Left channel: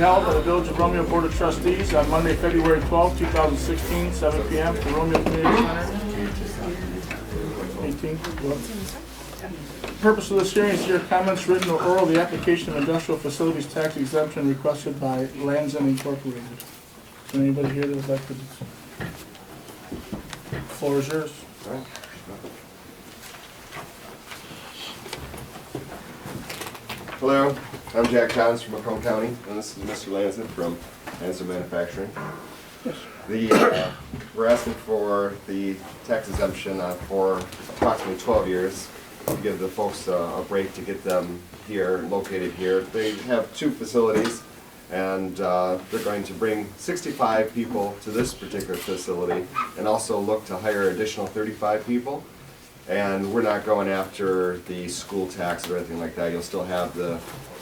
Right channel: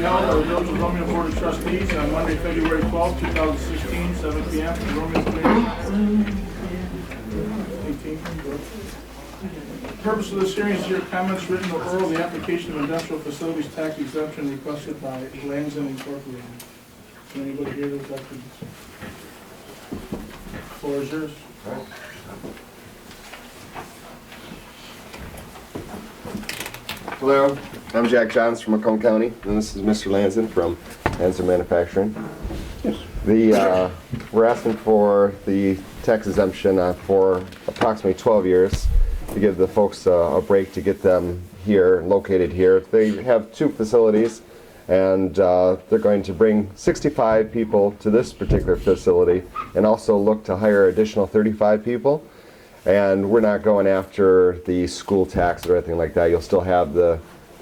held at the Village of Romeo Board of Trustees on Monday, February 12, 2016, 7 p.m. at the Romeo Community Center. 18. The purpose of this hearing is to hear comments, written or oral, the application of industrial facilities tax exemption requested by Lanson Incorporated. Is there anybody here that would like to? The floor is yours. Hello, I'm Jack Johns from Macomb County, and this is Mr. Lanson from Lanson Manufacturing. Yes. We're asking for the tax exemption for approximately 12 years to give the folks a break to get them here, located here. They have 2 facilities, and they're going to bring 65 people to this particular facility and also look to hire additional 35 people. And we're not going after the school tax or anything like that. You'll still have the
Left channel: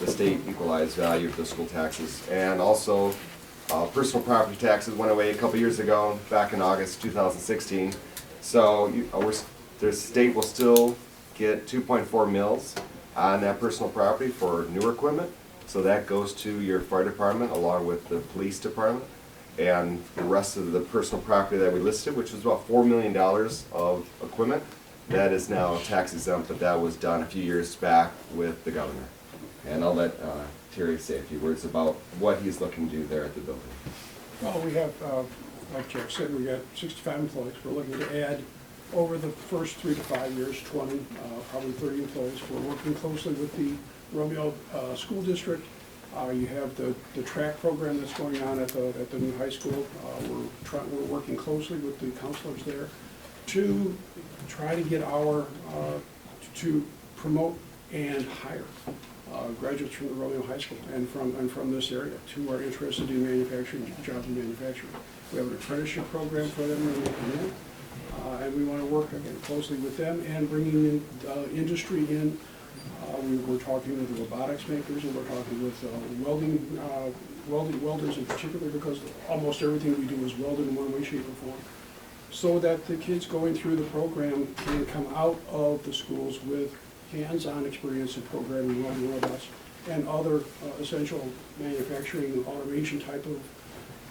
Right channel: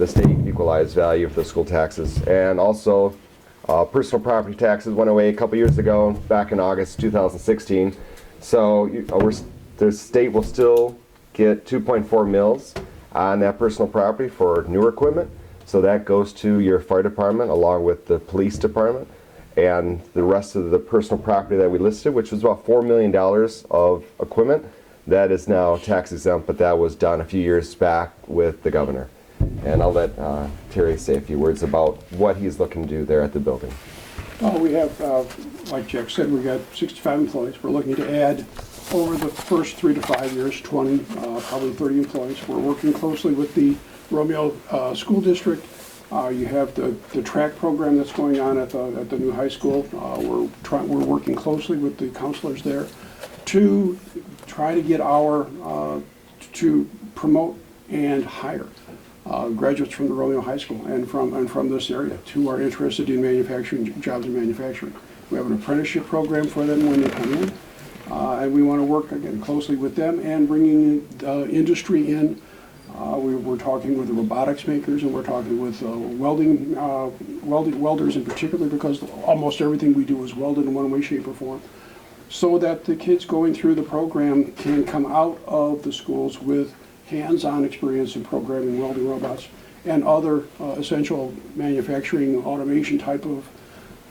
state equalized value for the school taxes. And also, personal property taxes went away a couple years ago, back in August 2016. So the state will still get 2.4 mils on that personal property for newer equipment. So that goes to your fire department along with the police department. And the rest of the personal property that we listed, which was about $4 million of equipment, that is now tax exempt, but that was done a few years back with the governor. And I'll let Terry say a few words about what he's looking to do there at the building. Well, we have, like Jack said, we've got 65 employees. We're looking to add, over the first 3 to 5 years, 20, probably 30 employees. We're working closely with the Romeo School District. You have the track program that's going on at the new high school. We're working closely with the counselors there to try to get to promote and hire graduates from the Romeo High School and from this area who are interested in manufacturing, jobs in manufacturing. We have an apprenticeship program for them when they come in, and we want to work again closely with them and bringing industry in. We're talking with the robotics makers, and we're talking with welders in particular, because almost everything we do is welded in one way, shape, or form, so that the kids going through the program can come out of the schools with hands-on experience in programming, welding robots, and other essential manufacturing automation type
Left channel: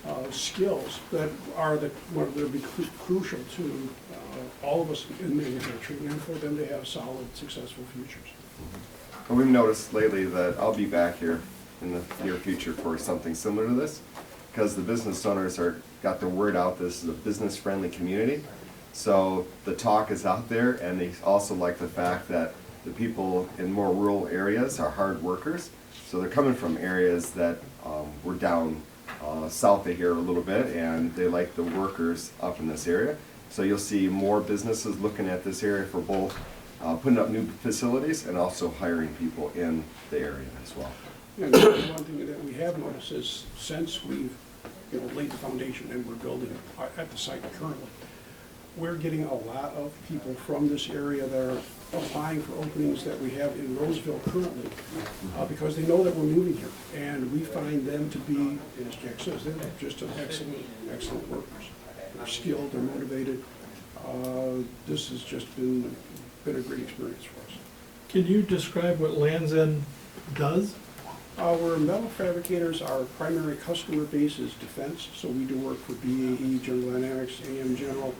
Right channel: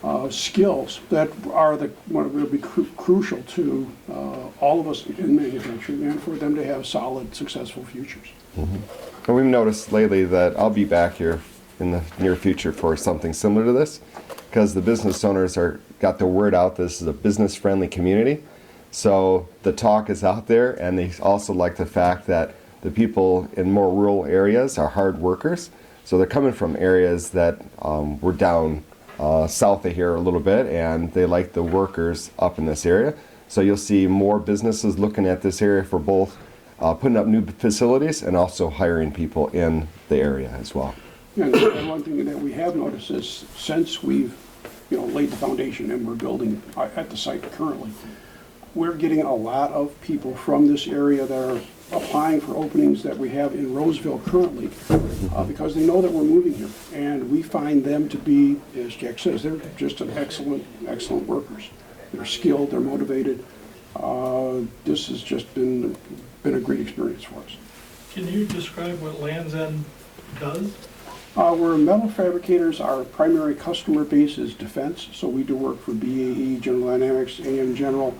of skills that are will be crucial to all of us in manufacturing, and for them to have solid, successful futures. Mm-hmm. And we've noticed lately that I'll be back here in the near future for something similar to this, because the business owners got the word out this is a business-friendly community. So the talk is out there, and they also like the fact that the people in more rural areas are hard workers. So they're coming from areas that were down south of here a little bit, and they like the workers up in this area. So you'll see more businesses looking at this area for both putting up new facilities and also hiring people in the area as well. Yeah, and one thing that we have noticed is since we've laid the foundation and we're building at the site currently, we're getting a lot of people from this area that are applying for openings that we have in Roseville currently, because they know that we're moving here, and we find them to be, as Jack says, they're just an excellent workers. They're skilled, they're motivated. This has just been a great experience for us. Can you describe what Lanson does? We're metal fabricators. Our primary customer base is defense, so we do work for BAE, General Dynamics, AM General,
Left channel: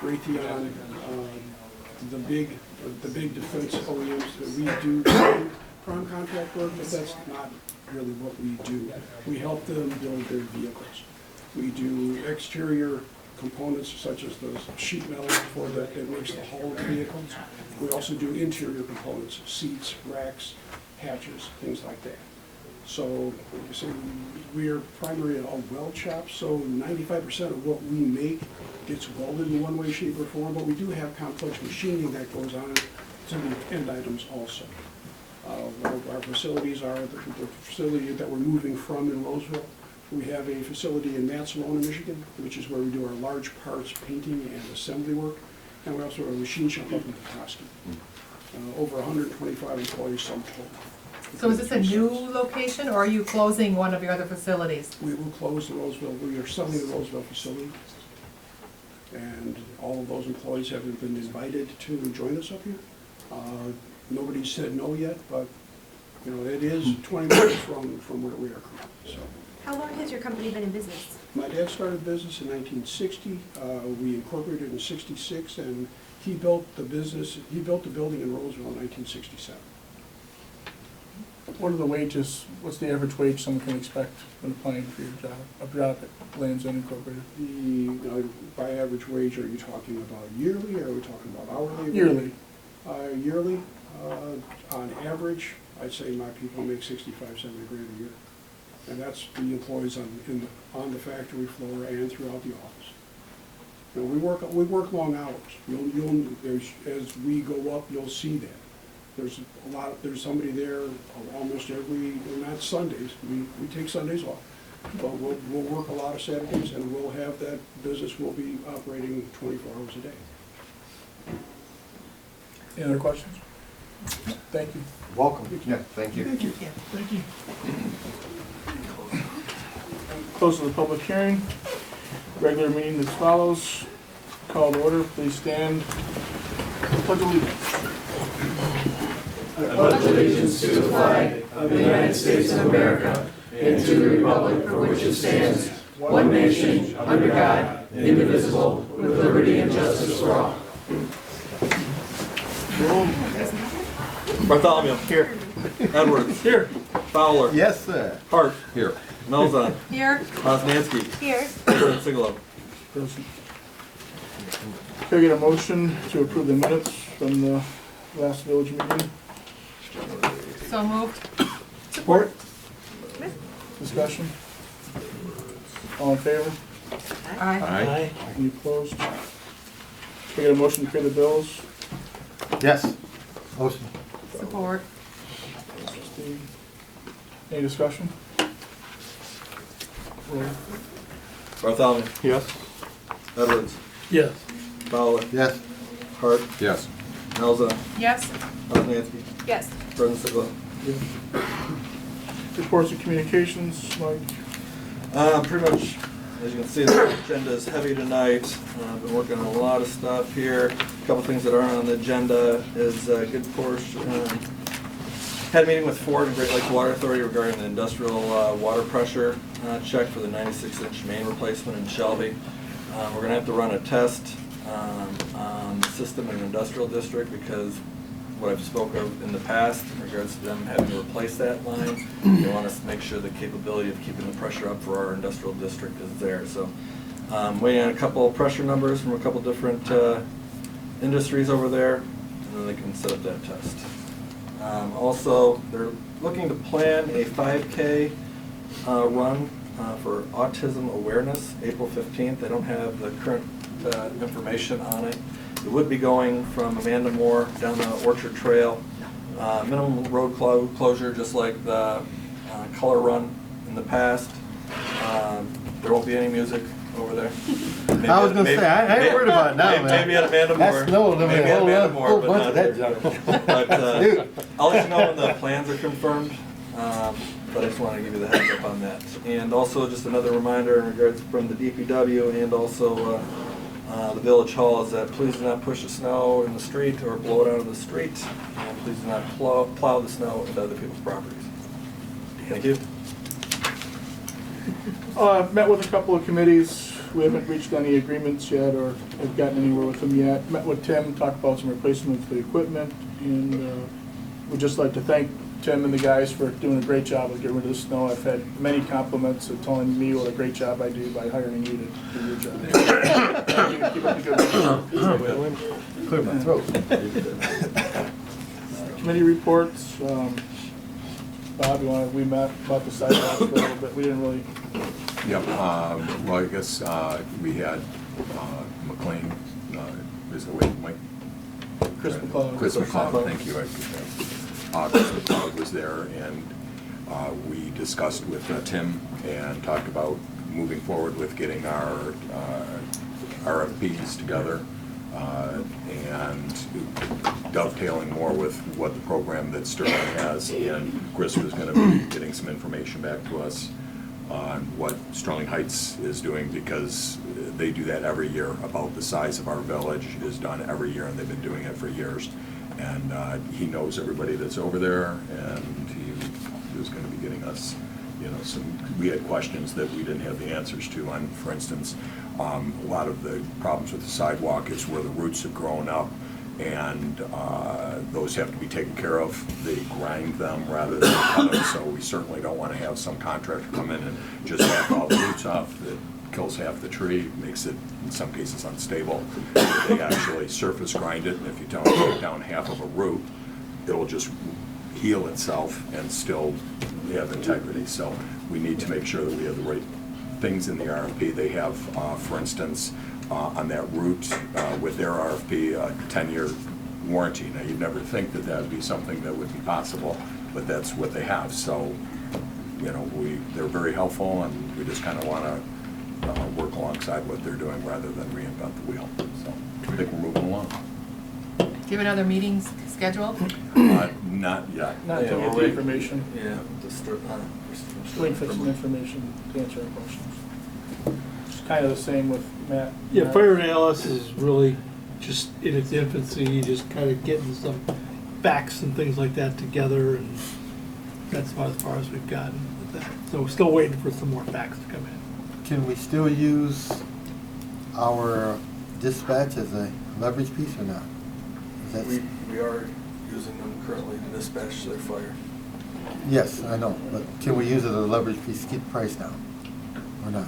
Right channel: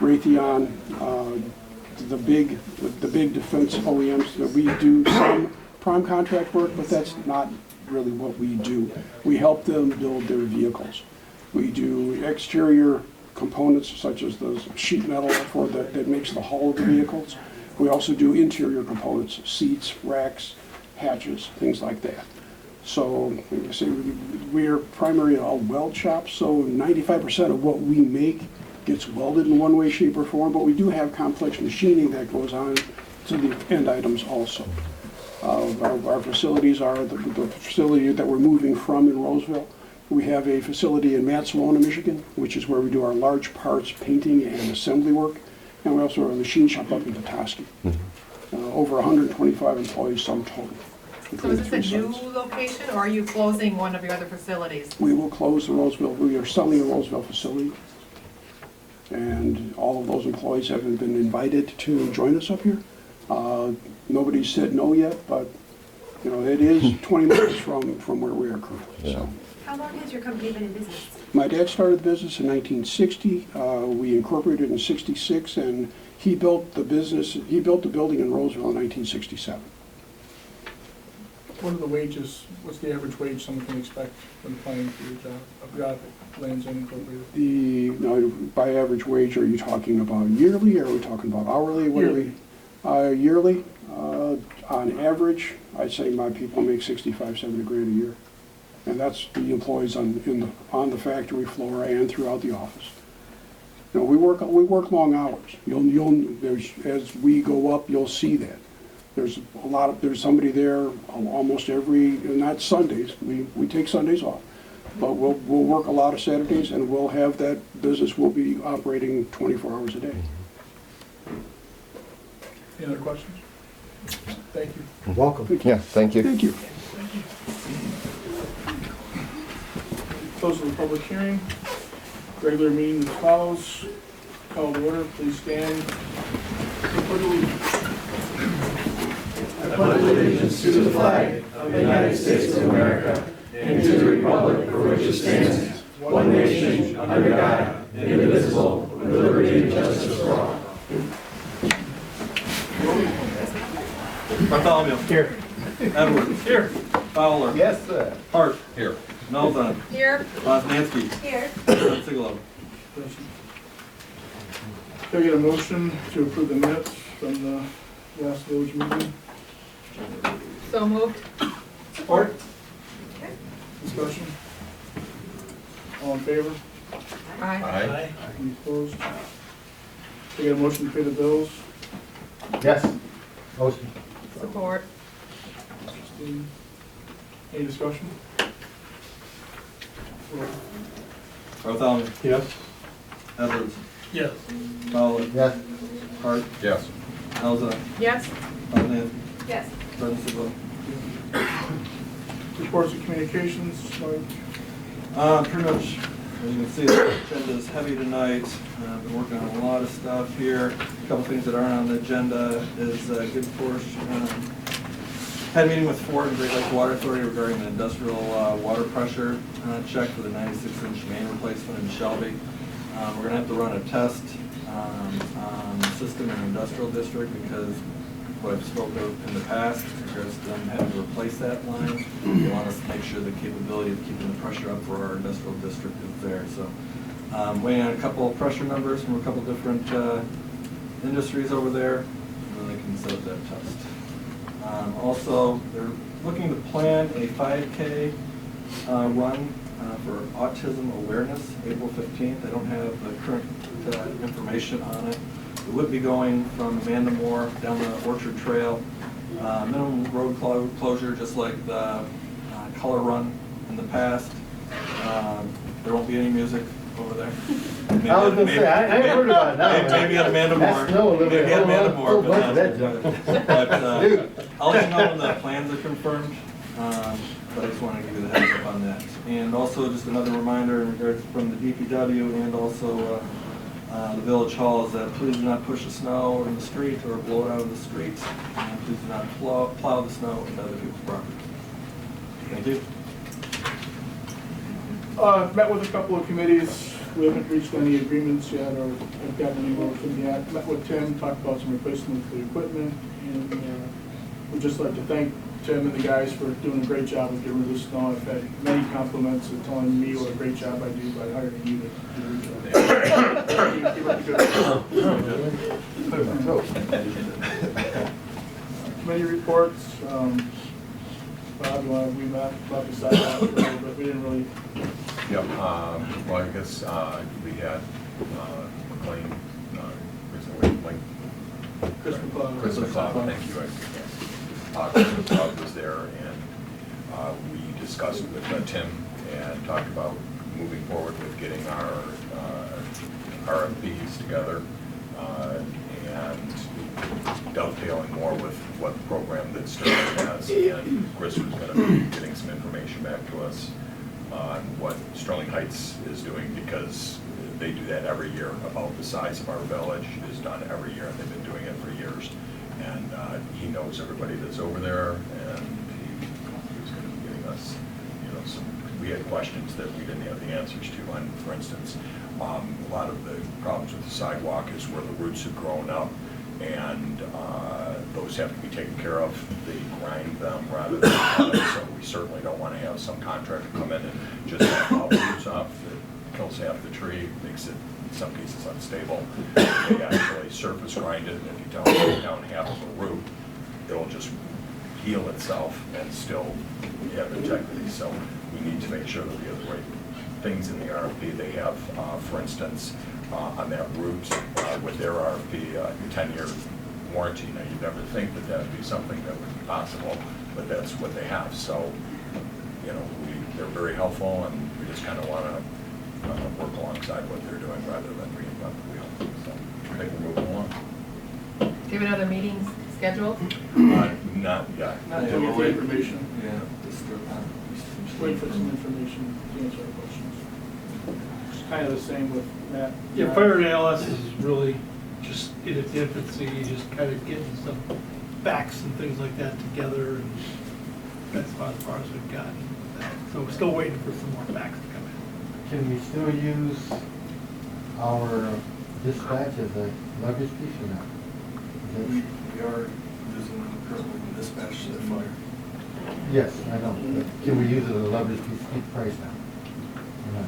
Raytheon, the big defense OEMs. That we do prime contract work, but that's not really what we do. We help them build their vehicles. We do exterior components such as the sheet metal that makes the hull of the vehicles. We also do interior components, seats, racks, hatches, things like that. So, like I say, we are primarily a weld shop, so 95% of what we make gets welded in one way, shape, or form, but we do have complex machining that goes on to the end items also. Our facilities are the facility that we're moving from in Roseville. We have a facility in Matsalona, Michigan, which is where we do our large parts painting and assembly work. And we also have a machine shop up in Petoskey. Over 125 employees, sum total. So is this a new location, or are you closing one of your other facilities? We will close the Roseville. We are selling the Roseville facility. And all of those employees have been invited to join us up here. Nobody said no yet, but it is 20 minutes from where we are currently. Yeah. So. How long has your company been in business? My dad started the business in 1960. We incorporated in 66, and he built the building in Roseville in 1967. What are the wages, what's the average wage someone can expect when applying for your job, a job at Lands End Incorporated? Now, by average wage, are you talking about yearly, or are we talking about hourly? Yearly. Yearly, on average, I'd say my people make 65, 70 grand a year. And that's the employees on the factory floor and throughout the office. You know, we work long hours. As we go up, you'll see that. There's somebody there almost every, not Sundays, we take Sundays off, but we'll work a lot of Saturdays, and we'll have that business will be operating 24 hours a day. Any other questions? Thank you. Welcome. Yeah, thank you. Thank you. Close of the public hearing. Regular meeting as follows. Call to order, please stand. Pledge allegiance. I pledge allegiance to the flag of the United States of America and to the republic for which it stands, one nation, under God, indivisible, with liberty and justice for all. Bartholomew. Here. Edwards. Here. Fowler. Yes, sir. Hart. Here. Melzon. Here. Osnansky. Here. Sigalo. Present. Can I get a motion to approve the minutes from the last village meeting? So moved. Support? Discussion? All in favor? Aye. Aye. Any opposed? Can I get a motion to pay the bills? Yes. Osten. Support. Any discussion? Bartholomew. Yes. Edwards. Yes. Fowler. Yes. Hart. Yes. Melzon. Yes. Osnansky. Yes. President Sigalo. Reports and communications, Mike? Pretty much, as you can see, the agenda is heavy tonight. I've been working on a lot of stuff here. A couple things that aren't on the agenda is a good portion. Had a meeting with Ford and Great Lakes Water Authority regarding the industrial water pressure check for the 96-inch main replacement in Shelby. We're gonna have to run a test on the system in an industrial district because what I've spoken of in the past in regards to them having to replace that line, they want us to make sure the capability of keeping the pressure up for our industrial district is there. So waiting on a couple of pressure numbers from a couple different industries over there, and then they can set up that test. Also, they're looking to plan a 5K run for autism awareness, April 15th. They don't have the current information on it. It would be going from Amanda Moore down the Orchard Trail. Minimum road closure, just like the color run in the past. There won't be any music over there. Maybe I was gonna say, I haven't heard about it now, man. Maybe at Amanda Moore. That's no limit. Maybe at Amanda Moore, but not that there. junk. But Dude. I'll let you know when the plans are confirmed. But I just wanted to give you the heads up on that. And also just another reminder in regards from the DPW and also the Village Hall is that please do not push the snow in the street or blow it out of the street. And please do not plow the snow into other people's properties. Thank you. Met with a couple of committees. We haven't reached any agreements yet or have gotten anywhere with them yet. Met with Tim, talked about some replacements for the equipment, and we'd just like to thank Tim and the guys for doing a great job of getting rid of the snow. I've had many compliments and telling me what a great job I do by hiring you to do your job. Thank you. Keep up the good work. Clear my throat. Committee reports. Bob, we met about the sidewalks a little bit. We didn't really. Yep, well, I guess we had McLean, Chris McLeod. Chris McLeod, thank you. Chris McLeod was there, and we discussed with Tim and talked about moving forward with getting our RFPs together and dovetailing more with what the program that Sterling has, and Chris was going to be getting some information back to us on what Sterling Heights is doing, because they do that every year. About the size of our village is done every year, and they've been doing it for years. And he knows everybody that's over there, and he was going to be getting us we had questions that we didn't have the answers to. On, for instance, a lot of the problems with the sidewalk is where the roots have grown up, and those have to be taken care of. They grind them rather than cut them, so we certainly don't want to have some contractor come in and just cut all the roots off. That kills half the tree, makes it, in some cases, unstable. They actually surface grind it, and if you don't take down half of a root, it'll just heal itself and still have integrity. So we need to make sure that we have the right things in the RFP. They have, for instance, on that route, with their RFP, a 10-year warranty. Now, you'd never think that that would be something that would be possible, but that's what they have. So, they're very helpful, and we just kind of want to work alongside what they're doing rather than reinvent the wheel. So I think we're moving along. Do you have another meeting scheduled? Not yet. Not Yeah, to we're get the waiting. information, Yeah, just start wait for some information to answer the questions. It's kind of the same with Matt. Yeah, fire analysis is really just in its infancy, just kind of getting some facts and things like that together, and that's about as far as we've gotten with that. So we're still waiting for some more facts to come in. Can we still use our dispatch as a leverage piece or not? Is We that- are using them currently to dispatch their fire. Yes, I know, but can we use it as a leverage piece to keep the price down or not?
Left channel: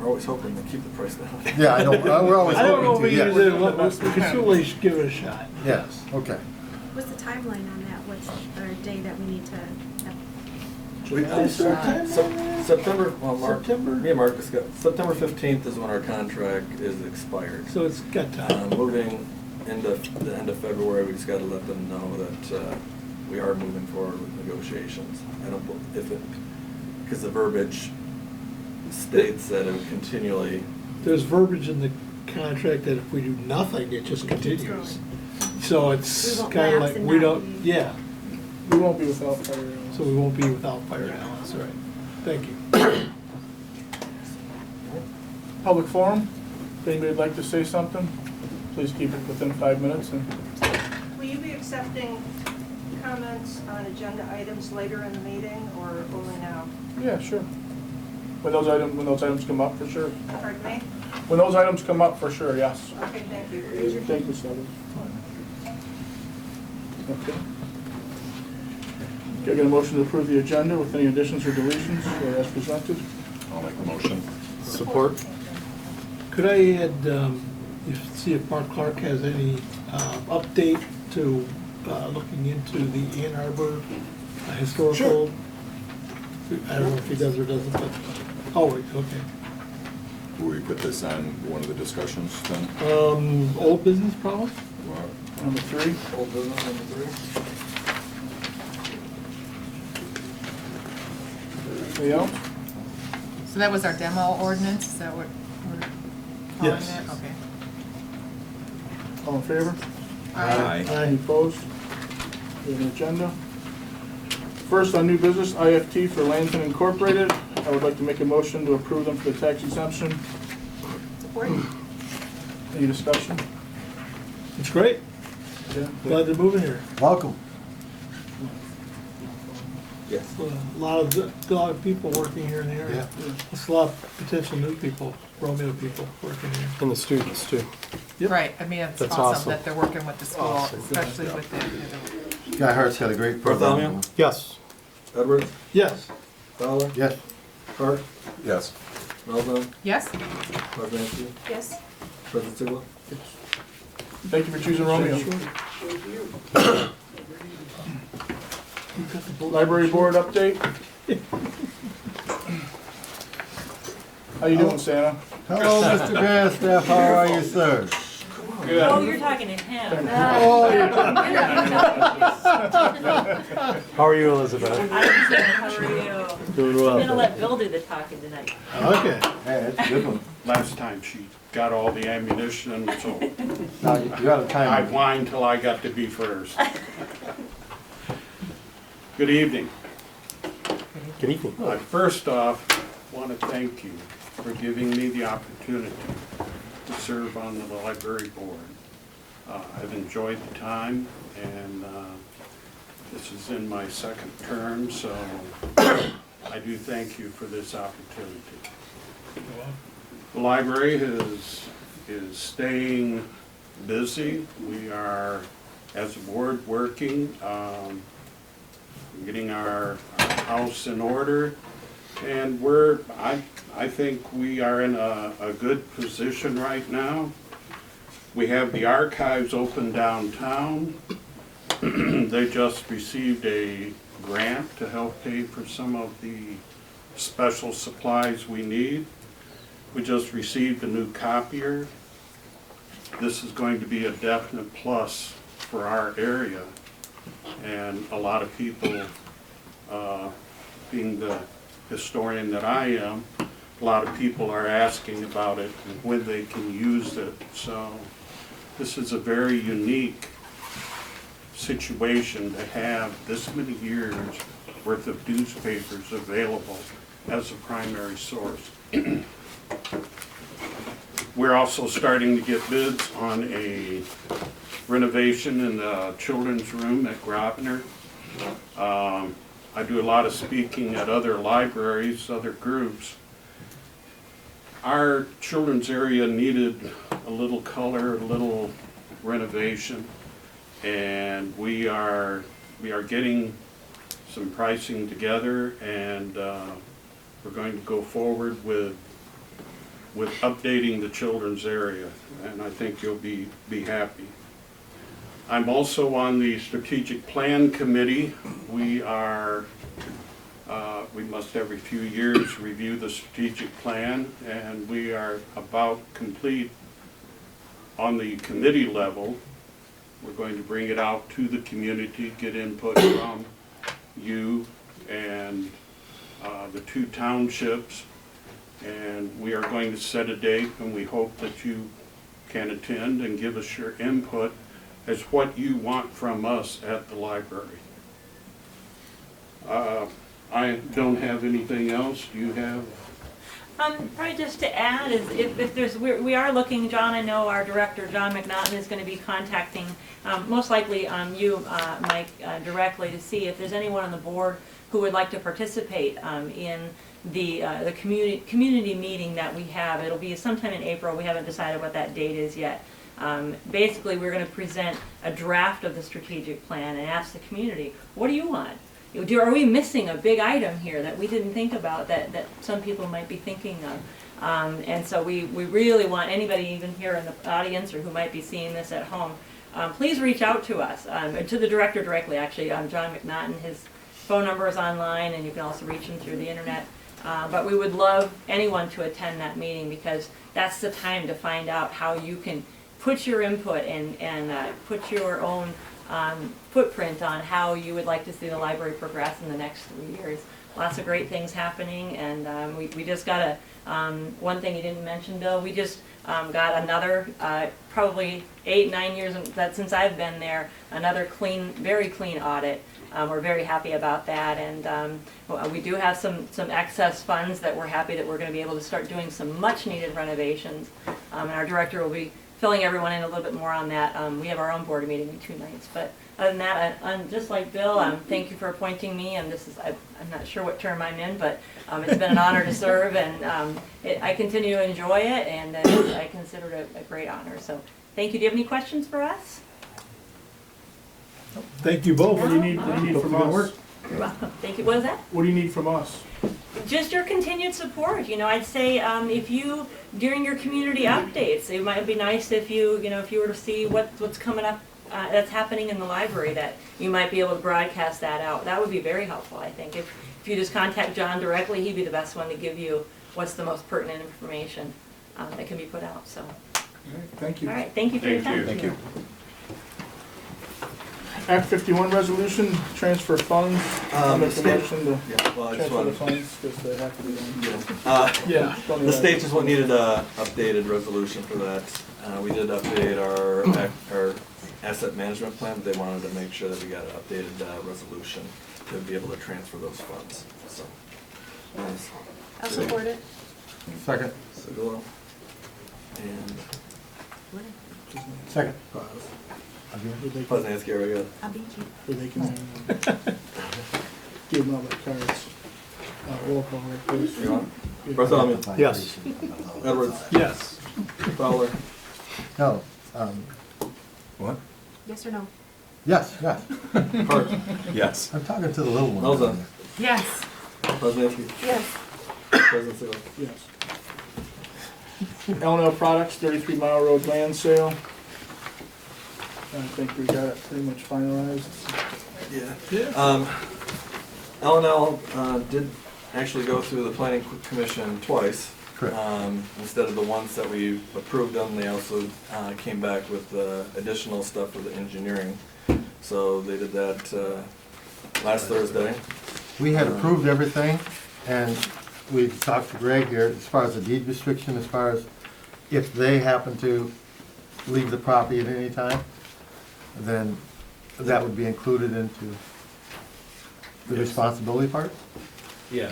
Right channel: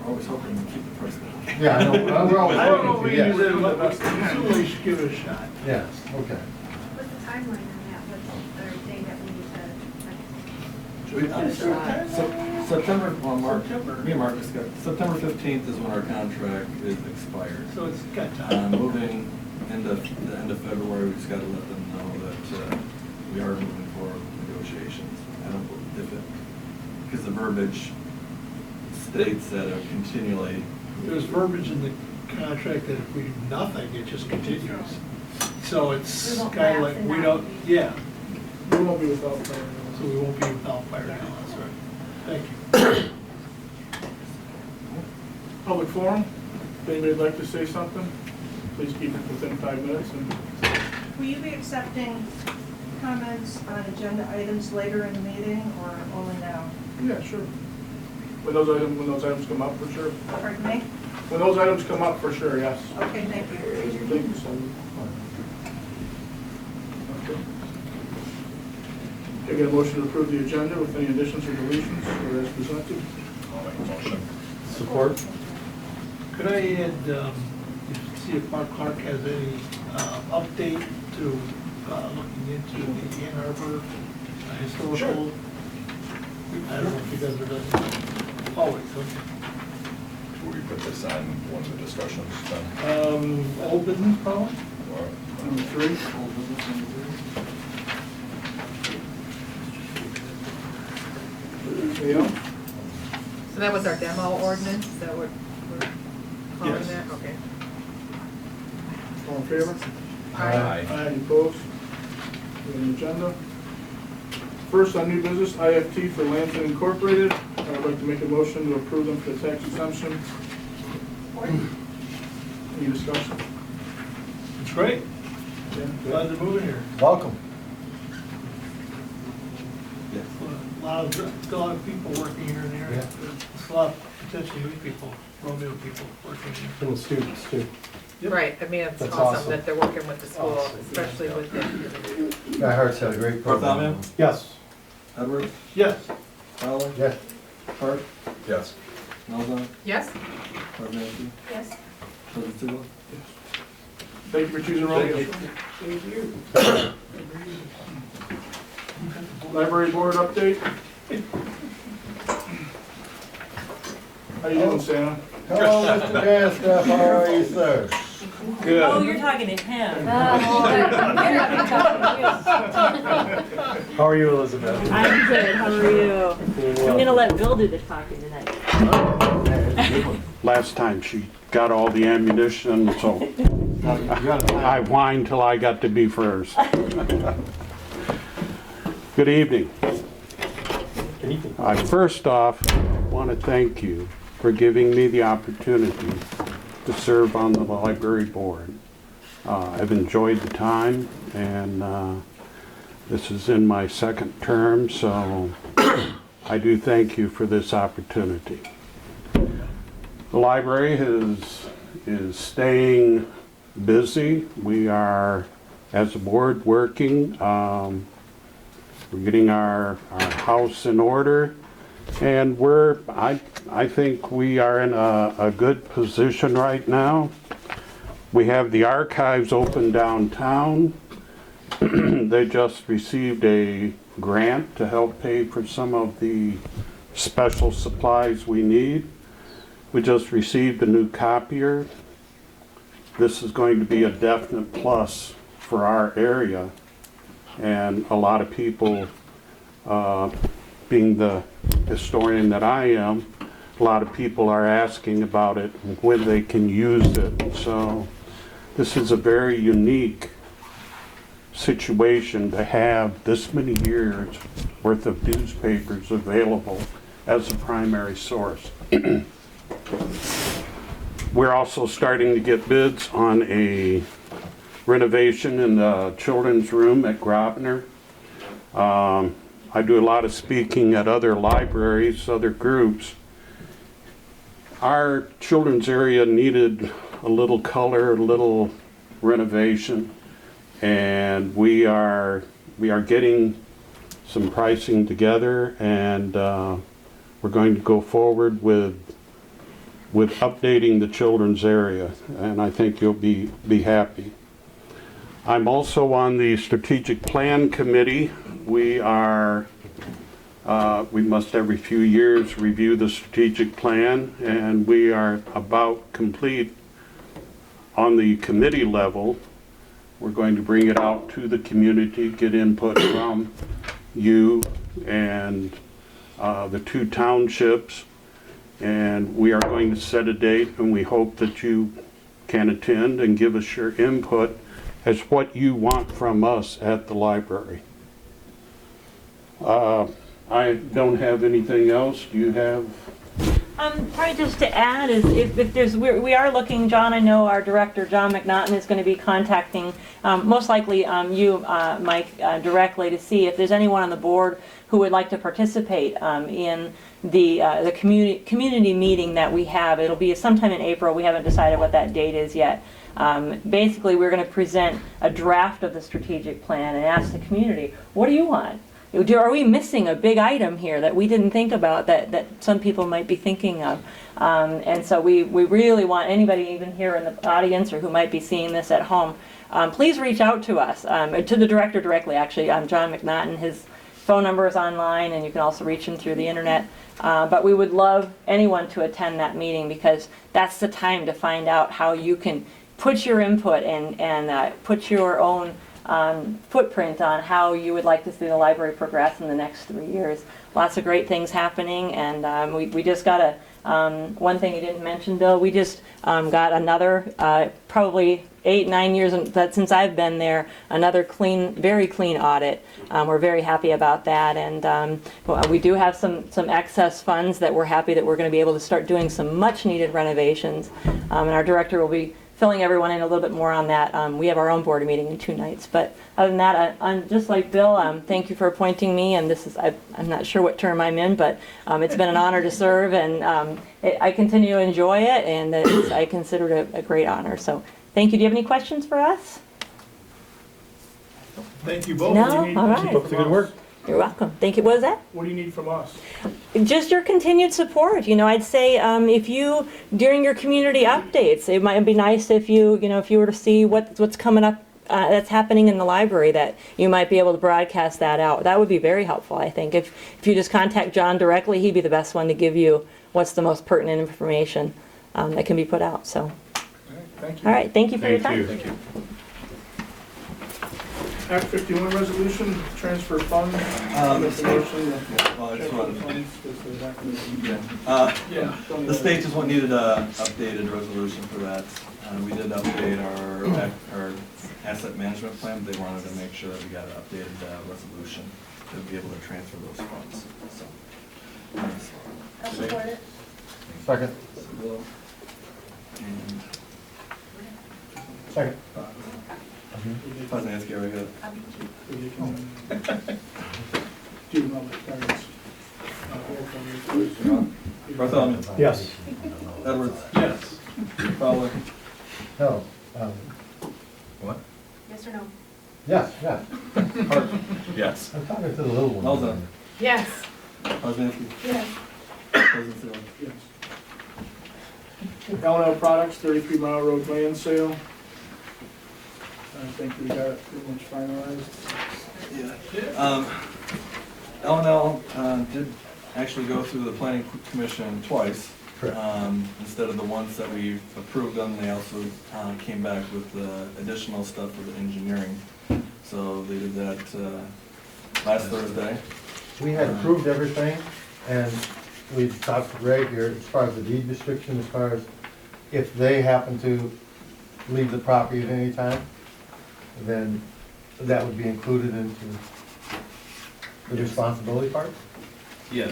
We're always hoping to keep the price down. Yeah, I know, we're always I don't know if hoping we to, use yes. it, but certainly should give it a shot. Yes, okay. What's the timeline on that? What's our day that we need to have? September, well, September? me and Marcus got, September 15th is when our contract is expired. So it's got time. Moving into the end of February, we just gotta let them know that we are moving forward with negotiations. I don't, because the verbiage states that it continually, There's verbiage in the contract that if we do nothing, it just continues. So it's We won't kind of lapse like, and we not don't, be- yeah, We won't be without fire. so we won't be without fire analysis, right? Thank you. Public forum, if anybody'd like to say something, please keep it within 5 minutes. And Will you be accepting comments on agenda items later in the meeting or only now? yeah, sure. When those items come up, for sure. Pardon me? When those items come up, for sure, yes. Okay, thank you. Thank you, Sandy. Okay. Do I get a motion to approve the agenda with any additions or deletions as presented? I'll make a motion. Support. Could I add, see if Mark Clark has any update to looking into the Ann Arbor historical? Sure. I don't know if he does or doesn't, but, oh, wait, okay. Will we put this on one of the discussions then? Old business problem? Number 3. old business number 3. Anything else? So that was our demo ordinance, is that what we're calling Yes. that? Okay. All in favor? Aye. Any opposed? We have an agenda. First, on new business, IFT for Lansing Incorporated. I would like to make a motion to approve them for the tax exemption. Any discussion? It's great. Yeah. Glad to move in here. Welcome. Yes. A lot of people working here in the area. There's a lot of potential new people, Romeo people working here. And the students too. Yep. Right, I mean, it's That's awesome awesome. that they're working with the school, especially with the, Guy Hart's had a great program. Bartholomew? Yes. Edwards? Yes. Fowler? Yes. Clark? Yes. Melvin? yes? Marzinski? Yes. President Sigla? Thank you for choosing Romeo. Library board update. How you doing, Santa? Hello, Mr. Grandstaff, how are you, sir? Good. Oh, you're talking to him. How are you, Elizabeth? I'm good, how are you? Doing I'm gonna well. let Bill do the talking tonight. Okay. Yeah, that's a good one. Last time she got all the ammunition, so Now, you got a I time. whined till I got to be first. Good evening. First off, want to thank you for giving me the opportunity to serve on the library board. I've enjoyed the time, and This is in my second term, so I do thank you for this opportunity. The library is staying busy. We are, as a board, working. We're getting our house in order, and I think we are in a good position right now. We have the archives open downtown. They just received a grant to help pay for some of the special supplies we need. We just received a new copier. This is going to be a definite plus for our area. And a lot of people, being the historian that I am, a lot of people are asking about it and when they can use it. So this is a very unique situation to have this many years worth of newspapers available as a primary source. We're also starting to get bids on a renovation in the children's room at Grosvenor. I do a lot of speaking at other libraries, other groups. Our children's area needed a little color, a little renovation, and we are getting some pricing together, and we're going to go forward with updating the children's area, and I think you'll be happy. I'm also on the strategic plan committee. We must every few years review the strategic plan, and we are about complete on the committee level. We're going to bring it out to the community, get input from you and the two townships, and we are going to set a date, and we hope that you can attend and give us your input as what you want from us at the library. I don't have anything else. Do you have? Probably just to add is if there's, we are looking, John, I know our director, John McNaughton, is going to be contacting, most likely you, Mike, directly to see if there's anyone on the board who would like to participate in the community meeting that we have. It'll be sometime in April. We haven't decided what that date is yet. Basically, we're going to present a draft of the strategic plan and ask the community, what do you want? Are we missing a big item here that we didn't think about that some people might be thinking of? And so we really want anybody even here in the audience or who might be seeing this at home, please reach out to us, to the director directly, actually. John McNaughton, his phone number is online, and you can also reach him through the internet. But we would love anyone to attend that meeting, because that's the time to find out how you can put your input and put your own footprint on how you would like to see the library progress in the next 3 years. Lots of great things happening, and we just got one thing you didn't mention, Bill, we just got another, probably 8-9 years since I've been there, another very clean audit. We're very happy about that, and we do have some excess funds that we're happy that we're going to be able to start doing some much needed renovations, and our director will be filling everyone in a little bit more on that. We have our own board meeting in 2 nights, but other than that, I'm just like Bill, thank you for appointing me, and this is, I'm not sure what term I'm in, but it's been an honor to serve, and I continue to enjoy it, and I consider it a great honor, so thank you. Do you have any questions for us? Thank you both. No? What do you need? All What do you need right. from us? You're welcome. Thank you. What was that? What do you need from us? Just your continued support. I'd say if you, during your community updates, it might be nice if you were to see what's coming up that's happening in the library, that you might be able to broadcast that out. That would be very helpful, I think. If you just contact John directly, he'd be the best one to give you what's the most pertinent information that can be put out. So. All right, thank you. All right. Thank you for your time. Thank you. Act 51 resolution, transfer funds, under promotion to Well, I just transfer the wanted, funds, because they have to be yeah. The state just needed a updated resolution for that. We did update our asset management plan. They wanted to make sure that we got an updated resolution to be able to transfer those funds. So, nice. I'll support it. Second. Segula and Second. Poznansky already got it. I'll beat you. Where they can give them all the cards. Roll call, please. Bartholomew. Yes. Edwards. Yes. Fowler. No, What? Yes or no? yes, yes. Hart. Yes. I'm talking to the little one. Elza. Yes. Poznansky. Yes. President Sealer. Yes. L&L Products, 33 Mile Road land sale. I think we got it pretty much finalized. Yeah. L&L did actually go through the planning commission twice. Correct. Instead of the once that we approved them, they also came back with additional stuff for the engineering. So they did that last Thursday. We had approved everything, and we talked to Greg here, as far as the deed restriction, as far as if they happen to leave the property at any time, then that would be included into the responsibility part? Yeah,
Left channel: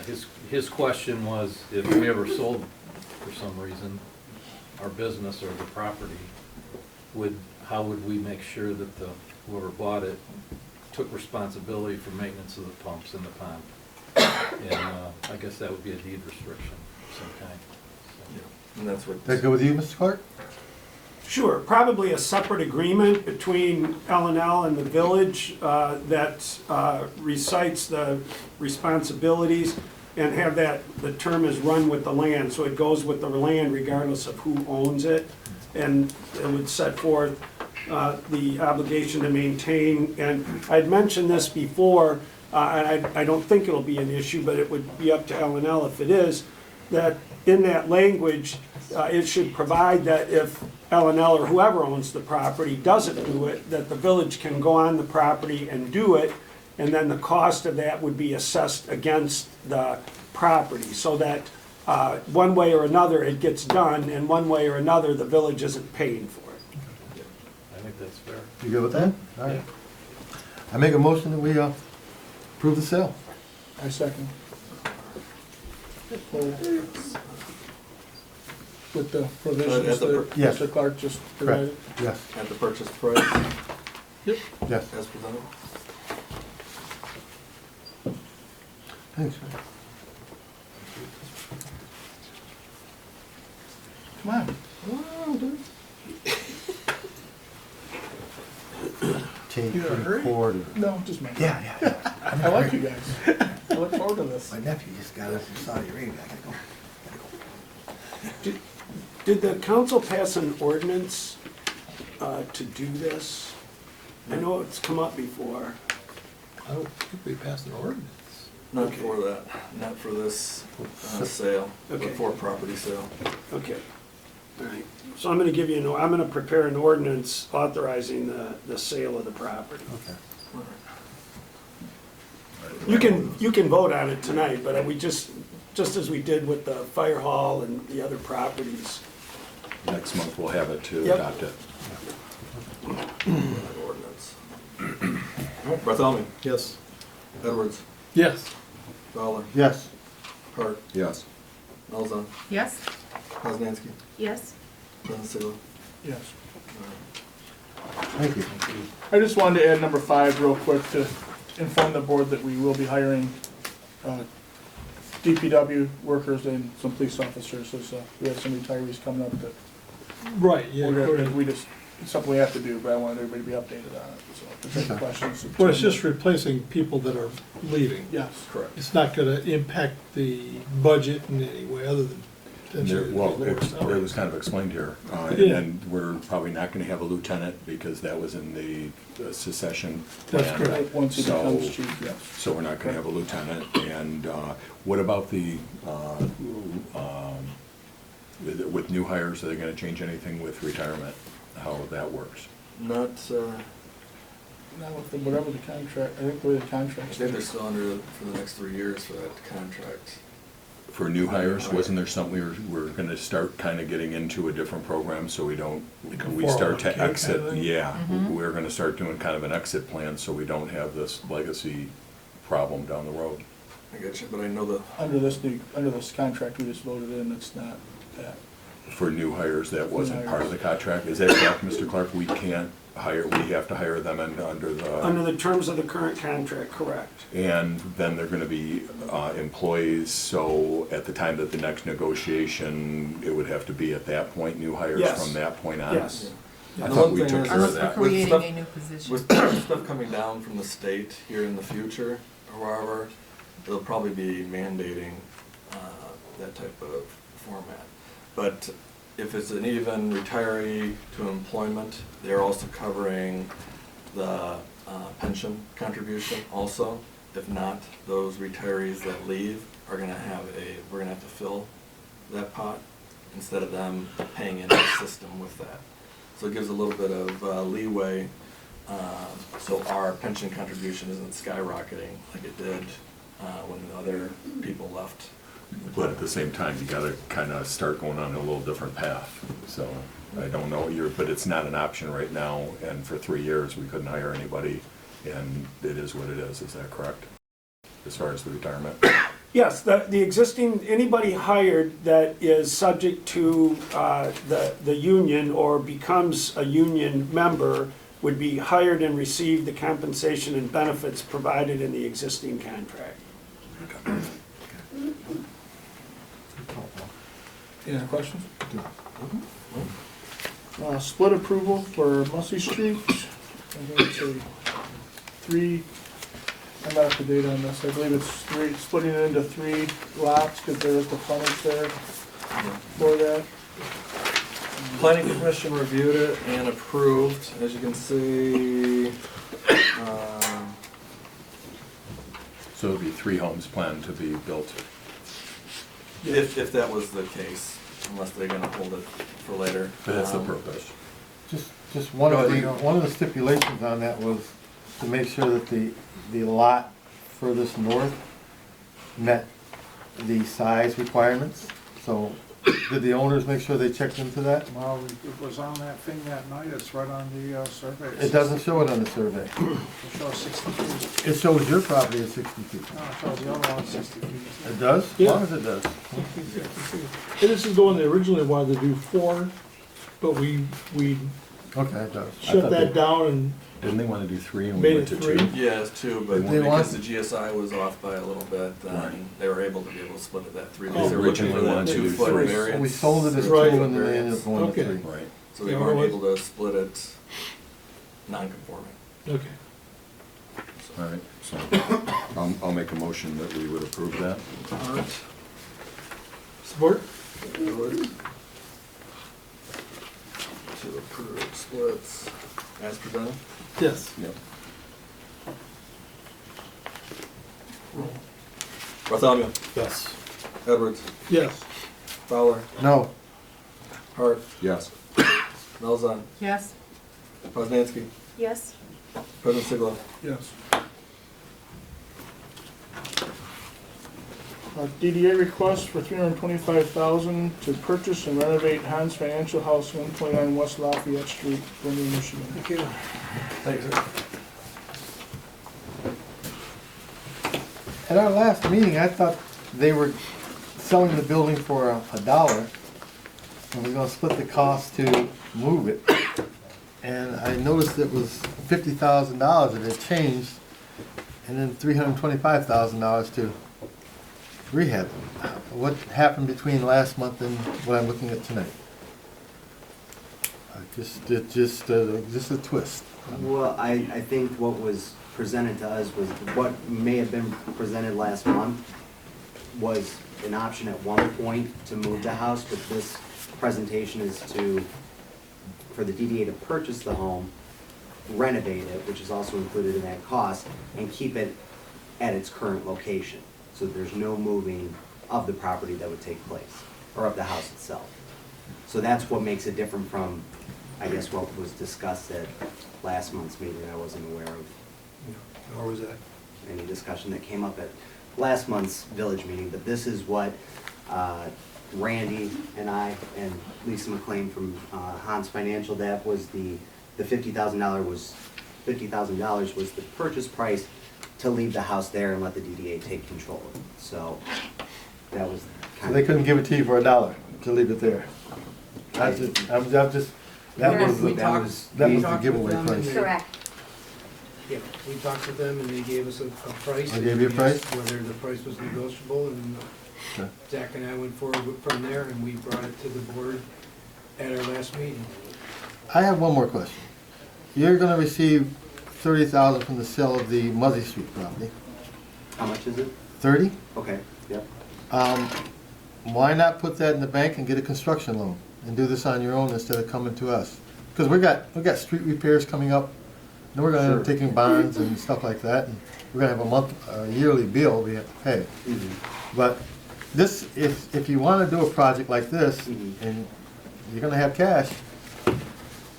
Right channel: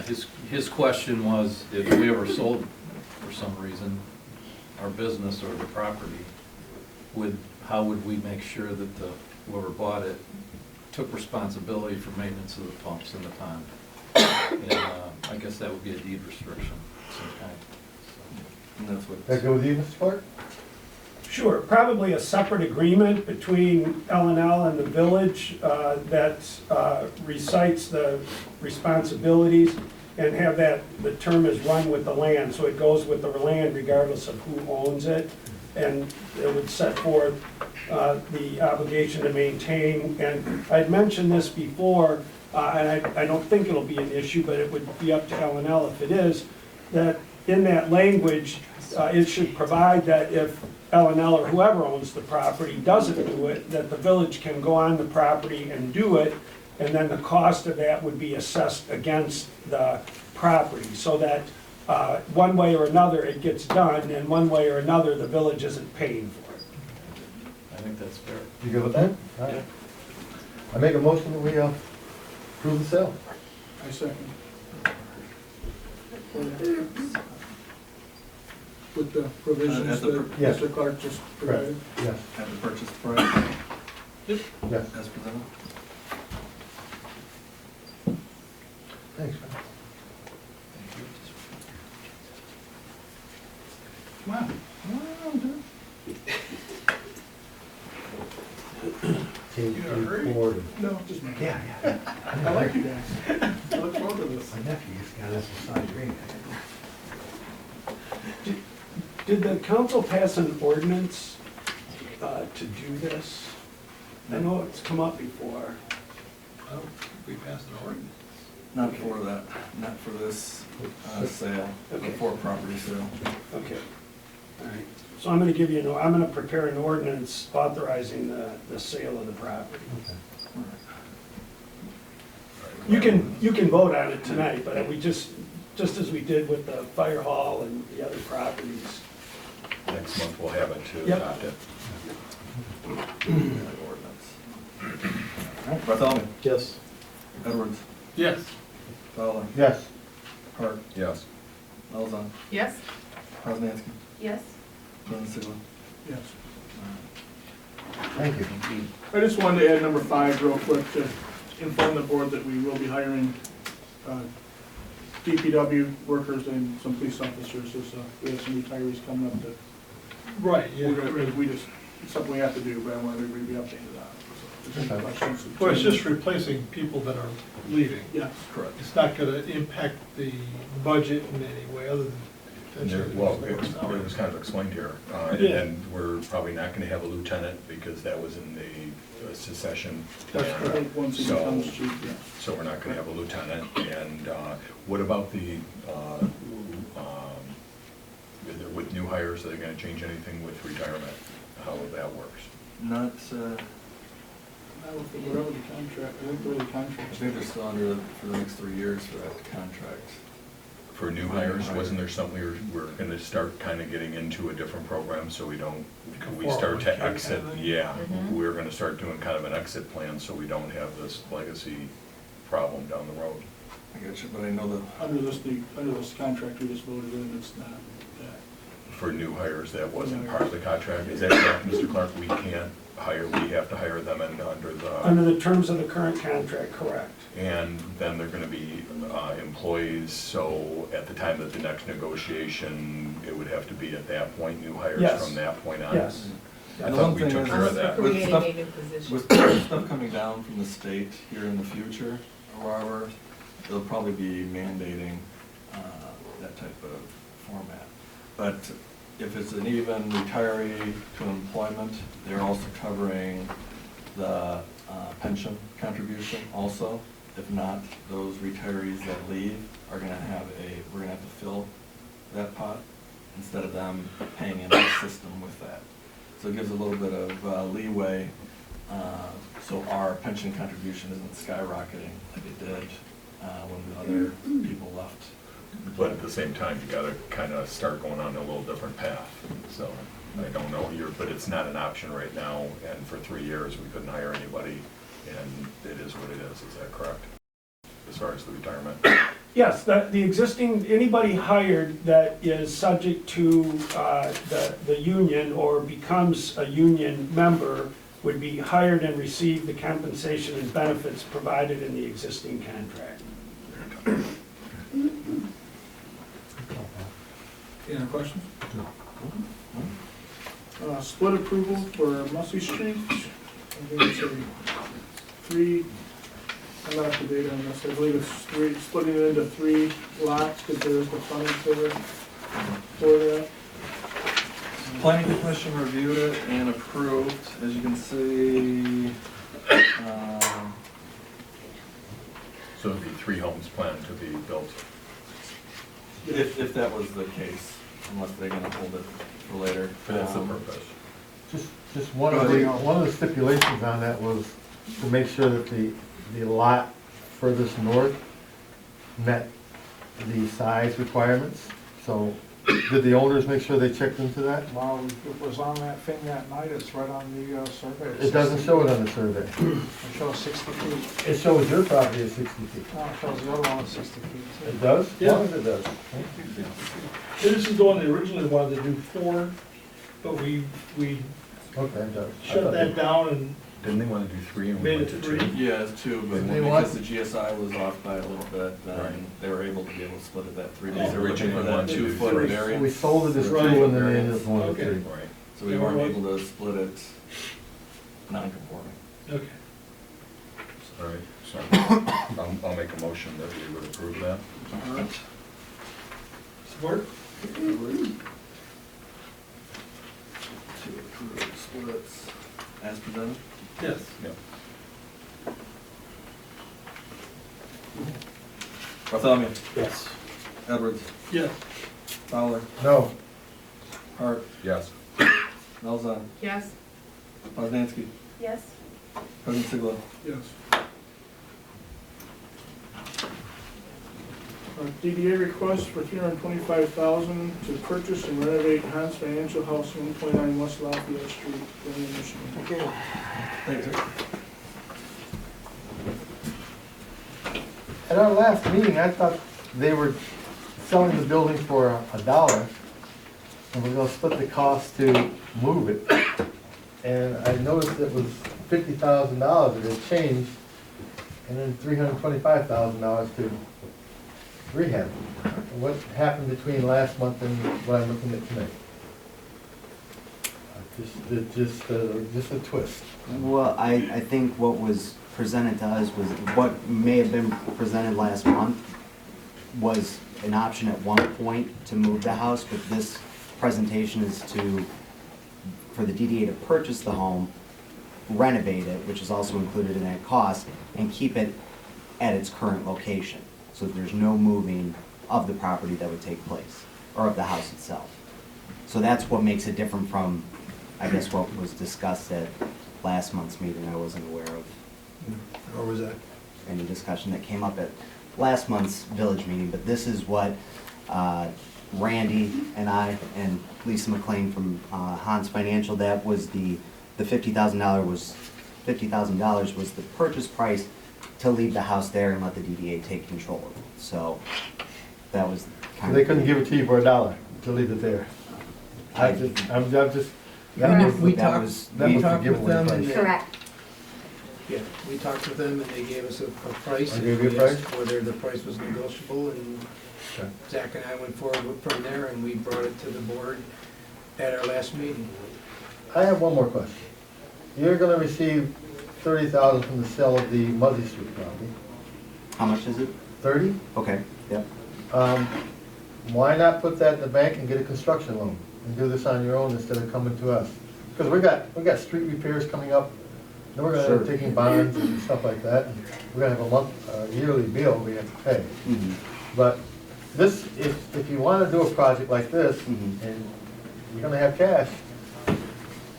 his question was, if we ever sold, for some reason, our business or the property, how would we make sure that whoever bought it took responsibility for maintenance of the pumps in the pond? And I guess that would be a deed restriction of some kind. And that's what. That go with you, Mr. Clark? Sure, probably a separate agreement between L&L and the village that recites the responsibilities and have that, the term is run with the land, so it goes with the land regardless of who owns it. And it would set forth the obligation to maintain, and I'd mentioned this before, and I don't think it'll be an issue, but it would be up to L&L if it is, that in that language, it should provide that if L&L or whoever owns the property doesn't do it, that the village can go on the property and do it, and then the cost of that would be assessed against the property, so that one way or another it gets done, and one way or another the village isn't paying for it. I think that's fair. You good with that? All right. I make a motion that we approve the sale. I second. With the provisions that Yes. Mr. Clark just Correct. provided. Yes. At the purchase price. Yep. Yes. As presented. Thanks, man. Come on. Wow, dude. Take You in a hurry? forward. No, just my. Yeah, yeah. I like you guys. I look forward to this. My nephew just got us a Saudi ring. Did the council pass an ordinance to do this? I know it's come up before. I don't think we passed an ordinance. Not for that, not for this sale, but Okay. for property sale. Okay, all right. So I'm gonna give you, I'm gonna prepare an ordinance authorizing the sale of the property. Okay. You can vote on it tonight, but we just as we did with the fire hall and the other properties. Next month we'll have it to Yep. adopt it. Ordinance. Bartholomew. Yes. Edwards. Yes. Fowler. Yes. Hart. Yes. Elza. Yes. Poznansky. Yes. President Sealer. Yes. Thank you. I just wanted to add number 5 real quick to inform the board that we will be hiring DPW workers and some police officers. We have some retirees coming up that Right, yeah. we just, it's something we have to do, but I want everybody to be updated on it. So if there's any questions. Well, it's just replacing people that are leaving. Yes. Correct. It's not gonna impact the budget in any way other than potentially. Well, lower it salary. was kind of explained here. Yeah. And we're probably not gonna have a lieutenant because that was in the secession That's plan. correct. Once he So- becomes chief, yes. So we're not gonna have a lieutenant. And what about with new hires, are they gonna change anything with retirement? How that works? Not, Now, whatever the contract, I think the I contract. think they're still under for the next 3 years for that contract. For new hires, wasn't there something we're gonna start kind of getting into a different program so we don't, Like a we start 401k to kind of exit, thing? yeah. Mhm. We're gonna start doing kind of an exit plan so we don't have this legacy problem down the road. I get you, but I know that, Under this contract we just voted in, it's not that. for new hires, that wasn't part of the contract. Is that correct, Mr. Clark? We can't hire, we have to hire them Under the terms of the current contract, correct. and then they're gonna be employees, so at the time that the next negotiation, it would have to be at that point, new hires Yes. from that point on? Yes. I The thought one we thing took is- care of Unless we're that. creating stuff- a new position. With stuff coming down from the state here in the future, or wherever, they'll probably be mandating that type of format. But if it's an even retiree to employment, they're also covering the pension contribution also. If not, those retirees that leave are gonna have we're gonna have to fill that pot instead of them paying into the system with that. So it gives a little bit of leeway, so our pension contribution isn't skyrocketing like it did when the other people left. But at the same time, you gotta kinda start going on a little different path. So I don't know, but it's not an option right now, and for 3 years, we couldn't hire anybody, and it is what it is that correct? As far as the retirement? Yes, the existing, anybody hired that is subject to the union or becomes a union member would be hired and receive the compensation and benefits provided in the existing contract. Any other questions? Split approval for Mussey Street. I think it's a three, I'm not up to date on this, I believe it's three, splitting it into 3 lots, because there is the frontage there for that. Planning Commission reviewed it and approved, as you can see. So it'd be 3 homes planned to be built. If that was the case, unless they're gonna hold it for later. But that's the purpose. Just one of the stipulations on that was to make sure that the lot furthest north met the size requirements. So did the owners make sure they checked into that? Well, it was on that thing that night, it's right on the survey. It doesn't show it on the survey. It shows 60 feet. It shows your property at 60 feet. No, it shows the other one 60 feet. It does? As Yeah. long as it does. This is the one they originally wanted to do 4, but we Okay, it does. shut that down and Didn't they wanna do 3 and we made went it to 2? 3. Yeah, it's 2, but Did they because want- the GSI was off by a little bit, Right. then they were able to split it at 3. Oh, Because they were looking for originally that wanted to do 2-foot 3. variance. We sold it as Right. 2 and then they ended up going to Okay. 3. Right. So we Yeah, weren't otherwise- able to split it non-conforming. Okay. All right, so I'll make a motion that we would approve that. All right. Support? To approve splits as presented. Yes. Bartholomew, Yes. Edwards, Yes. Fowler, No, Hart, Yes. Malzahn, Yes, Poznanski, Yes, President Siglo. Yes. DDA request for $325,000 to purchase and renovate Hans Financial House, 129 West Lafayette Street, Romeo, Michigan. Okay. Thank you. at our last meeting, I thought they were selling the building for $1 and we're gonna split the cost to move it. And I noticed it was $50,000 and it changed, and then $325,000 to rehab. What happened between last month and what I'm looking at tonight? Just a twist. Well, I think what was presented to us was, what may have been presented last month was an option at one point to move the house, but this presentation is for the DDA to purchase the home, renovate it, which is also included in that cost, and keep it at its current location. So there's no moving of the property that would take place, or of the house itself. So that's what makes it different from, I guess, what was discussed at last month's meeting. I wasn't aware of Or was that? any discussion that came up at last month's village meeting, but this is what Randy and I and Lisa McLean from Hans Financial, that was the $50,000 was the purchase price to leave the house there and let the DDA take control of it. So that was So kind they of. couldn't give it to you for $1 to leave it there? I'm just, that We- was, we that talked- was, we that was the talked with giveaway them price. and they- Correct. Yeah, we talked with them and they gave us a price. I gave you a and we price? asked whether the price was negotiable, and Okay. Zach and I went forward from there, and we brought it to the board at our last meeting. I have one more question. You're gonna receive 30,000 from the sale of the Muzzy Street property. How much is it? 30? Okay, yep. Why not put that in the bank and get a construction loan and do this on your own instead of coming to us? Because we got street repairs coming up, and we're gonna end up Sure. taking bonds and stuff like that. And we're gonna have a yearly bill we have to pay. But this, if you wanna do a project like this, and you're gonna have cash,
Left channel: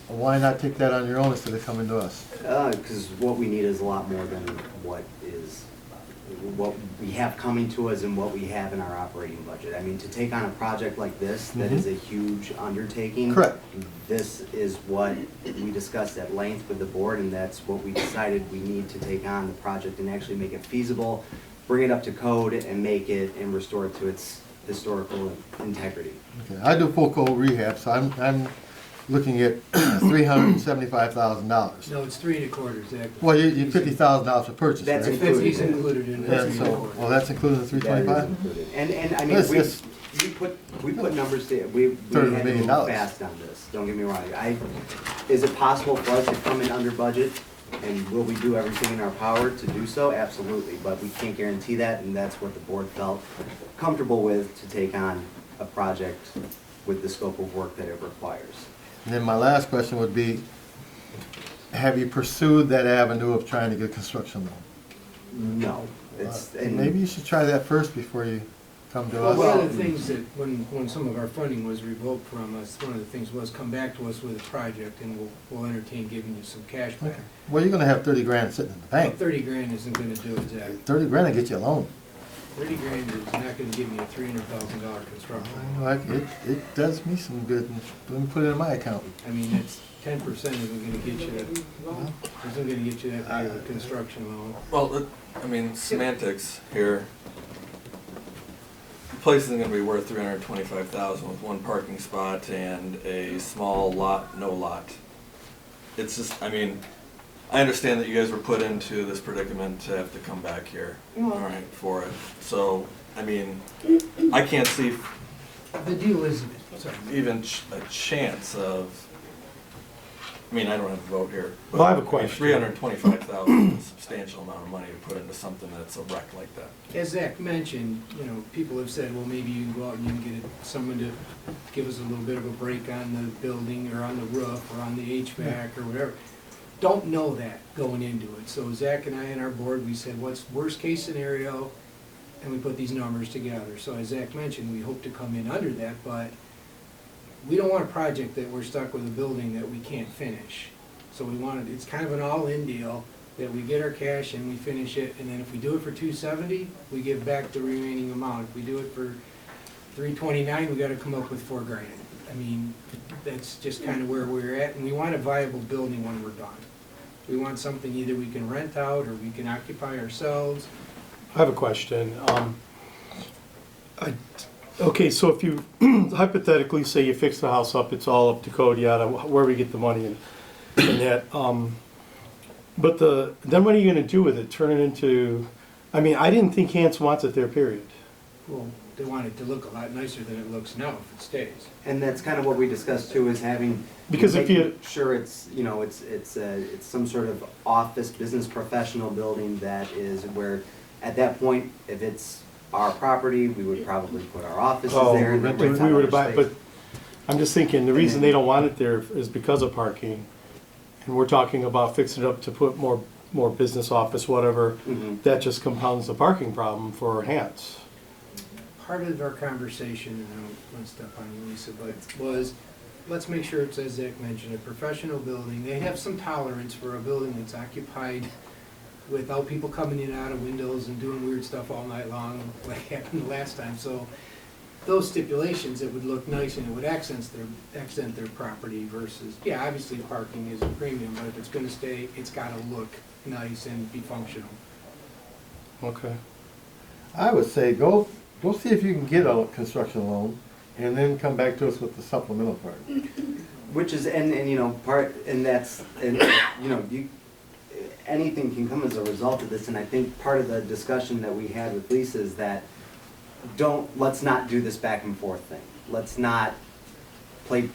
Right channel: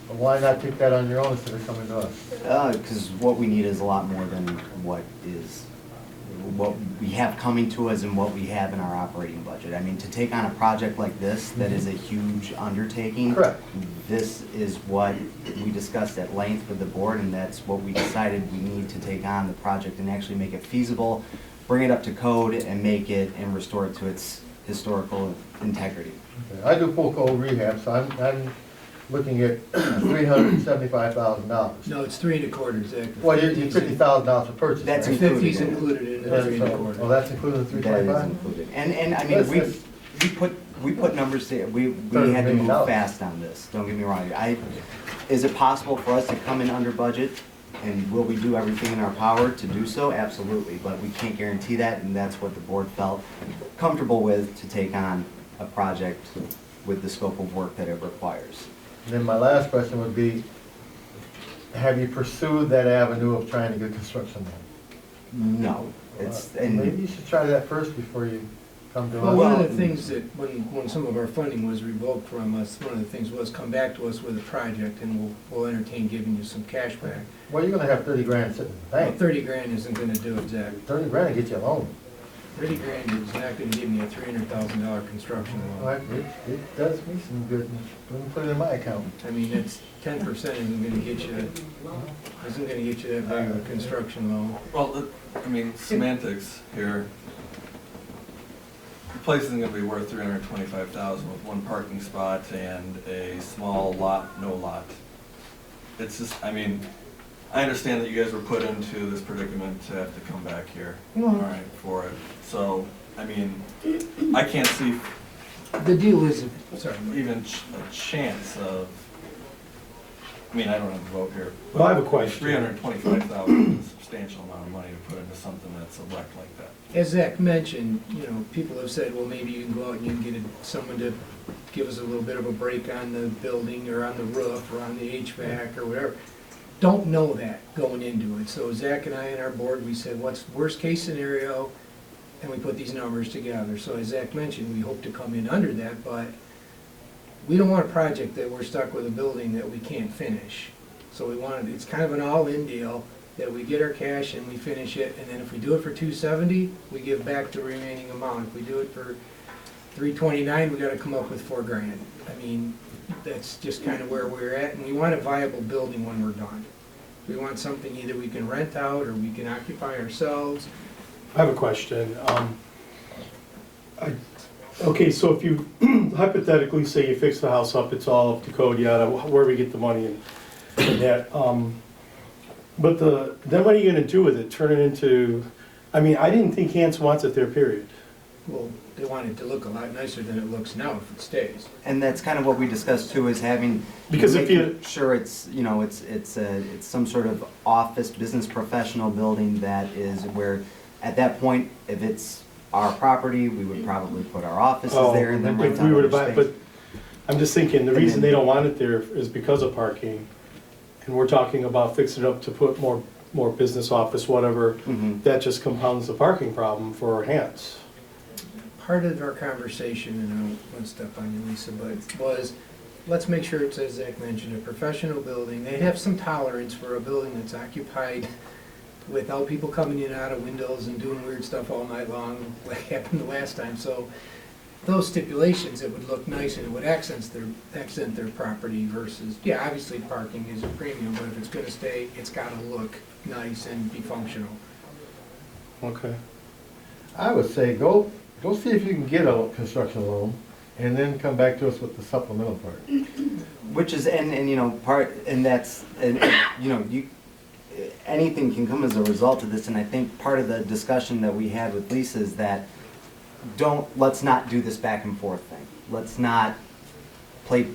why not take that on your own instead of coming to us? Because what we need is a lot more than what we have coming to us and what we have in our operating budget. I mean, to take on a project like this, that is a huge undertaking. Correct. This is what we discussed at length with the board, and that's what we decided we need to take on the project and actually make it feasible, bring it up to code, and make it and restore it to its historical integrity. Okay, I do full cold rehab, so I'm looking at $375,000. No, it's 3 1/4, Zach. Well, you $50,000 for purchase, That's right? included. 50's included in the And 3 so, 1/4. well, that's included in the That is 325? included. And I mean, Yes, we put numbers there, we $30 had to million. move fast on this, don't get me wrong. Is it possible for us to come in under budget? And will we do everything in our power to do so? Absolutely, but we can't guarantee that, and that's what the board felt comfortable with to take on a project with the scope of work that it requires. And then my last question would be, have you pursued that avenue of trying to get construction loan? No, Maybe you should try that first before you come to Well, us. one of the things that, when some of our funding was revoked from us, one of the things was come back to us with a project, and we'll entertain giving you some cash back. Well, you're gonna have 30 grand sitting in the Well, bank. 30 grand isn't gonna do it, Zach. 30 grand will get you a loan. 30 grand is not gonna give me a $300,000 construction loan. Like, it does me some good, let me put it in my account. I mean, it's 10% isn't gonna get you, that big of a construction loan. Well, I mean, semantics here. The place isn't gonna be worth 325,000 with one parking spot and a small lot, no lot. It's just, I mean, I understand that you guys were put into this predicament to have to come back here, all right, for it. So, I mean, I can't see The deal is, sorry, even a chance of, I mean, I don't have a vote here. but Well, I have a question. 325,000 is a substantial amount of money to put into something that's a wreck like that. as Zach mentioned, people have said, well, maybe you can go out and you can get someone to give us a little bit of a break on the building or on the roof or on the HVAC or whatever. Don't know that going into it. So Zach and I and our board, we said, what's worst case scenario? And we put these numbers together. So as Zach mentioned, we hope to come in under that, but we don't want a project that we're stuck with a building that we can't finish. So it's kind of an all-in deal, that we get our cash and we finish it, and then if we do it for 270, we give back the remaining amount. If we do it for 329, we gotta come up with 4 grand. I mean, that's just kind of where we're at, and we want a viable building when we're done. We want something either we can rent out or we can occupy ourselves. I have a question. Okay, so if you hypothetically say you fix the house up, it's all up to code, yada, where we get the money and that. But then what are you gonna do with it? Turn it into, I mean, I didn't think Hans wants it there, period. Well, they want it to look a lot nicer than it looks now if it stays. And that's kind of what we discussed too, is having, Because if making you- sure it's some sort of office, business professional building that is where, at that point, if it's our property, we would probably put our offices there and then rent If out we were to other buy, but space. I'm just thinking, the And reason then- they don't want it there is because of parking. And we're talking about fixing it up to put more business office, whatever. Mhm. That just compounds the parking problem for Hans. Part of our conversation, and I don't want to step on you, Lisa, but was, let's make sure it's, as Zach mentioned, a professional building. They have some tolerance for a building that's occupied without people coming in and out of windows and doing weird stuff all night long, like happened the last time. So those stipulations, it would look nice and it would accent their property versus, yeah, obviously parking is a premium, but if it's gonna stay, it's gotta look nice and be functional. Okay. I would say, go see if you can get a construction loan, and then come back to us with the supplemental part. Which is, and you know, anything can come as a result of this, and I think part of the discussion that we had with Lisa is that let's not do this back and forth thing. Let's not play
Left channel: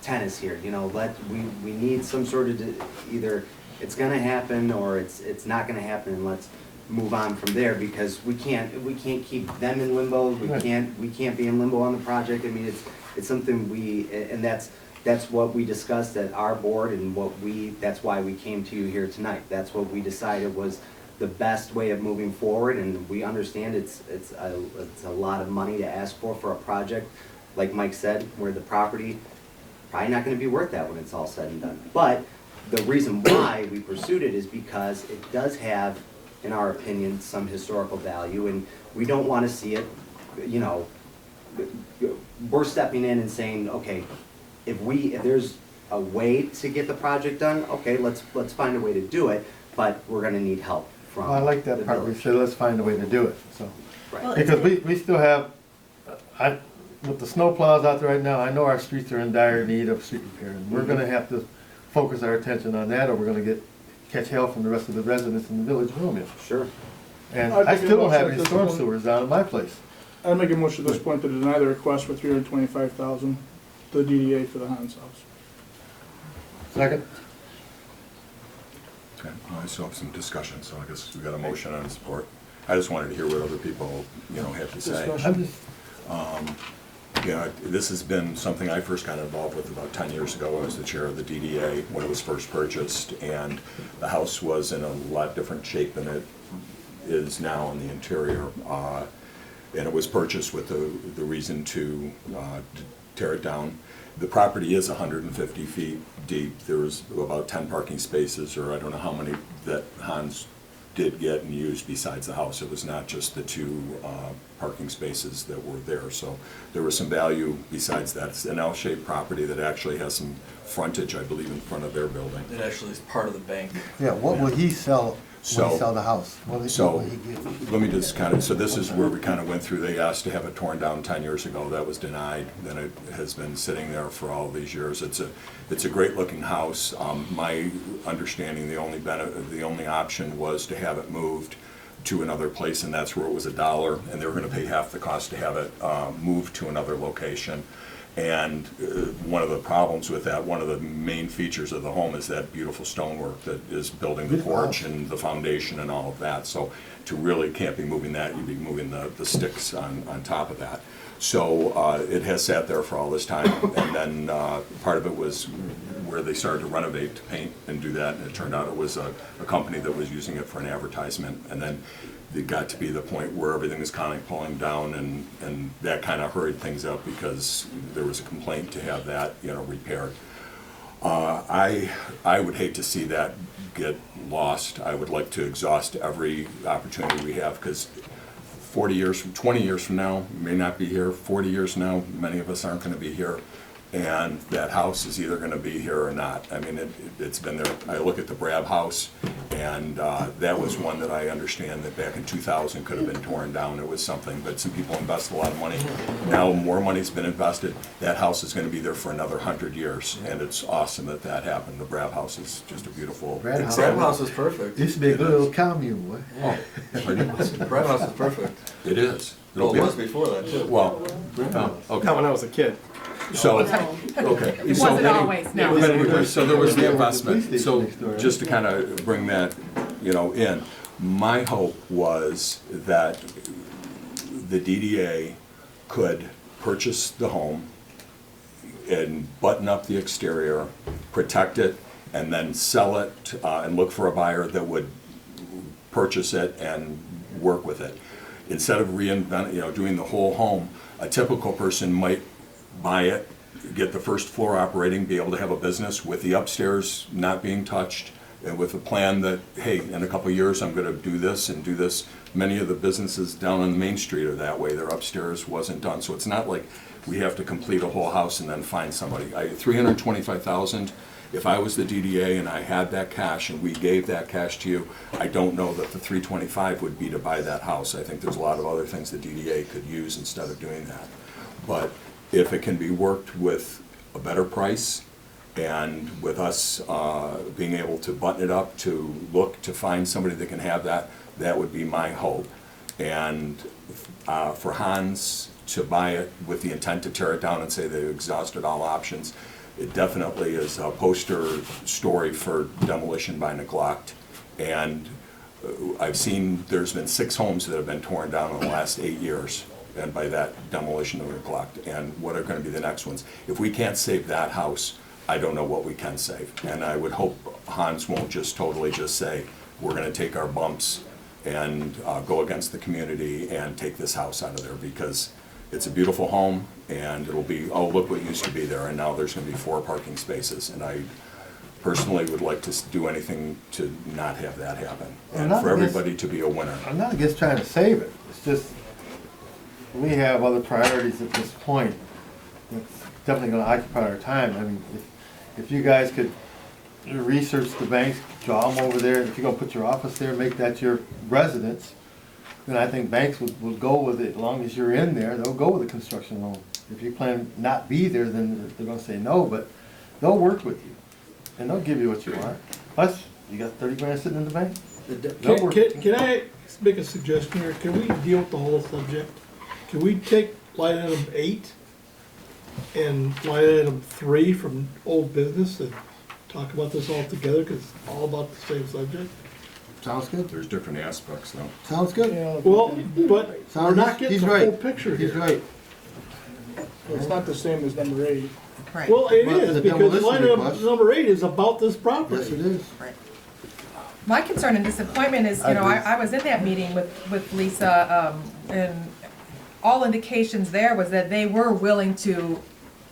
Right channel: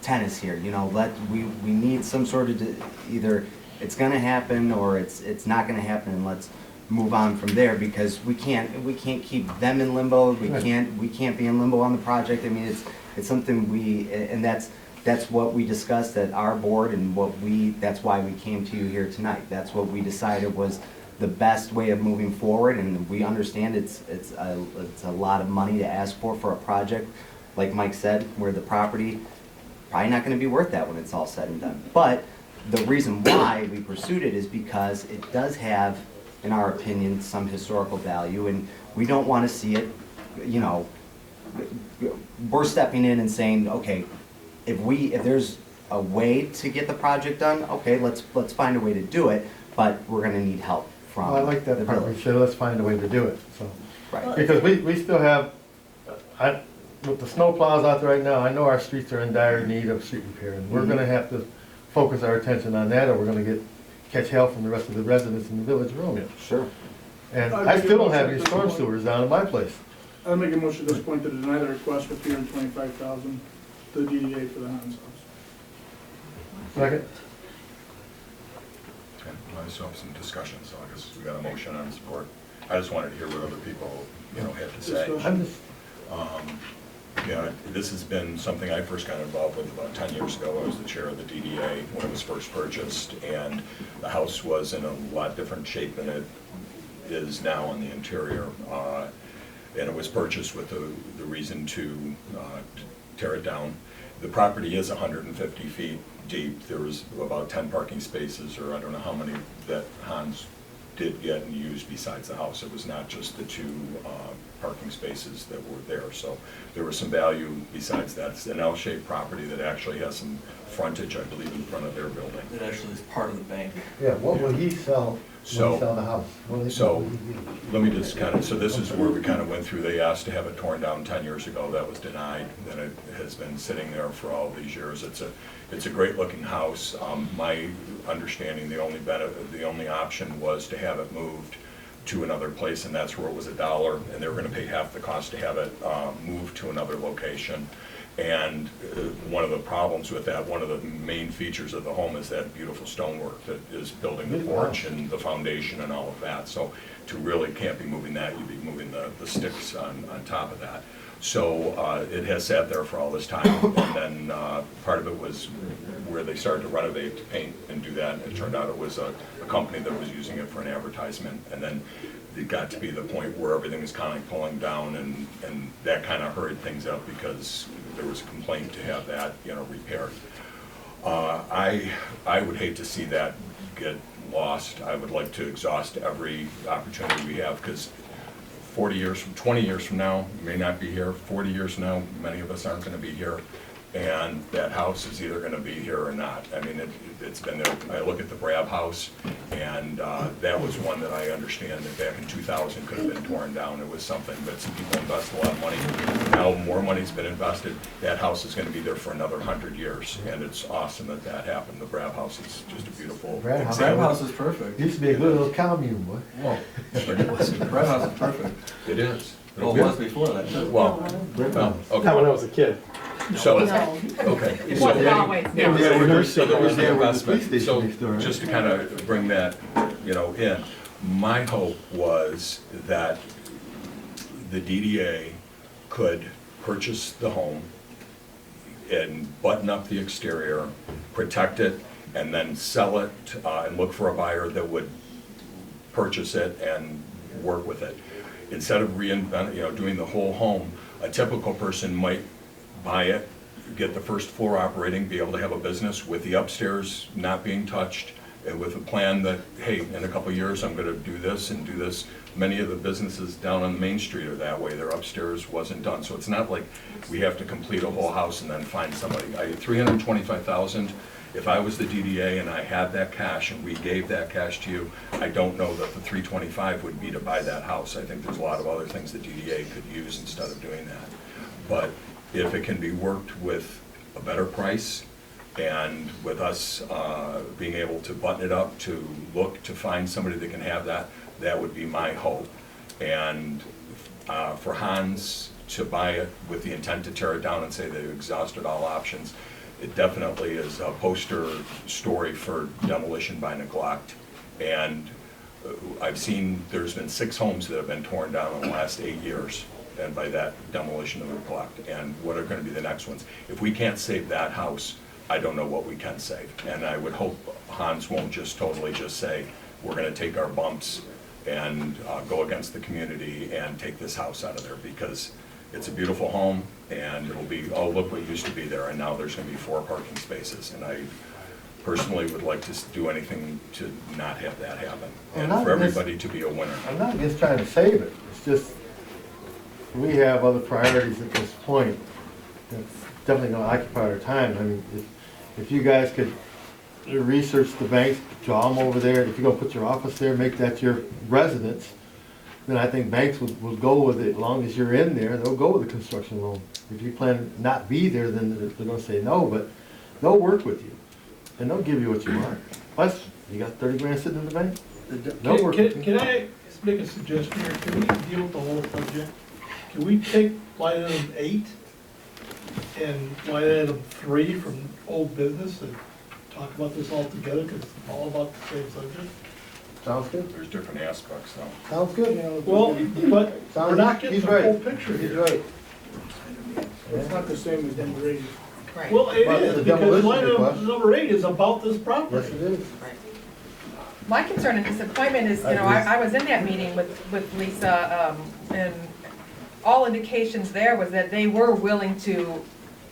tennis here, you know, we need some sort of, either it's gonna happen or it's not gonna happen, and let's move on from there, because we can't keep them in limbo, we can't be in limbo on the project. I mean, it's something and that's what we discussed at our board, and that's why we came to you here tonight. That's what we decided was the best way of moving forward, and we understand it's a lot of money to ask for a project, like Mike said, where the property probably not gonna be worth that when it's all said and done. But the reason why we pursued it is because it does have, in our opinion, some historical value, and we don't wanna see it, you know, we're stepping in and saying, okay, if there's a way to get the project done, okay, let's find a way to do it, but we're gonna need help from I like that the part, we village. said, let's find a way to do it, so. Right. Because we still have, with the snow plows out there right now, I know our streets are in dire need of street repair, and we're gonna have to focus our attention on that, or we're gonna catch hell from the rest of the residents in the village of Romeo. Sure. And I'd I make a still don't motion have at any this storm point. sewers down in my place. I'll make a motion at this point to deny the request for $325,000, the DDA for the Hans house. Second? Okay, well, I still have some discussion, so I guess we got a motion and support. I just wanted to hear what other people, you know, had to say. Discussion. You know, this has been something I first got involved with about 10 years ago. I was the chair of the DDA when it was first purchased, and the house was in a lot different shape than it is now on the interior. And it was purchased with the reason to tear it down. The property is 150 feet deep. There was about 10 parking spaces, or I don't know how many that Hans did get and use besides the house. It was not just the two parking spaces that were there. So there was some value besides that. It's an L-shaped property that actually has some frontage, I believe, in front of their building. It actually is part of the bank. Yeah, what will he sell when he sell the house? So, let me just kind of, so this is where we kind of went through, they asked to have it torn down 10 years ago, that was denied, then it has been sitting there for all these years. It's a great looking house. My understanding, the only option was to have it moved to another place, and that's where it was $1, and they were gonna pay half the cost to have it moved to another location. And one of the problems with that, one of the main features of the home is that beautiful stonework that is building the porch and the foundation and all of that. So to really can't be moving that, you'd be moving the sticks on top of that. So it has sat there for all this time, and then part of it was where they started to renovate, to paint and do that, and it turned out it was a company that was using it for an advertisement, and then it got to be the point where everything was kind of pulling down, and that kind of hurried things up because there was a complaint to have that, you know, repaired. I would hate to see that get lost. I would like to exhaust every opportunity we have, because 20 years from now, we may not be here. 40 years from now, many of us aren't going to be here. And that house is either going to be here or not. I mean, it's been there. I look at the Brab house, and that was one that I understand that back in 2000 could have been torn down. It was something, but some people invest a lot of money. Now more money's been invested. That house is going to be there for another 100 years, and it's awesome that that happened. The Brab house is just a beautiful. Brad House is perfect. Used to be a good little commune, boy. Oh, Brad House is perfect. it is. Well, it was before that, too. Well, okay. Not when I was a kid. So, okay. It So wasn't then- always, no. So there was the investment, Police so station next door, right? just to kind of bring that, you know, in, my hope was that the DDA could purchase the home and button up the exterior, protect it, and then sell it, and look for a buyer that would purchase it and work with it. Instead of doing the whole home, a typical person might buy it, get the first floor operating, be able to have a business with the upstairs not being touched, and with a plan that, hey, in a couple of years, I'm gonna do this and do this. Many of the businesses down on Main Street are that way, their upstairs wasn't done. So it's not like we have to complete a whole house and then find somebody. $325,000, if I was the DDA and I had that cash and we gave that cash to you, I don't know that the $325,000 would be to buy that house. I think there's a lot of other things the DDA could use instead of doing that. But if it can be worked with a better price and with us being able to button it up, to look to find somebody that can have that, that would be my hope. And for Hans to buy it with the intent to tear it down and say they've exhausted all options, it definitely is a poster story for demolition by neglect. And I've seen, there's been 6 homes that have been torn down in the last 8 years, and by that demolition and neglect. And what are gonna be the next ones? If we can't save that house, I don't know what we can save. And I would hope Hans won't just totally just say, we're gonna take our bumps and go against the community and take this house out of there, because it's a beautiful home, and it'll be, oh, look what used to be there, and now there's gonna be 4 parking spaces. And I personally would like to do anything to not have that happen, and for everybody to be a winner. I'm not against trying to save it, it's just, we have other priorities at this point. It's definitely gonna occupy our time. I mean, if you guys could research the banks, draw them over there, if you're gonna put your office there, make that your residence, then I think banks would go with it. As long as you're in there, they'll go with the construction loan. If you plan to not be there, then they're gonna say no, but they'll work with you, and they'll give you what you want. Plus, you got 30 grand sitting in the bank. They'll work with you. Can I make a suggestion here? Can we deal with the whole subject? Can we take line item 8 and line item 3 from old business and talk about this all together, because it's all about the same subject? Sounds good. There's different aspects though. Sounds good. Well, but we're not getting He's the right. full picture He's here. right. It's not the same as number 8. Right. Well, it Well, is, the because demolition line request. item number 8 is about this property. Yes, it is. My concern and disappointment is, you know, I was in that meeting with Lisa, and all indications there was that they were willing to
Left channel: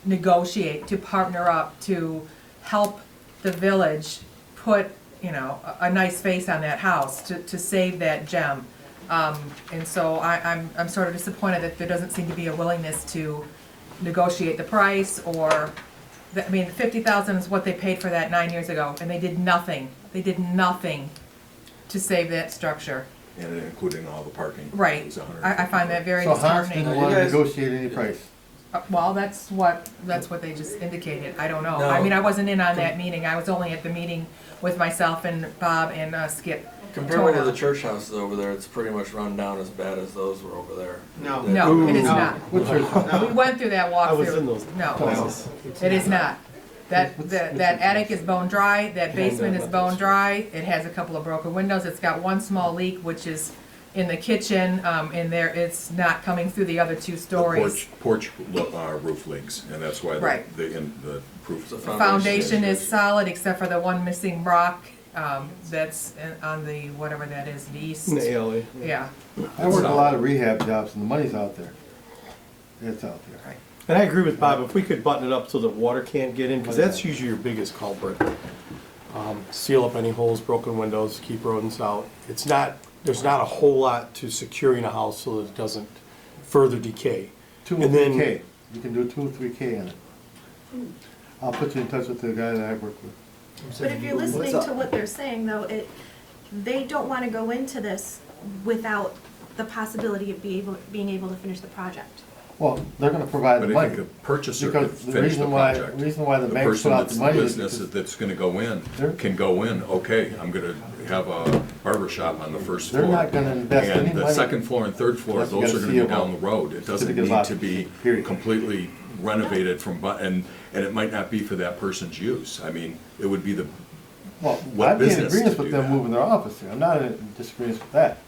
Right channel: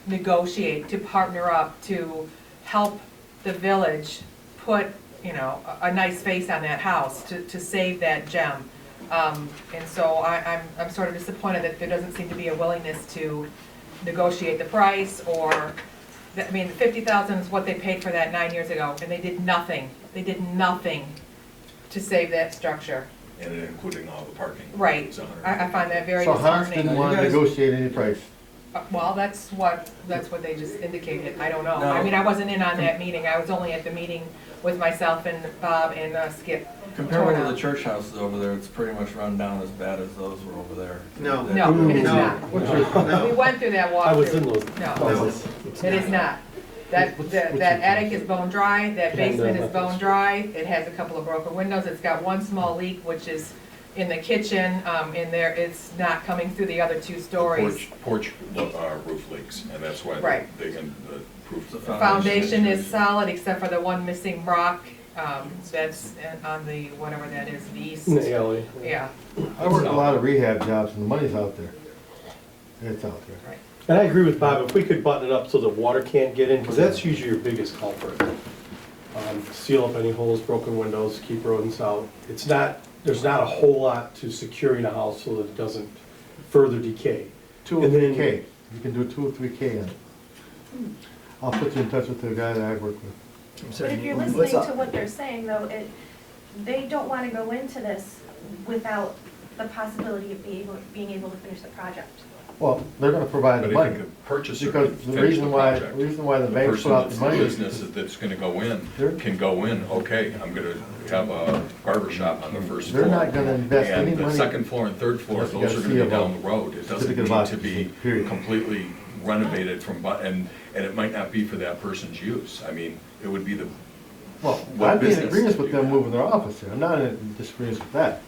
negotiate, to partner up, to help the village put, you know, a nice face on that house, to save that gem. And so I'm sort of disappointed that there doesn't seem to be a willingness to negotiate the price, or, I mean, $50,000 is what they paid for that 9 years ago, and they did nothing. They did nothing to save that structure. And including all the parking. Right. It was 100. I find that very So Hans disheartening. didn't want to negotiate any price. Well, that's what they just indicated. I don't know. I mean, I wasn't in on that meeting. I was only at the meeting with myself and Bob and Skip. Compared to the church houses over there, it's pretty much run down as bad as those were over there. No. No, it is not. No. We went through that walkthrough. I was in those No, places. it is not. That attic is bone dry, that basement is bone dry, it has a couple of broken windows, it's got one small leak, which is in the kitchen, in there, it's not coming through the other 2 stories. The porch roof leaks, and that's why Right. the proof. The foundation is solid, except for the one missing rock, that's on the, whatever that is, the east. In the alley. Yeah, I work a lot of rehab jobs, and the money's out there. It's out there. right. And I agree with Bob, if we could button it up so that water can't get in, because that's usually your biggest culprit. Seal up any holes, broken windows, keep rodents out. It's not, there's not a whole lot to securing a house so that it doesn't further decay. 2 or And then- 3K. You can do 2 or 3K on it. I'll put you in touch with the guy that I work with. But if you're listening to what they're saying, though, they don't want to go into this without the possibility of being able to finish the project. Well, they're gonna provide the But money. if the purchaser can Because the finish the reason why, project. reason why the The banks person put out that's the the money is business because that's gonna go They're- in, can go in, okay, I'm gonna have a barber shop on the first floor. they're not gonna invest any And the money. second floor and third floor, Unless you those got are a gonna be CFO. down the road. It doesn't Certificate of need to occupancy, be period. completely renovated from, and it might not be for that person's use. I mean, it would be the, Well, what I'd be in business agreement to with do them that? moving their office here. I'm not in disagreement with that.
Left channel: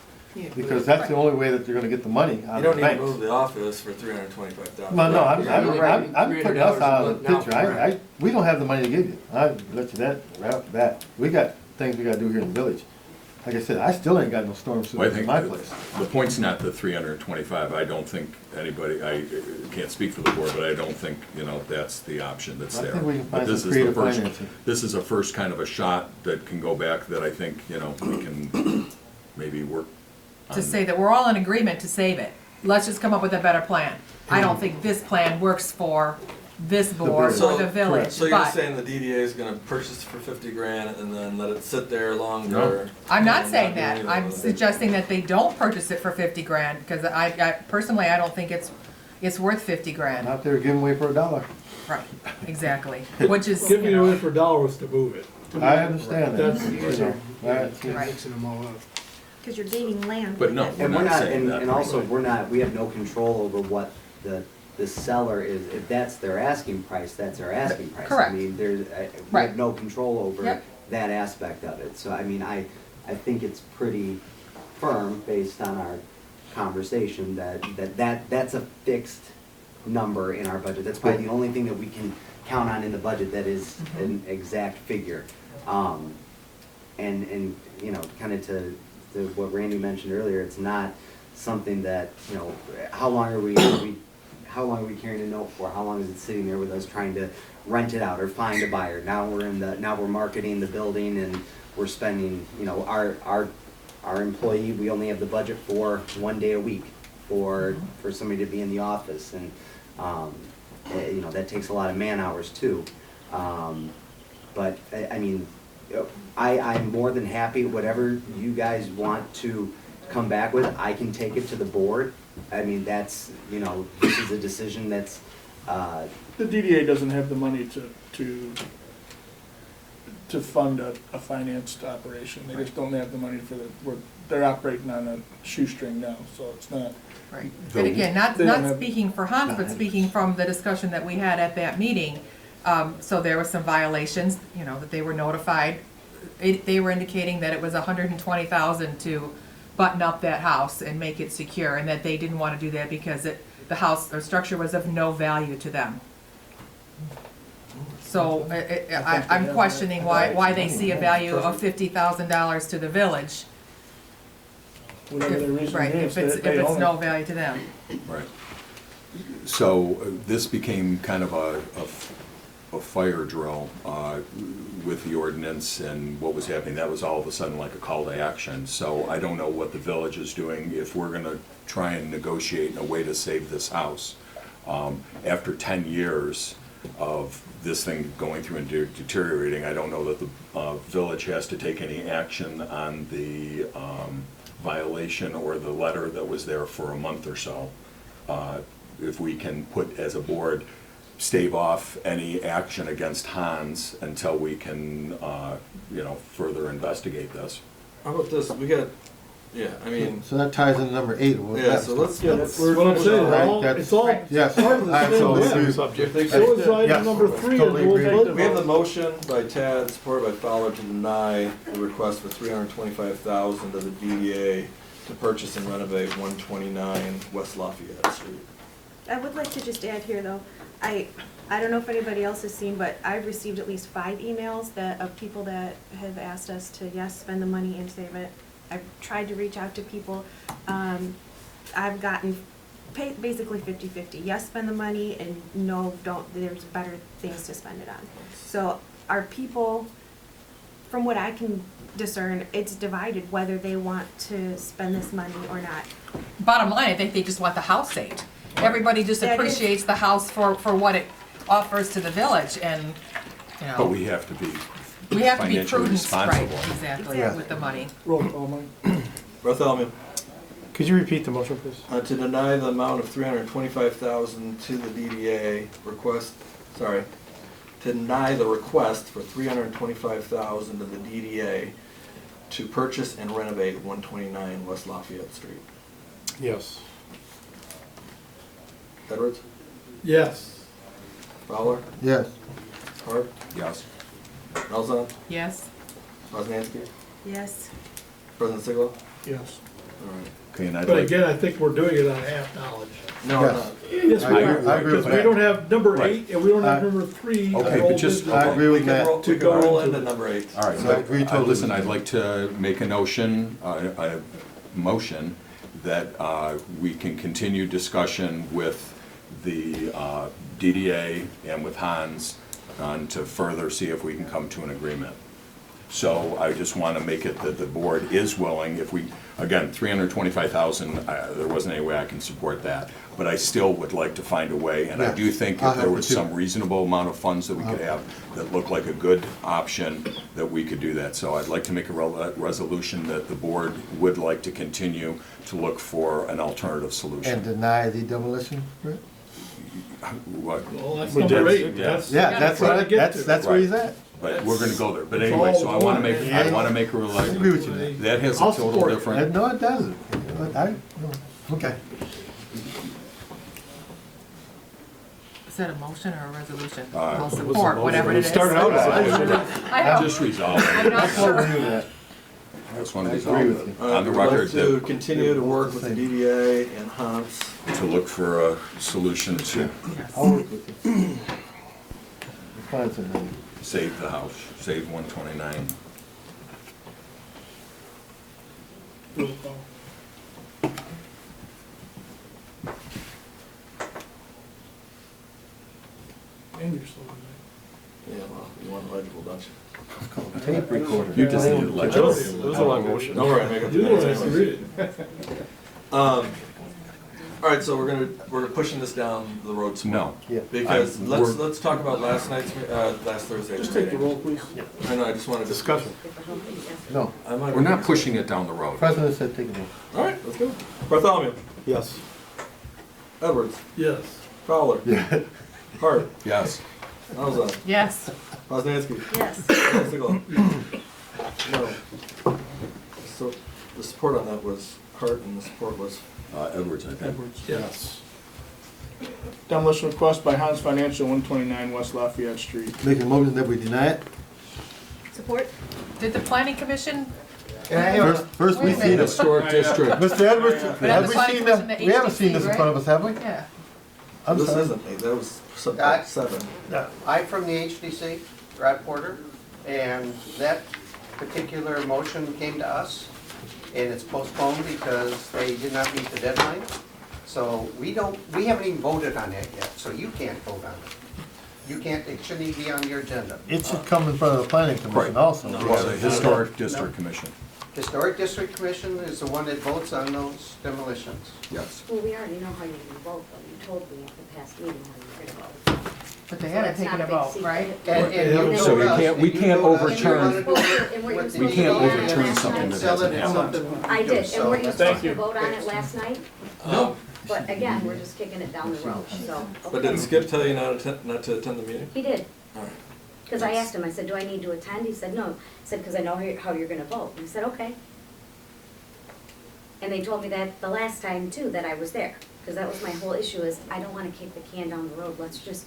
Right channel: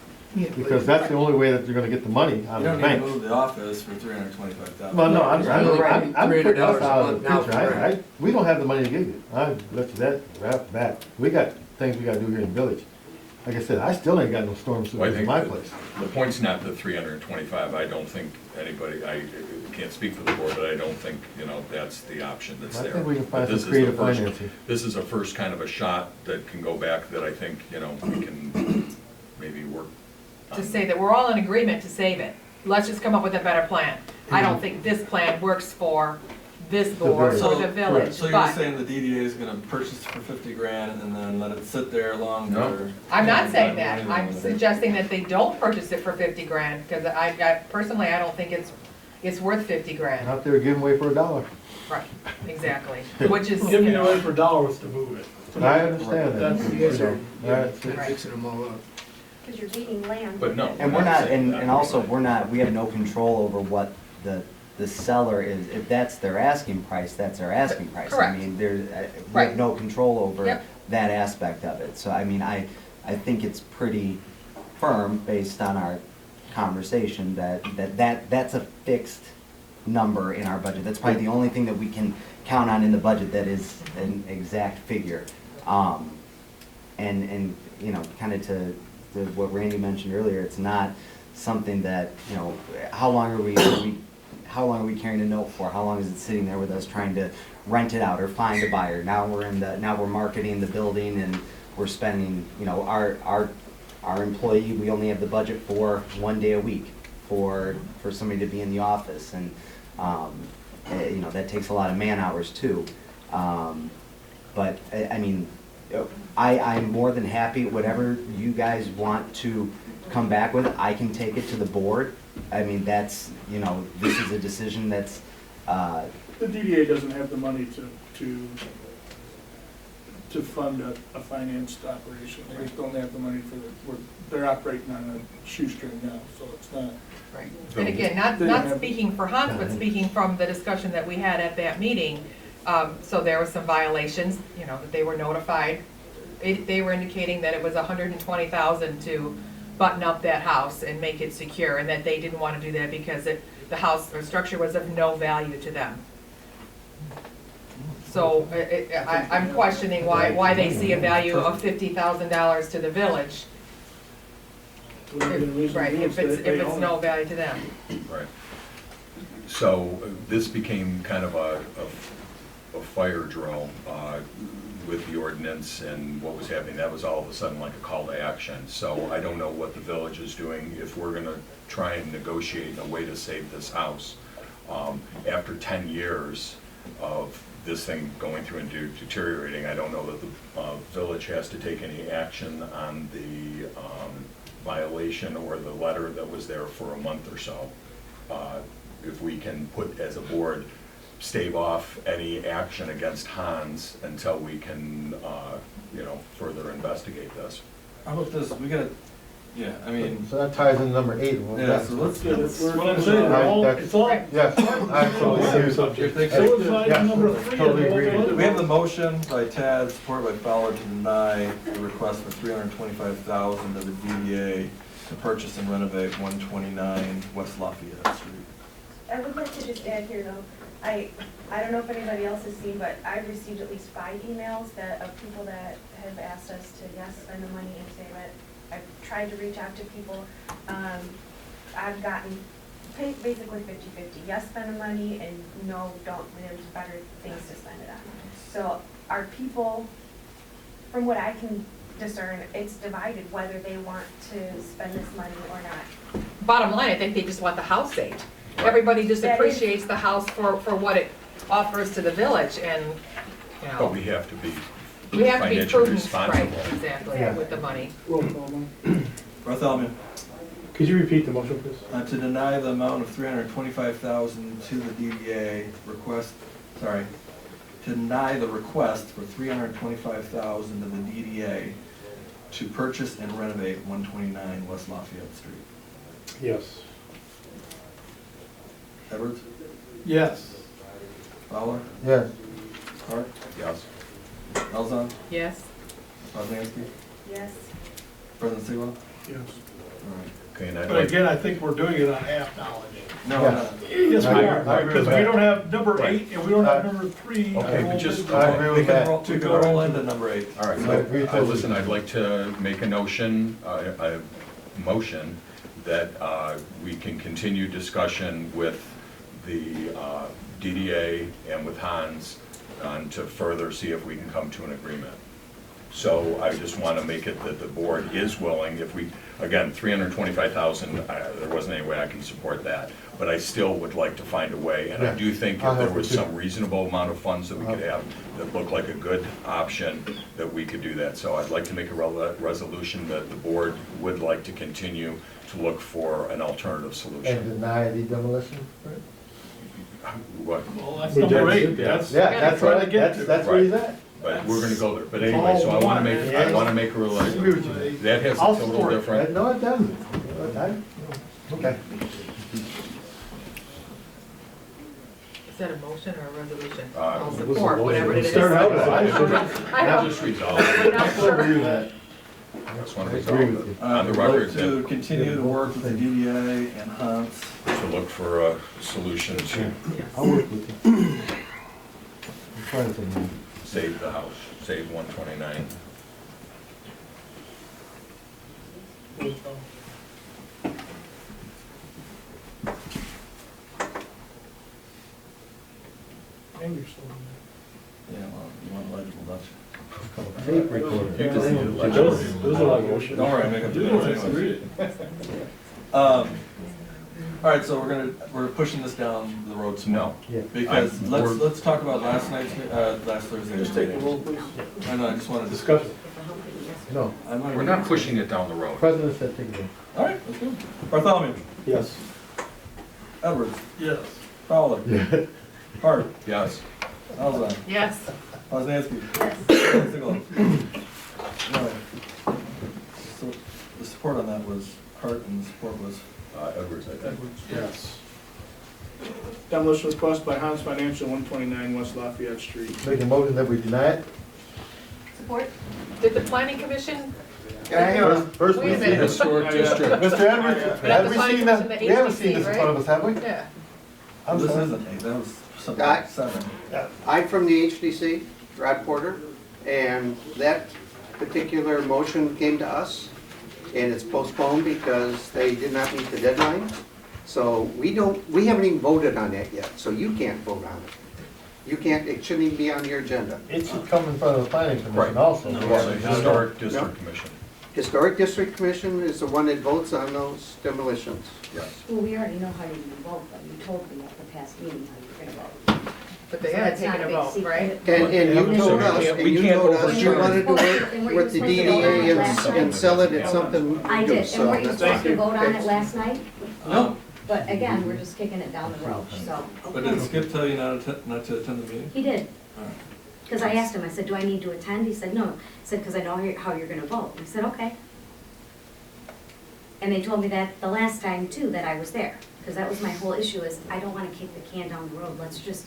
Because that's the only way that they're gonna get the money out You of the don't need to banks. move the office for $325,000. Well, no, I'm putting us out of the $300 picture. We don't have the money to give you. I let you that right off the bat. We got things we gotta do here in the village. Like I said, I still ain't got no storm Well, I sewers in think my the- place. The point's not the 325, I don't think anybody, I can't speak for the board, but I don't think, that's the option that's I there. think we can But find this some is the creative first- financing. This is a first kind of a shot that can go back that I think, we can maybe work on. To say that we're all in agreement to save it. Let's just come up with a better plan. I don't think this plan works for this board village. or the village, So you're but saying the DDA is gonna purchase for 50 grand and then let it sit there longer? I'm not saying that. I'm suggesting that they don't purchase it for 50 grand, because personally, I don't think it's it's worth 50 grand. Out there giving away for $1. Right, exactly, which is, Giving you it know, away for $1 to move it. I understand that. That's the issue. That's- Right. Mixing them all up. Because you're gaining land. But no, And we're not, saying that and also, right. we have no control over what the seller is, if that's their asking price, that's their asking price. Correct. I mean, we Right. have no control over Yep. that aspect of it. So, I mean, I think it's pretty firm based on our conversation that's a fixed number in our budget. That's probably the only thing that we can count on in the budget that is an exact figure. And, you know, kind of to what Randy mentioned earlier, it's not something that, you know, how long are we carrying a note for? How long is it sitting there with us trying to rent it out or find a buyer? Now we're marketing the building and we're spending, you know, our employee, we only have the budget for 1 day a week for somebody to be in the office, and you know, that takes a lot of man hours too. But I mean, I'm more than happy, whatever you guys want to come back with, I can take it to the board. I mean, that's, you know, this is a decision that's, The DDA doesn't have the money to fund a financed operation. They just don't have the money they're operating on a shoestring now, so it's not. right. And again, not speaking for Hans, but speaking from the discussion that we had at that meeting, so there were some violations, you know, that they were notified. They were indicating that it was $120,000 to button up that house and make it secure, and that they didn't want to do that because the house or structure was of no value to them. So I'm questioning why they see a value of $50,000 to the village. Whatever the reason Right, is, if they it's own no it. value to them. Right. So this became kind of a fire drill with the ordinance and what was happening. That was all of a sudden like a call to action. So I don't know what the village is doing. If we're gonna try and negotiate a way to save this house, after 10 years of this thing going through and deteriorating, I don't know that the village has to take any action on the violation or the letter that was there for a month or so. If we can put, as a board, stave off any action against Hans until we can, you know, further investigate this. How about this, we got, yeah, I mean, So that ties in number 8 with yeah, that. so let's, Well, I'm saying, it's all Yes, part of the absolutely. same subject. If they So is Yes, item number 3 of totally the agree. whole we have the budget. motion by Tad, supported by Fowler, to deny the request for $325,000 of the DDA to purchase and renovate 129 West Lafayette Street. I would like to just add here, though, I don't know if anybody else has seen, but I've received at least 5 emails of people that have asked us to, yes, spend the money and save it. I've tried to reach out to people. I've gotten basically 50-50. Yes, spend the money, and no, don't, there's better things to spend it on. So our people, from what I can discern, it's divided whether they want to spend this money or not. Bottom line, I think they just want the house saved. Everybody just That is- appreciates the house for what it offers to the village, and, you But know, we have to be we have to be financially prudent, right, responsible. exactly, Yeah. with the money. Roll call, Mike. Bartholomew, Could you repeat the motion, please? to deny the amount of $325,000 to the DDA request, sorry, to deny the request for $325,000 of the DDA to purchase and renovate 129 West Lafayette Street. Yes. Edwards? Yes. Fowler? Yes. Hart? Yes. Elzon? Yes? Osmanski? Yes. President Siglo? Yes. Okay, and I'd But like, again, I think we're doing it on half knowledge. No, Yes. no. Yes, we I are, agree with because we that. don't have number 8 and we don't have I- number 3. Okay, but just- I agree We with can that. roll, we can roll into number 8. all right, I agree totally. listen, I'd like to make a motion that we can continue discussion with the DDA and with Hans to further see if we can come to an agreement. So I just want to make it that the board is willing, if we, again, 325,000, there wasn't any way I can support that. But I still would like to find a way, and I do think if there was some reasonable amount of funds that we could have that looked like a good option, that we could do that. So I'd like to make a resolution that the board would like to continue to look for an alternative And solution. deny the demolition? What? Well, that's We number did. 8. That's, Yeah, that's what, that's where he's at. But we're gonna go there. But anyway, so I want to make, I a agree with you. relation. That has a I'll total support it. different. No, it doesn't. No, okay. Is that a motion or a resolution? It I'll was a support motion. whatever it It is. started out as a motion. I I'll know. just resolve it. I'm not sure. I just want to resolve it on the We'd record like to that continue to work with the DDA and Hans. to look for a solution to I'll work with you. Friends and me. save the house, save 129. and you're still in Yeah, well, you want legible, don't you? Tape recorder. You just need a It was a long motion. Don't worry, I make there. up You the don't minutes have to anyways. read it. All right, so we're pushing this down the road some more. No. Yeah. Because we're- let's talk about last Thursday's Just take the meeting. roll, please. I just wanted to. Discussion. No, We're not pushing it down the road. President said take it. All right, let's go. Bartholomew, Yes. Edwards, Yes. Fowler, Yeah. Hart, Yes. Alza, Yes. Osnansky. Yes. Siegel. No. So the support on that was Hart and the support was Edwards, I think. Edwards. Yes. Demolition request by Hans Financial, 129 West Lafayette Street. Make a motion that we deny it? Support. Did the planning commission? First we Wait a see minute. this. Historic district. Mr. Edwards, But have the we planning seen commission, that? the We haven't seen HDC, this in right? front of us, have we? Yeah. I'm This sorry. isn't eight, that was seven. I'm from the HDC, Rod Porter, and that particular motion came to us, and it's postponed because they did not meet the deadline. So we haven't even voted on that yet, so you can't vote on it. You can't, it shouldn't even be on your agenda. It should come in front of the planning Right. commission also. Well, the Historic District Commission, Historic District Commission is the one that votes on those demolitions. yes. Well, we already know how you vote, but you told me at the past meeting how you're gonna vote. But they haven't taken a vote, right? And you So told we us, can't- and we you can't told us you overturn- wanted to work And weren't with the you We supposed can't to DDA vote on it overturn last something and night? sell it Yeah. at something. I did, and So weren't you that's supposed fine. to vote on it last night? No. But again, we're just kicking it down the road, so. But didn't Skip tell you not to attend the meeting? He did, because I asked him, I said, do I need to attend? He said, no. I said, because I know how you're gonna vote. He said, okay. And they told me that the last time too, that I was there, because that was my whole issue is, I don't wanna kick the can down the road. Let's just,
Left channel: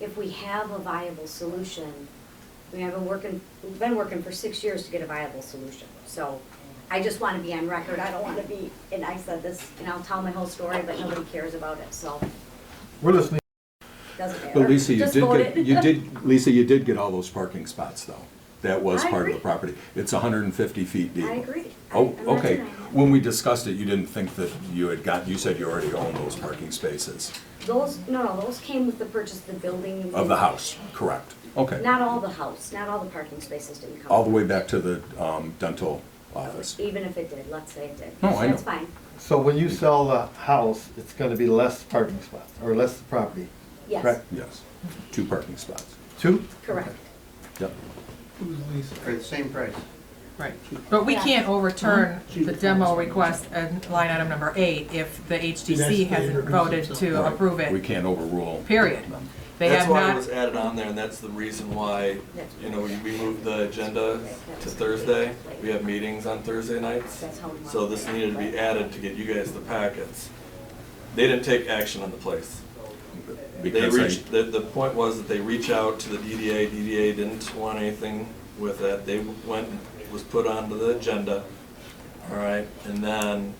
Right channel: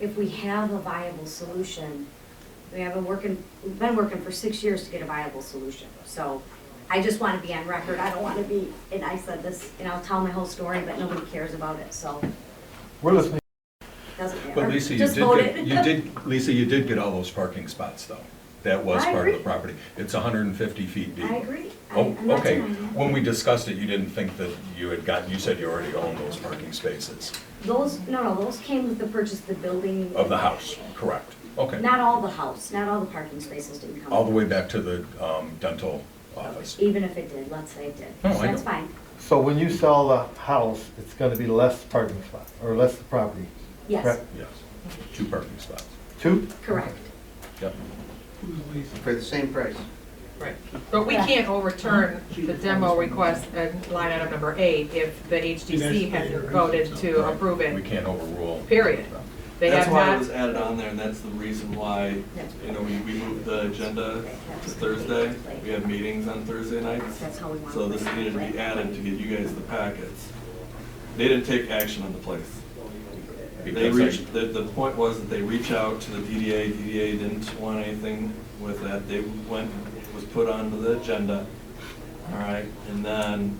if we have a viable solution, we've been working for 6 years to get a viable solution. So I just wanna be on record. I don't wanna be, and I said this, and I'll tell my whole story, but nobody cares about it, so We're listening. it doesn't matter. But Lisa, Just vote it. you did get all those parking spots, though. That was I part of the agree. property. It's 150 feet deep. I agree. Oh, I'm not okay. denying it. When we discussed it, you didn't think that you had gotten, you said you already owned those parking spaces Those came with the purchase of the building. of the house, correct? Okay. Not all the house, not all the parking spaces didn't come. All the with way back to the dental office. it. Even if it did, let's say it did. No, I That's know. fine, So when you sell the house, it's gonna be less parking spots, or less property? yes, Right. Yes, 2 parking spots. 2? correct. Yep. For the same price. Right. But we can't overturn the demo request and line item number 8 if the HDC hasn't voted to approve We it, can't overrule. period. They That's have why it not, was added on there, and that's the reason why, we moved the agenda to Thursday. We have meetings on Thursday nights, That's how we want so it. this needed to be added to get you guys the packets. They didn't take action on the place. They Because I- reached, the point was that they reach out to the DDA didn't want anything with that, they went, it was put onto the agenda, all right, and then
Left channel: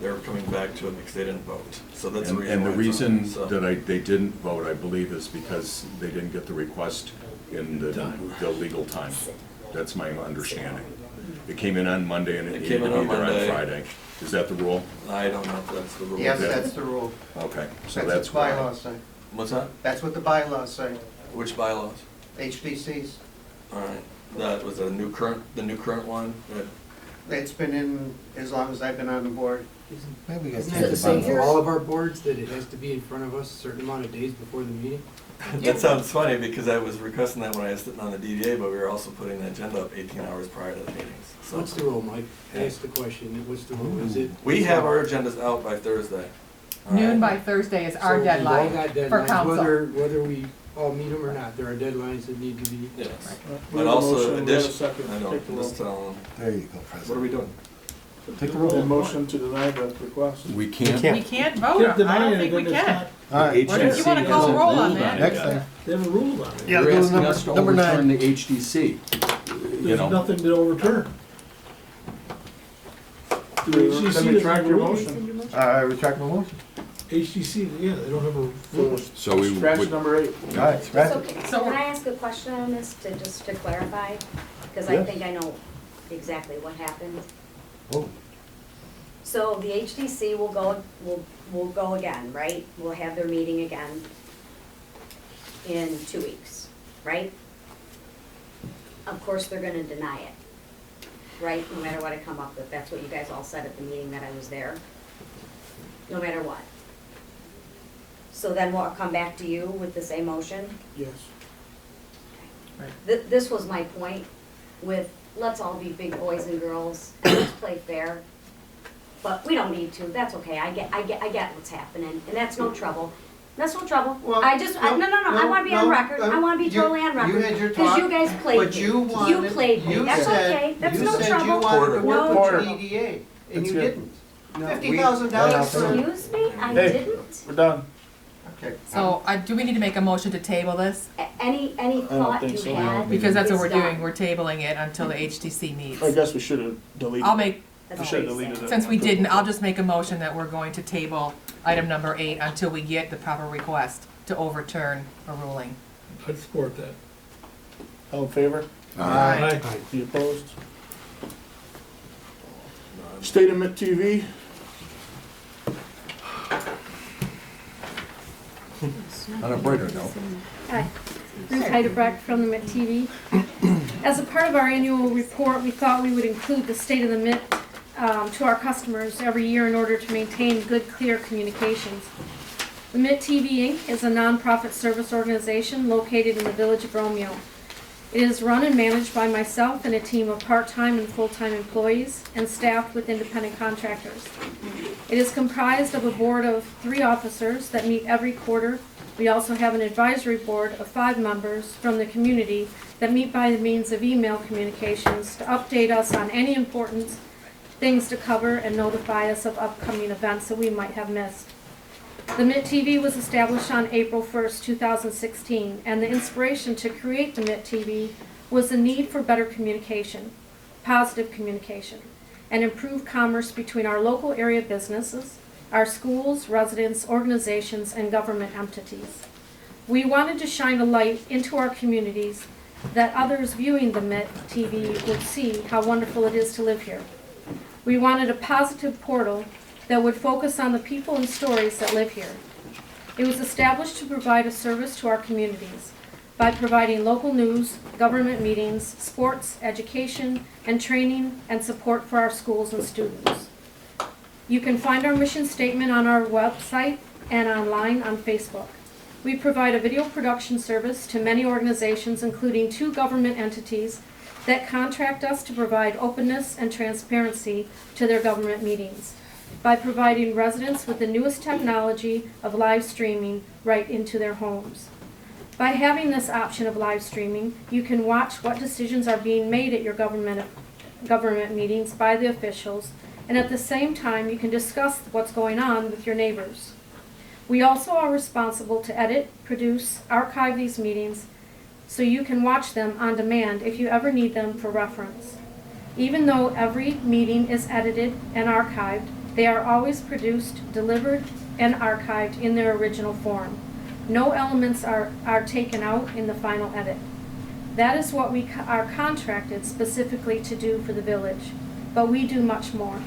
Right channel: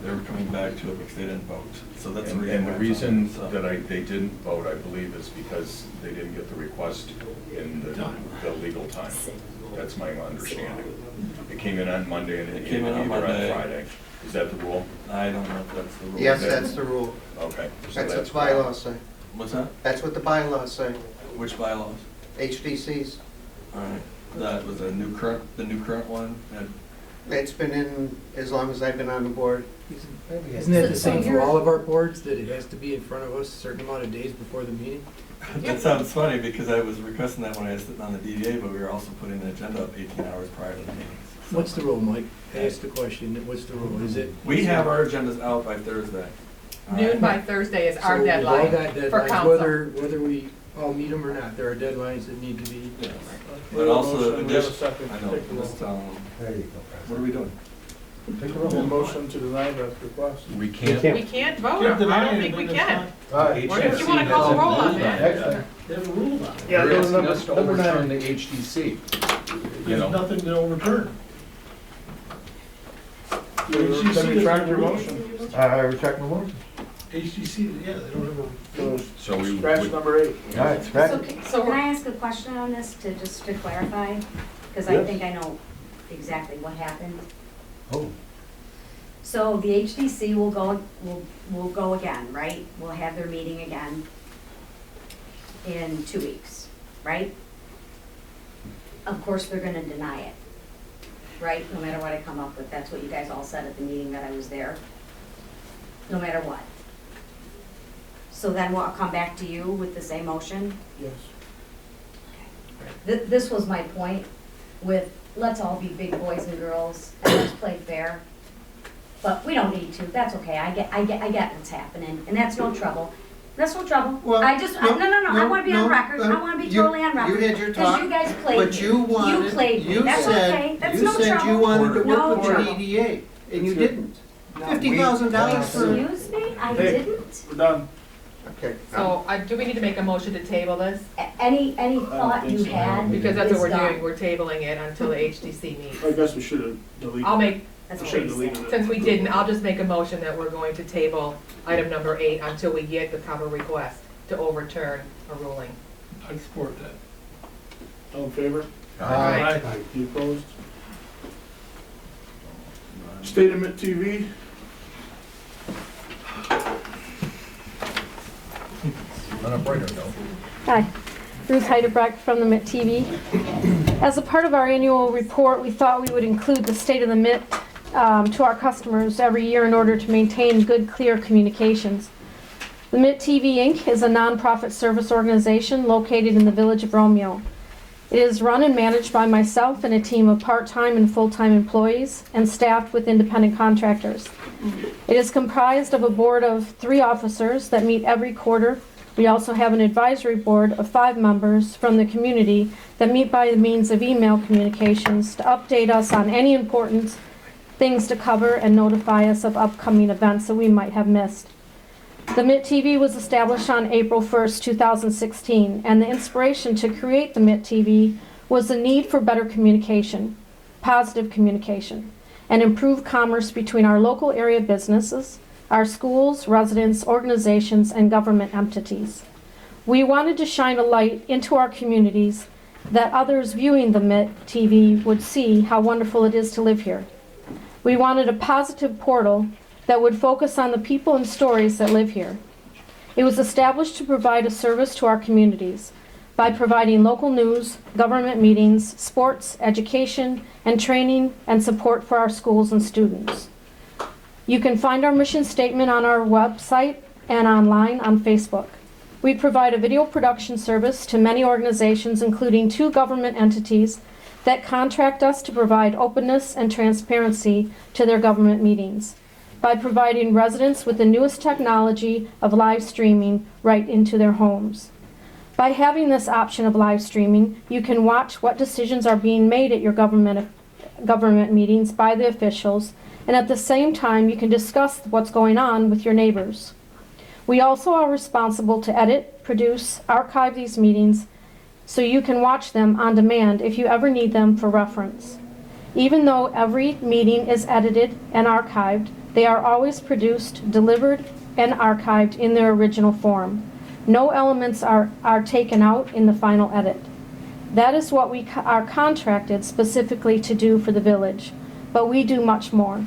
they were coming back to it because they didn't vote, so that's the reason. And the why it's on. reason So- that they didn't vote, I believe, is because they didn't get the request in the legal time. That's my understanding. It came in on Monday and it came in on Friday. Is that the rule? I don't know if that's the rule. Yes, that's the rule. Okay, so That's that's. what the bylaws say. What's that? That's what the bylaws say, Which bylaws? HDCs. All right, That was the new current one? It's been in as long as I've been on the board. Isn't that the same for all of our boards, that it has to be in front of us a certain amount of days before the meeting? That sounds funny, because I was requesting that when I was sitting on the DDA, but we were also putting the agenda up 18 hours prior to the meetings. So What's the rule, Mike? I asked the question, what's the rule? Is it? we have our agendas out by Thursday. All Noon by right? Thursday is So our we've all deadline got for deadlines, council. whether we all meet them or not. There are deadlines that need to be. Yes. We But have a also, motion, we have a addition, second. I know, Take the roll. just tell them, There you go, what are President. we doing? Take a roll. A motion to deny the request. We can't. We can't vote, I don't think we can. All right. What if you wanna call a roll on that? Excellent. They have a rule on it. Yeah, They're go to asking number, us to number overturn 9. the HDC. You There's know, nothing to overturn. Then retract your motion. I retract my motion. HDC, yeah, they don't have a rule. So we Scratch would, number 8. All right, scratch So, it. So can we're- I ask a question on this to, just to clarify? Because I Yes. think I know exactly what happened. Oh. So the HDC will go again, right? We'll have their meeting again in 2 weeks, right? Of course, they're gonna deny it, right? No matter what I come up with, that's what you guys all said at the meeting that I was there. No matter what. So then we'll come back to you with the same motion? Yes. This was my point with, let's all be big boys and girls and let's play fair. But we don't need to, that's okay, I get what's happening, and that's no trouble. That's no trouble. Well, I just, no, I wanna be on no, record, I wanna be you- totally on record. You had your Because talk. you guys played me. But you wanted, You played me, you that's said, okay, that's you no said trouble. you wanted to work No with the trouble. DDA, and you It's your- didn't. No, $50,000 for. Excuse me, I Hey. didn't. We're done. Okay. So, do we need to make a motion to table this? Any thought think you so, no. had? Because that's what is we're doing, done. we're tabling it until the HTC meets. I guess we should have deleted. I'll make, That's I all should I'm have saying. deleted it. since we didn't, I'll just make a motion that we're going to table item number 8 until we get the proper request to overturn a ruling. I'd support that. All in favor? Aye. Any opposed? State of Mitt TV. on a brighter note, Hi, Ruth Heidebrecht from the Mitt TV. As a part of our annual report, we thought we would include the state of the Mitt to our customers every year in order to maintain good, clear communications. The Mitt TV Inc. is a nonprofit service organization located in the village of Romeo. It is run and managed by myself and a team of part-time and full-time employees and staffed with independent contractors. It is comprised of a board of 3 officers that meet every quarter. We also have an advisory board of 5 members from the community that meet by the means of email communications to update us on any important things to cover and notify us of upcoming events that we might have missed. The Mitt TV was established on April 1st, 2016, and the inspiration to create the Mitt TV was the need for better communication, positive communication, and improved commerce between our local area businesses, our schools, residents, organizations, and government entities. We wanted to shine a light into our communities that others viewing the Mitt TV would see how wonderful it is to live here. We wanted a positive portal that would focus on the people and stories that live here. It was established to provide a service to our communities by providing local news, government meetings, sports, education, and training and support for our schools and students. You can find our mission statement on our website and online on Facebook. We provide a video production service to many organizations, including 2 government entities that contract us to provide openness and transparency to their government meetings by providing residents with the newest technology of live streaming right into their homes. By having this option of live streaming, you can watch what decisions are being made at your government meetings by the officials, and at the same time you can discuss what's going on with your neighbors. We also are responsible to edit, produce, archive these meetings so you can watch them on demand if you ever need them for reference. Even though every meeting is edited and archived, they are always produced, delivered, and archived in their original form. No elements are taken out in the final edit. That is what we are contracted specifically to do for the village, but we do much more.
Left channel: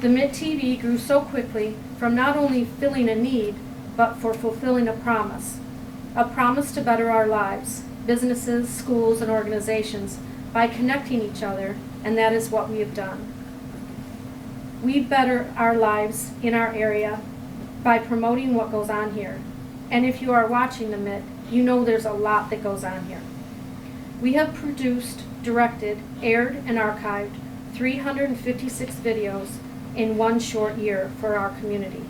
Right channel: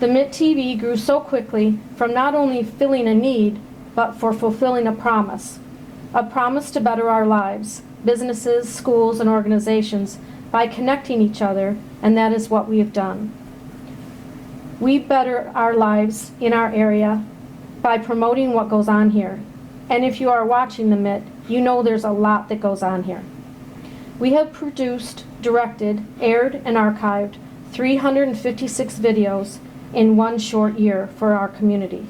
The Mitt TV grew so quickly from not only filling a need, but for fulfilling a promise to better our lives, businesses, schools, and organizations by connecting each other, and that is what we have done. We better our lives in our area by promoting what goes on here. And if you are watching the Mitt, you know there's a lot that goes on here. We have produced, directed, aired, and archived 356 videos in one short year for our community.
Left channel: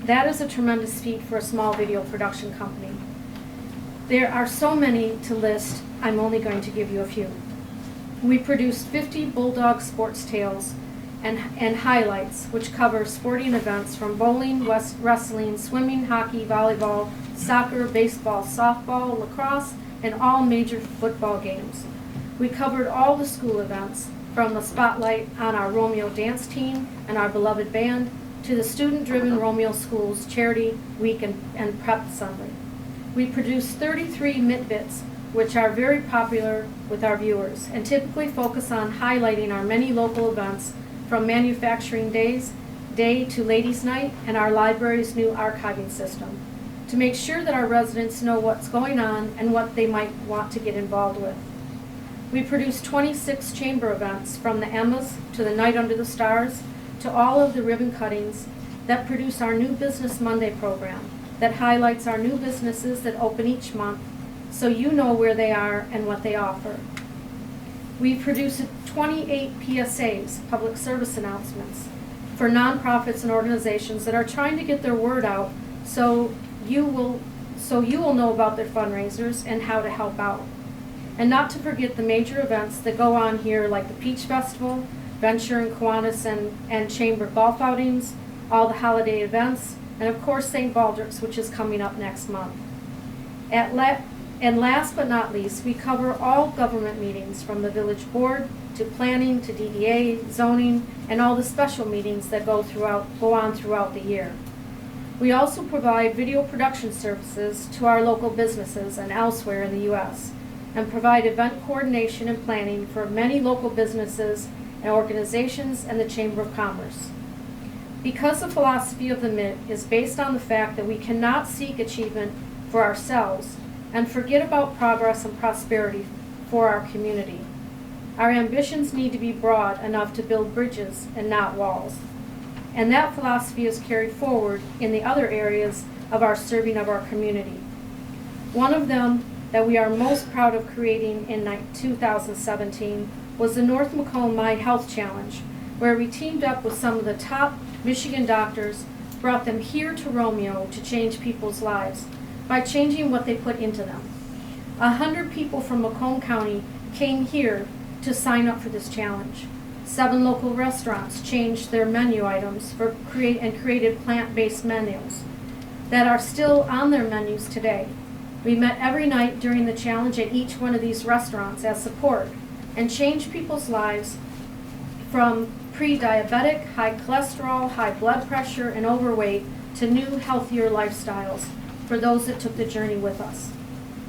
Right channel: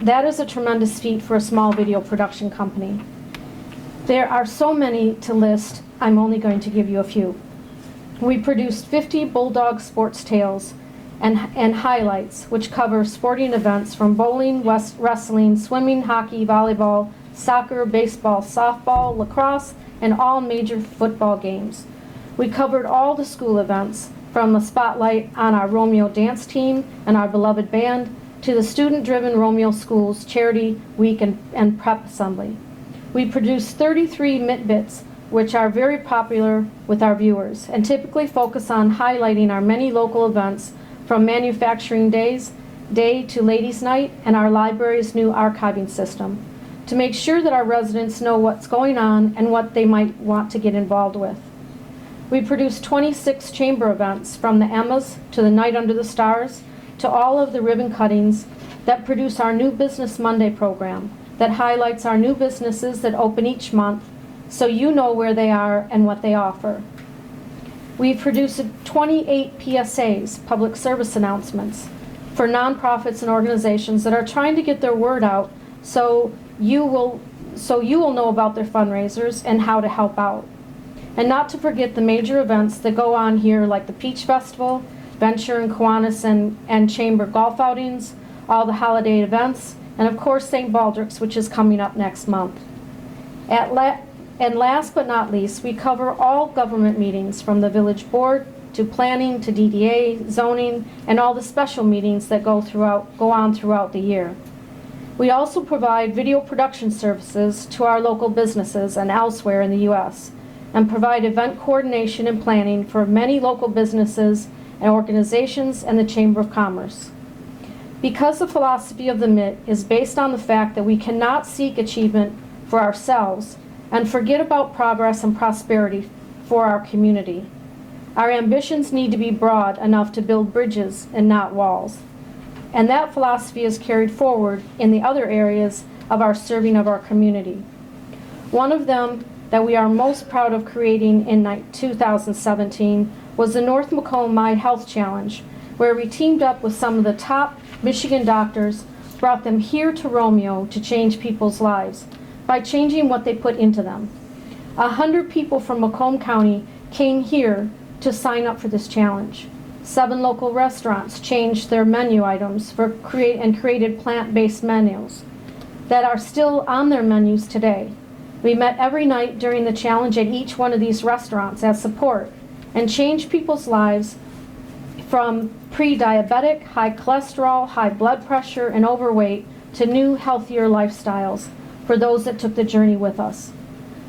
That is a tremendous feat for a small video production company. There are so many to list, I'm only going to give you a few. We produced 50 Bulldog sports tales and highlights, which cover sporting events from bowling, wrestling, swimming, hockey, volleyball, soccer, baseball, softball, lacrosse, and all major football games. We covered all the school events, from the spotlight on our Romeo dance team and our beloved band, to the student-driven Romeo Schools Charity Week and Prep Assembly. We produced 33 Mitt Bits, which are very popular with our viewers, and typically focus on highlighting our many local events, from Manufacturing Day to Ladies' Night and our library's new archiving system, to make sure that our residents know what's going on and what they might want to get involved with. We produced 26 chamber events, from the Emmas to the Night Under the Stars, to all of the ribbon cuttings that produce our New Business Monday program that highlights our new businesses that open each month, so you know where they are and what they offer. We've produced 28 PSAs, public service announcements, for nonprofits and organizations that are trying to get their word out so you will know about their fundraisers and how to help out. And not to forget the major events that go on here, like the Peach Festival, Venture and Kiwanis and Chamber golf outings, all the holiday events, and of course St. Baldrick's, which is coming up next month. And last but not least, we cover all government meetings, from the village board to planning to DDA, zoning, and all the special meetings that go on throughout the year. We also provide video production services to our local businesses and elsewhere in the U.S., and provide event coordination and planning for many local businesses and organizations and the Chamber of Commerce. Because the philosophy of the Mitt is based on the fact that we cannot seek achievement for ourselves and forget about progress and prosperity for our community. Our ambitions need to be broad enough to build bridges and not walls. And that philosophy is carried forward in the other areas of our serving of our community. One of them that we are most proud of creating in 2017 was the North Macomb My Health Challenge, where we teamed up with some of the top Michigan doctors, brought them here to Romeo to change people's lives by changing what they put into them. 100 people from Macomb County came here to sign up for this challenge. 7 local restaurants changed their menu items created plant-based menus that are still on their menus today. We met every night during the challenge at each one of these restaurants as support and changed people's lives from pre-diabetic, high cholesterol, high blood pressure, and overweight to new, healthier lifestyles for those that took the journey with us.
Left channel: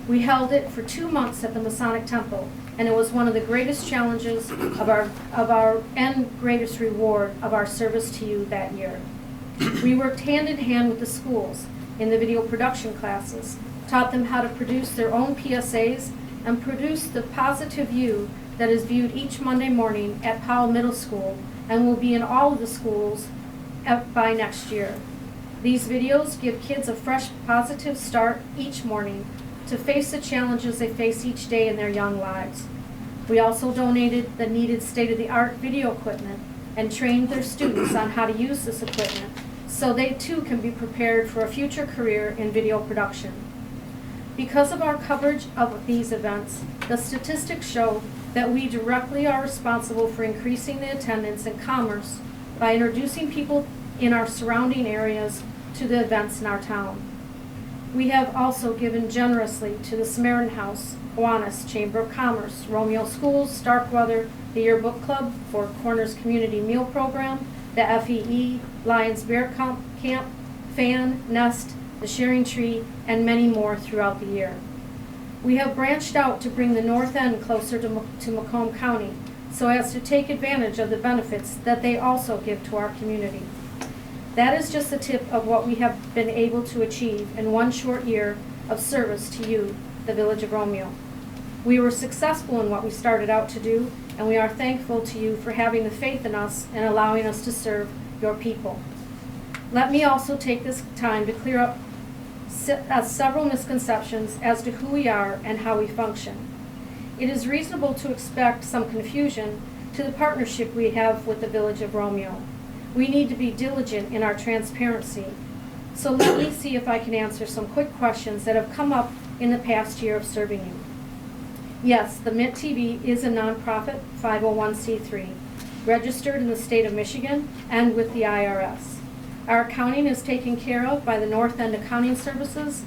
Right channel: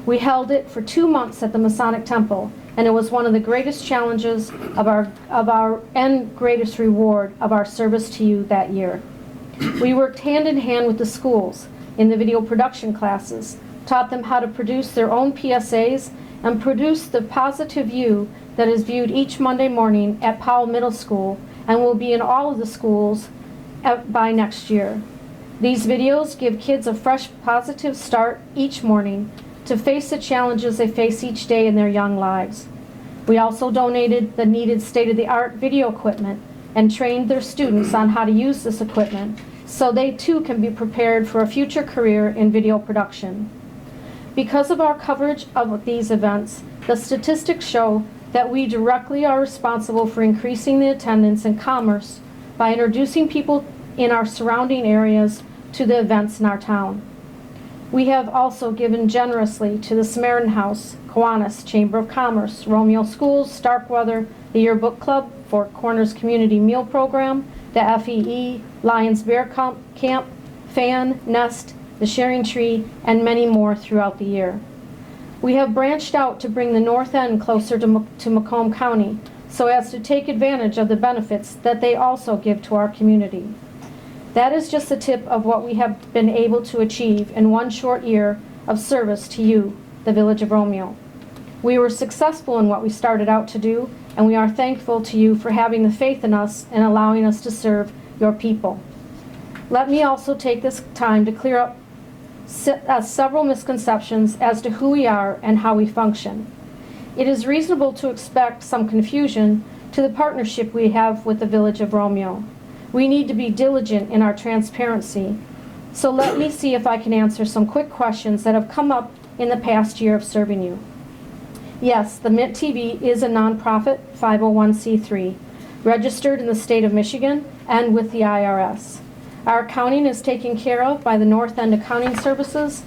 We held it for 2 months at the Masonic Temple, and it was one of the greatest challenges of our and greatest reward of our service to you that year. We worked hand in hand with the schools in the video production classes, taught them how to produce their own PSAs, and produce the positive you that is viewed each Monday morning at Powell Middle School and will be in all of the schools by next year. These videos give kids a fresh, positive start each morning to face the challenges they face each day in their young lives. We also donated the needed state-of-the-art video equipment and trained their students on how to use this equipment so they too can be prepared for a future career in video production. Because of our coverage of these events, the statistics show that we directly are responsible for increasing the attendance and commerce by introducing people in our surrounding areas to the events in our town. We have also given generously to the Samaritan House, Kiwanis, Chamber of Commerce, Romeo Schools, Starkweather, the Yearbook Club, Four Corners Community Meal Program, the FEE, Lions Bear Camp, FAN, Nest, the Sharing Tree, and many more throughout the year. We have branched out to bring the North End closer to Macomb County so as to take advantage of the benefits that they also give to our community. That is just the tip of what we have been able to achieve in one short year of service to you, the Village of Romeo. We were successful in what we started out to do, and we are thankful to you for having the faith in us and allowing us to serve your people. Let me also take this time to clear up several misconceptions as to who we are and how we function. It is reasonable to expect some confusion to the partnership we have with the Village of Romeo. We need to be diligent in our transparency, so let me see if I can answer some quick questions that have come up in the past year of serving you. Yes, the Mitt TV is a nonprofit 501c3, registered in the state of Michigan and with the IRS. Our accounting is taken care of by the North End Accounting Services.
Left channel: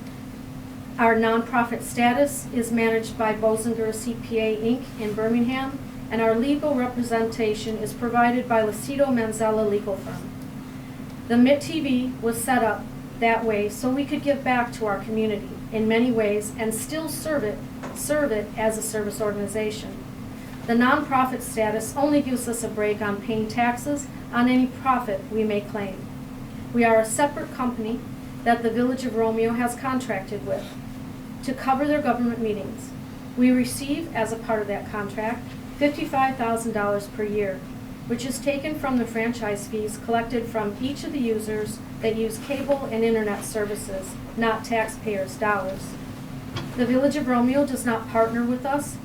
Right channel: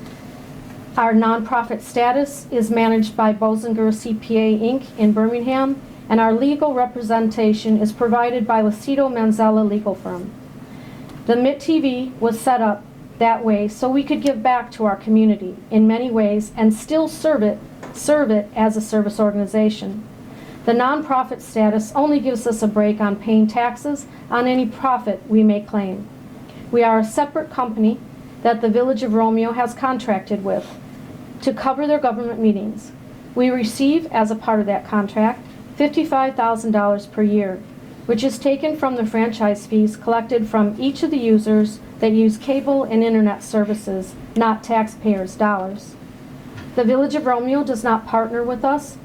Our nonprofit status is managed by Bozinger CPA Inc. in Birmingham, and our legal representation is provided by Lucido Manzella Legal Firm. The Mitt TV was set up that way so we could give back to our community in many ways and still serve it as a service organization. The nonprofit status only gives us a break on paying taxes on any profit we may claim. We are a separate company that the Village of Romeo has contracted with to cover their government meetings. We receive, as a part of that contract, $55,000 per year, which is taken from the franchise fees collected from each of the users that use cable and internet services, not taxpayers' dollars. The Village of Romeo does not partner with us,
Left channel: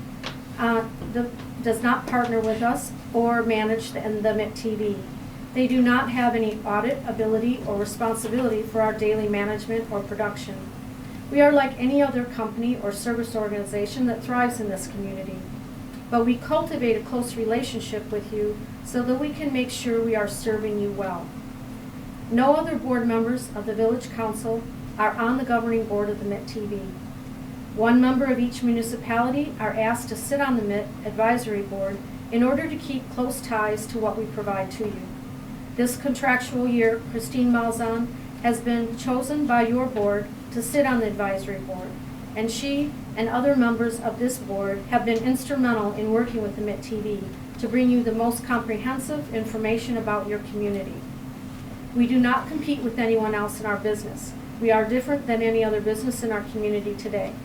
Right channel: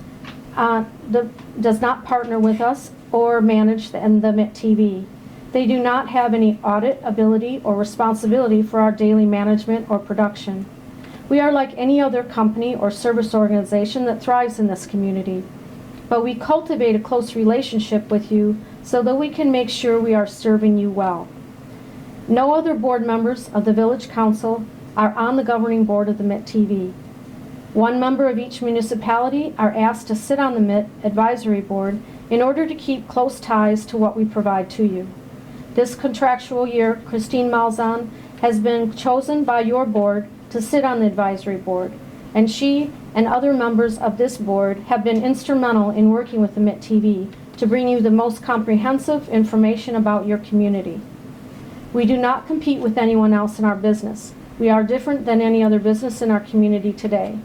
or manage the Mitt TV. They do not have any audit ability or responsibility for our daily management or production. We are like any other company or service organization that thrives in this community, but we cultivate a close relationship with you so that we can make sure we are serving you well. No other board members of the Village Council are on the governing board of the Mitt TV. One member of each municipality are asked to sit on the Mitt Advisory Board in order to keep close ties to what we provide to you. This contractual year, Christine Malzahn has been chosen by your board to sit on the advisory board, and she and other members of this board have been instrumental in working with the Mitt TV to bring you the most comprehensive information about your community. We do not compete with anyone else in our business. We are different than any other business in our community today.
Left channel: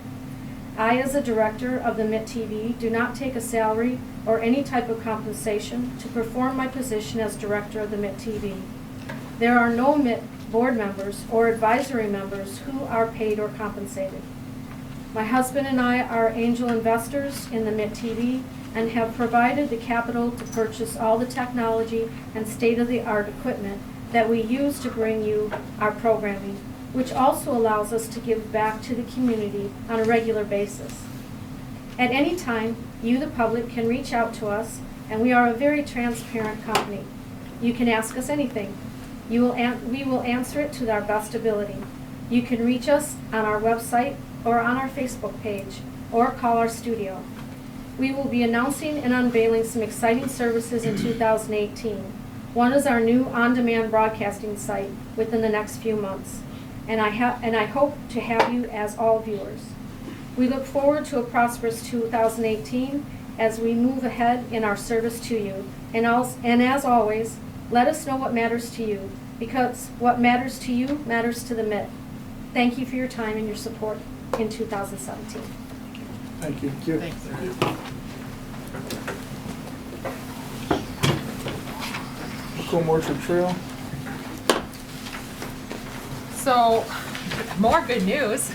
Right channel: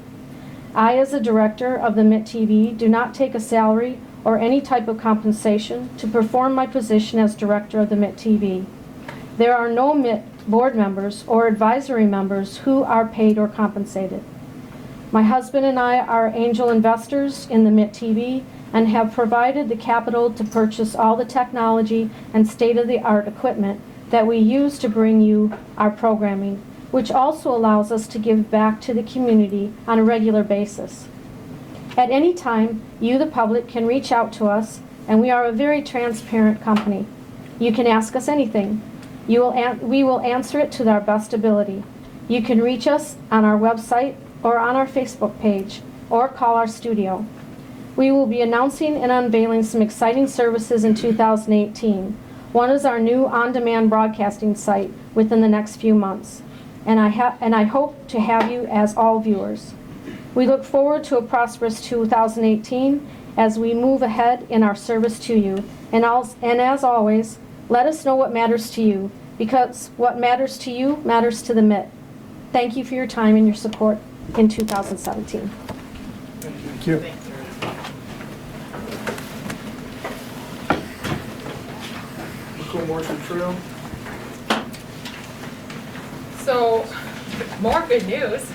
I, as a director of the Mitt TV, do not take a salary or any type of compensation to perform my position as director of the Mitt TV. There are no Mitt board members or advisory members who are paid or compensated. My husband and I are angel investors in the Mitt TV and have provided the capital to purchase all the technology and state-of-the-art equipment that we use to bring you our programming, which also allows us to give back to the community on a regular basis. At any time, you, the public, can reach out to us, and we are a very transparent company. You can ask us anything. We will answer it to our best ability. You can reach us on our website or on our Facebook page, or call our studio. We will be announcing and unveiling some exciting services in 2018. One is our new on-demand broadcasting site within the next few months, and I hope to have you as all viewers. We look forward to a prosperous 2018 as we move ahead in our service to you. And as always, let us know what matters to you, because what matters to you matters to the Mitt. Thank you for your time and your support in 2017. Thank you. Thank you. Thanks. Go more to trail. So, more good news.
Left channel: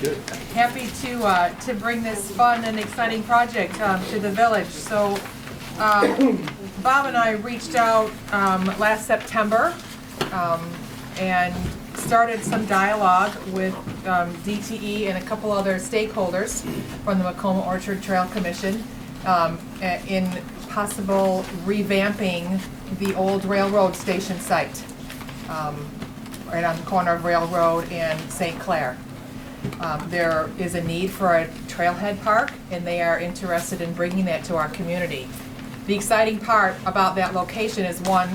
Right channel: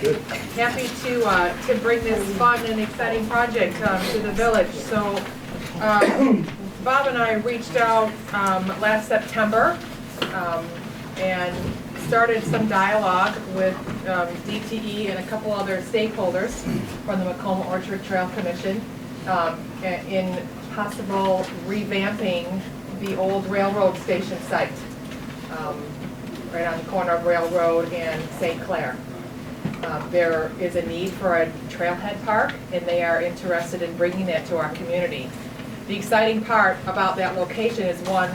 Good. Happy to bring this fun and exciting project to the village. So, Bob and I reached out last September and started some dialogue with DTE and a couple other stakeholders from the Macoma Orchard Trail Commission in possible revamping the old railroad station site, right on the corner of Railroad and St. Clair. There is a need for a trailhead park, and they are interested in bringing that to our community. The exciting part about that location is, one,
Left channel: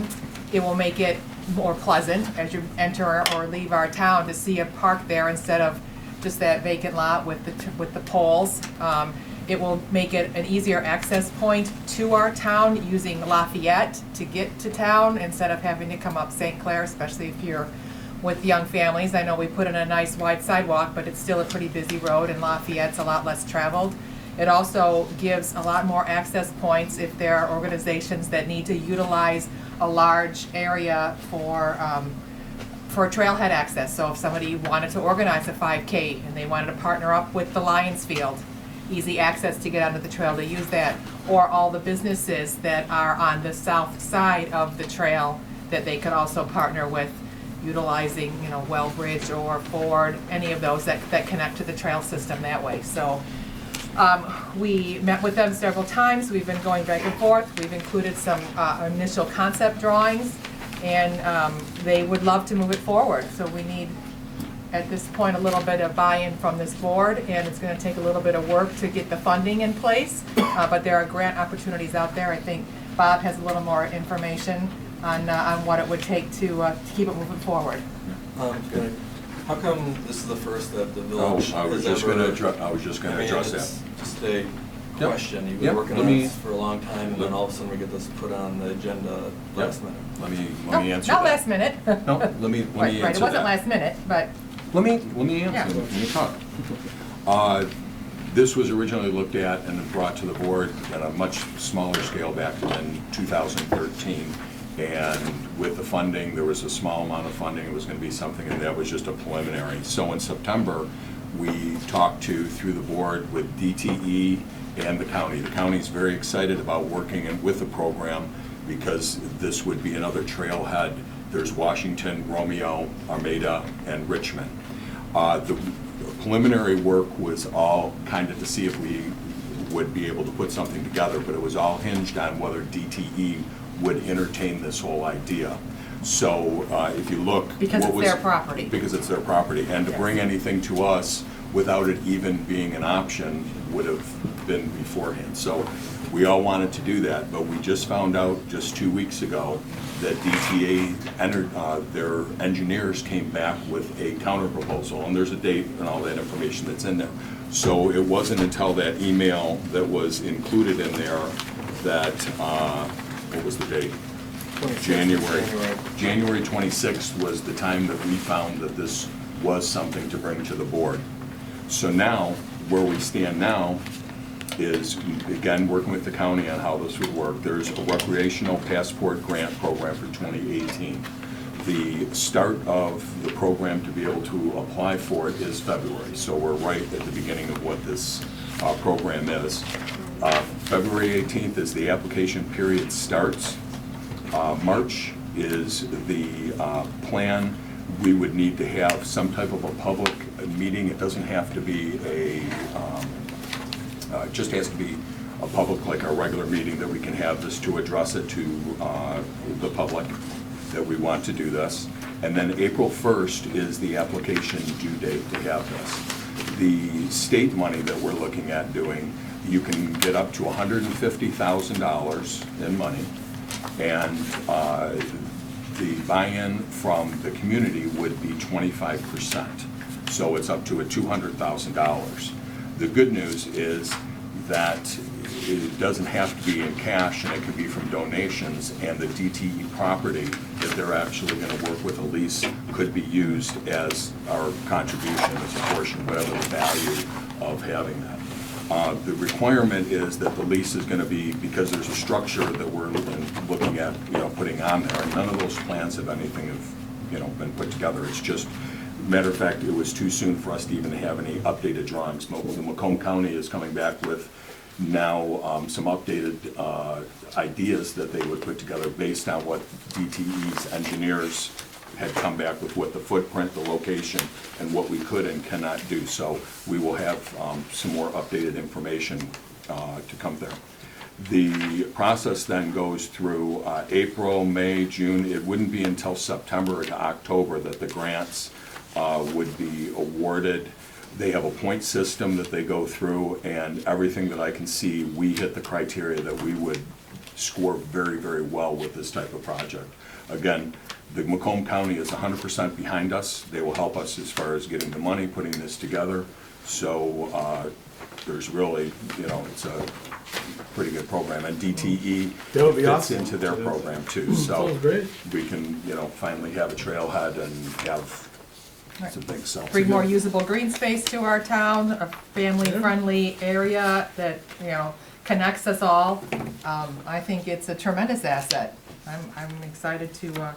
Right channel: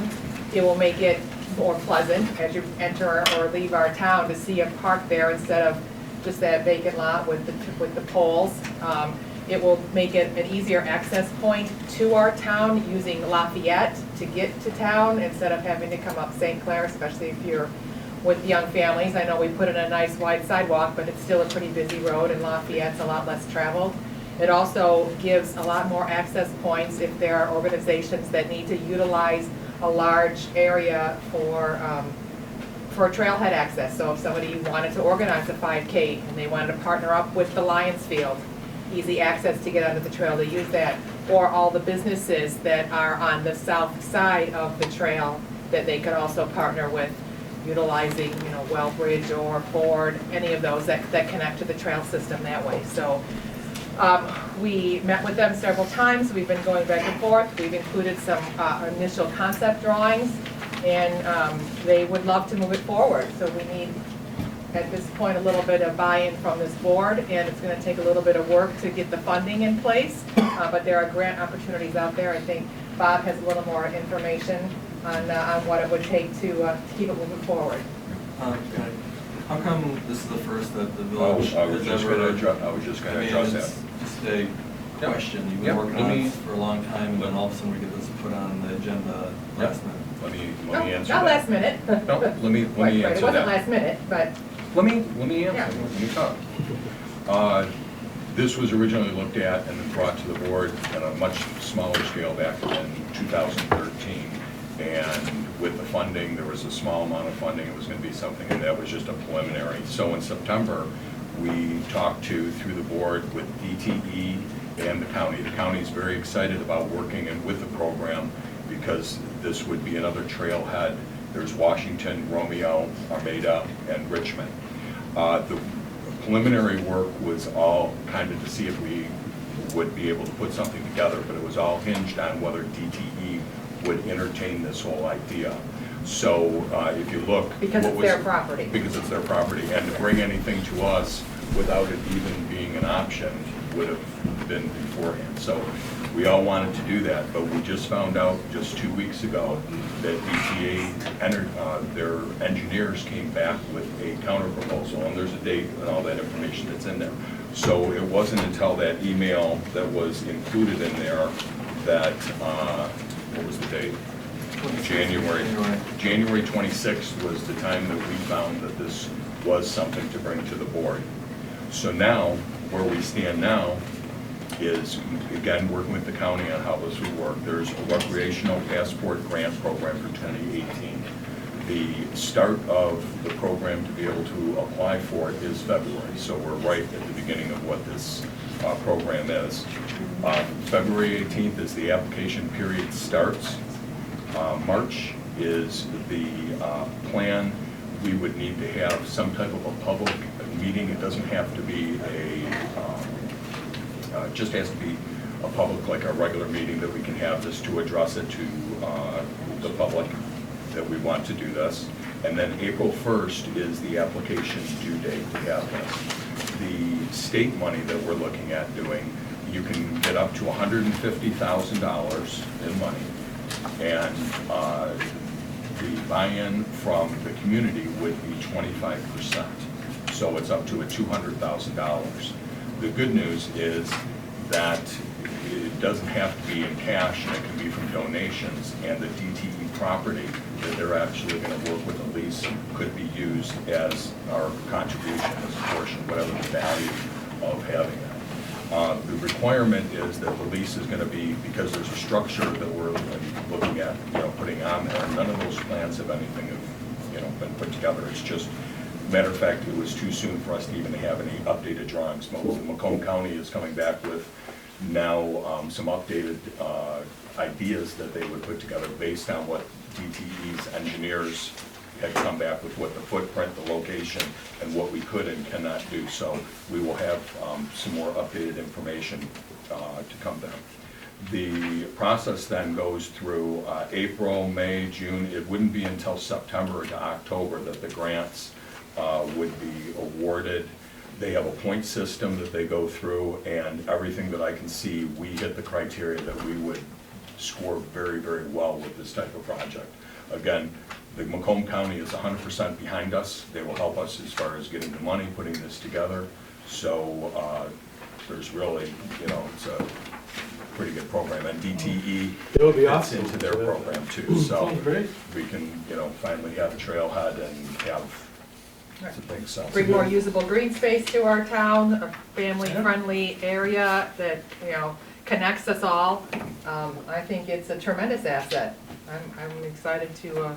it will make it more pleasant as you enter or leave our town to see a park there instead of just that vacant lot with the poles. It will make it an easier access point to our town using Lafayette to get to town instead of having to come up St. Clair, especially if you're with young families. I know we put in a nice wide sidewalk, but it's still a pretty busy road, and Lafayette's a lot less traveled. It also gives a lot more access points if there are organizations that need to utilize a large area for a trailhead access. So if somebody wanted to organize a 5K and they wanted to partner up with the Lions Field, easy access to get onto the trail, to use that. Or all the businesses that are on the south side of the trail that they could also partner with, utilizing, you know, Wellbridge or Ford, any of those that connect to the trail system that way. So we met with them several times. We've been going back and forth. We've included some initial concept drawings, and they would love to move it forward. So we need, at this point, a little bit of buy-in from this board, and it's going to take a little bit of work to get the funding in place, but there are grant opportunities out there. I think Bob has a little more information on what it would take to keep it moving forward. How come this is the first that the village? I was just gonna address that. It's just a question. You've been working on this for a long time, and then all of a sudden we get this put on the agenda last minute. Let me answer Not that. last minute. No, let me Right, answer it wasn't that. last minute, but. Let me answer. Yeah. Let me talk. This was originally looked at and brought to the board at a much smaller scale back in 2013. And with the funding, there was a small amount of funding. It was going to be something, and that was just a preliminary. So in September, we talked through the board with DTE and the county. The county's very excited about working with the program because this would be another trailhead. There's Washington, Romeo, Armada, and Richmond. The preliminary work was all kind of to see if we would be able to put something together, but it was all hinged on whether DTE would entertain this whole idea. So if you look. Because it's their property. Because it's their property. And to bring anything to us without it even being an option would have been beforehand. So we all wanted to do that, but we just found out just 2 weeks ago that DTA entered, their engineers came back with a counter proposal, and there's a date and all that information that's in there. So it wasn't until that email that was included in there that, what was the date? January 26th was the time that we found that this was something to bring to the board. So now, where we stand now is, again, working with the county on how this would work. There's a recreational passport grant program for 2018. The start of the program to be able to apply for it is February. So we're right at the beginning of what this program is. February 18th is the application period starts. March is the plan. We would need to have some type of a public meeting. It doesn't have to be just has to be a public, like our regular meeting, that we can have this to address it to the public that we want to do this. And then April 1st is the application due date to have this. The state money that we're looking at doing, you can get up to $150,000 in money, and the buy-in from the community would be 25%. So it's up to a $200,000. The good news is that it doesn't have to be in cash, and it can be from donations, and the DTE property that they're actually going to work with a lease could be used as our contribution, as a portion, whatever the value of having that. The requirement is that the lease is going to be, because there's a structure that we're looking at, putting on there. None of those plans have anything been put together. It's just, matter of fact, it was too soon for us to even have any updated drawings. Macomb County is coming back with now some updated ideas that they would put together based on what DTE's engineers had come back with, what the footprint, the location, and what we could and cannot do. So we will have some more updated information to come there. The process then goes through April, May, June. It wouldn't be until September to October that the grants would be awarded. They have a point system that they go through, and everything that I can see, we hit the criteria that we would score very, very well with this type of project. Again, the Macomb County is 100% behind us. They will help us as far as getting the money, putting this together. So there's really, you know, it's a pretty good program, and DTE That would be fits awesome. into their program too, so Sounds great. we can, you know, finally have a trailhead and have some things, so. Bring more usable green space to our town, a family-friendly area that, you know, connects us all. I think it's a tremendous asset. I'm excited to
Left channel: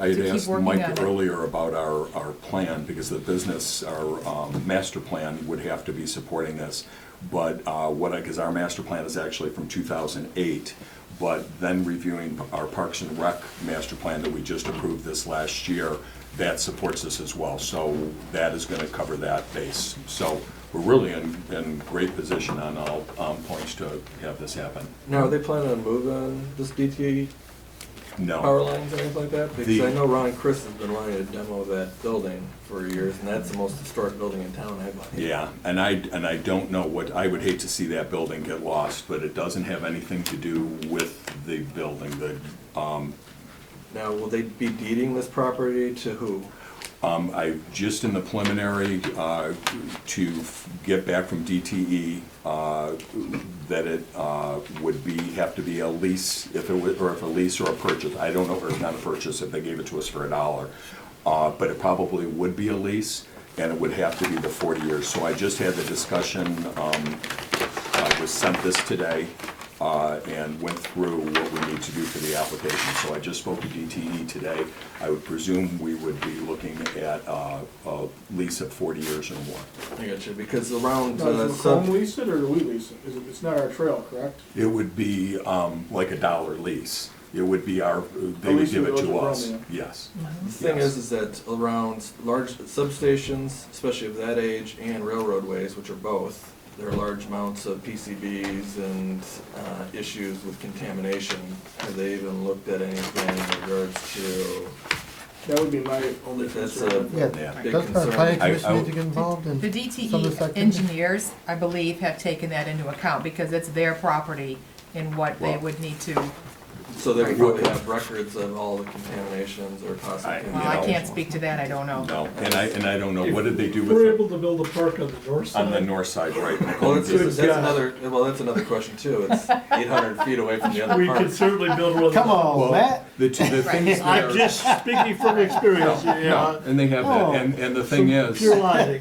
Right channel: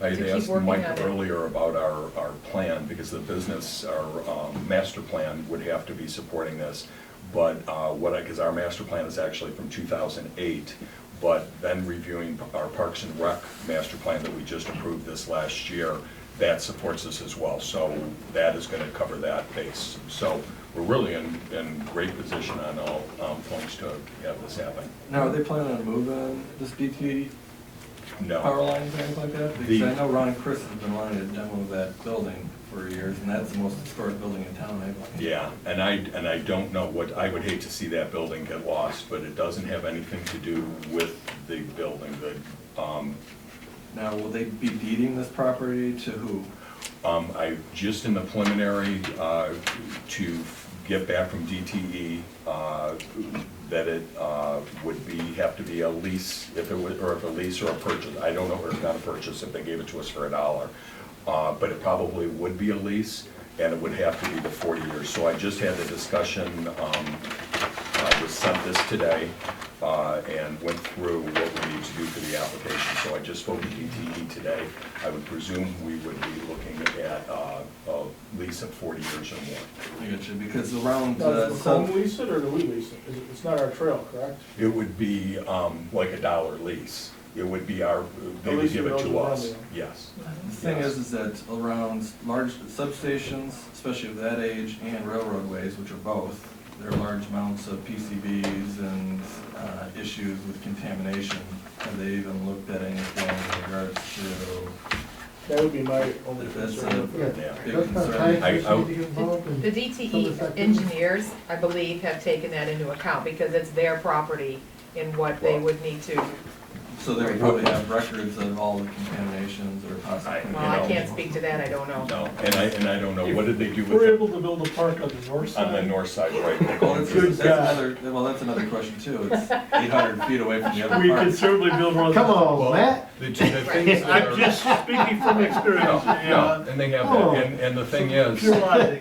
I had keep asked working Mike on it. earlier about our plan, because the business, our master plan would have to be supporting this. But because our master plan is actually from 2008, but then reviewing our Parks and Rec master plan that we just approved this last year, that supports this as well. So that is gonna cover that base. So we're really in great position on all points to have this happen. Now, are they planning on moving this DT No. power lines or anything like that? The- Because I know Ron Chris has been wanting to demo that building for years, and that's the most historic building in town, I believe. Yeah, and I don't know what, I would hate to see that building get lost, but it doesn't have anything to do with the building. Now, will they be deeding this property to who? I just in the preliminary to get back from DTE that it would have to be a lease, if a lease or a purchase. I don't know if it's not a purchase if they gave it to us for $1, but it probably would be a lease, and it would have to be the 40 years. So I just had the discussion. I was sent this today. And went through what we need to do for the application. So I just spoke to DTE today. I would presume we would be looking at a lease of 40 years or more. I got you, because around, Does McComb lease it, or do we lease it? It's not our trail, correct? It would be like $1 lease. It would be they A would lease give that it goes to with us, Romeo. yes. the thing is that around large substations, especially of that age, and railroadways, which are both, there are large amounts of PCBs and issues with contamination. Have they even looked at anything in regards to? That would be my only That's concern. Yeah, big that's not concern. planning commission need to get involved in. The some of this DTE activity? engineers, I believe, have taken that into account because it's their property in what they Well- would need to. So they would probably have records of all the contaminations or toxic You Well, I know. can't speak to that, I don't know. No, and I don't know, what did they do We're with able to build a park on the north it on the side. north side, right? Well, that's Good God. that's another question too. It's 800 feet away from the other We park. could certainly build one. Come on, Well, Matt. The things I'm are- just speaking from experience, you No, know. and they have, Oh. and the thing Some is, pure logic.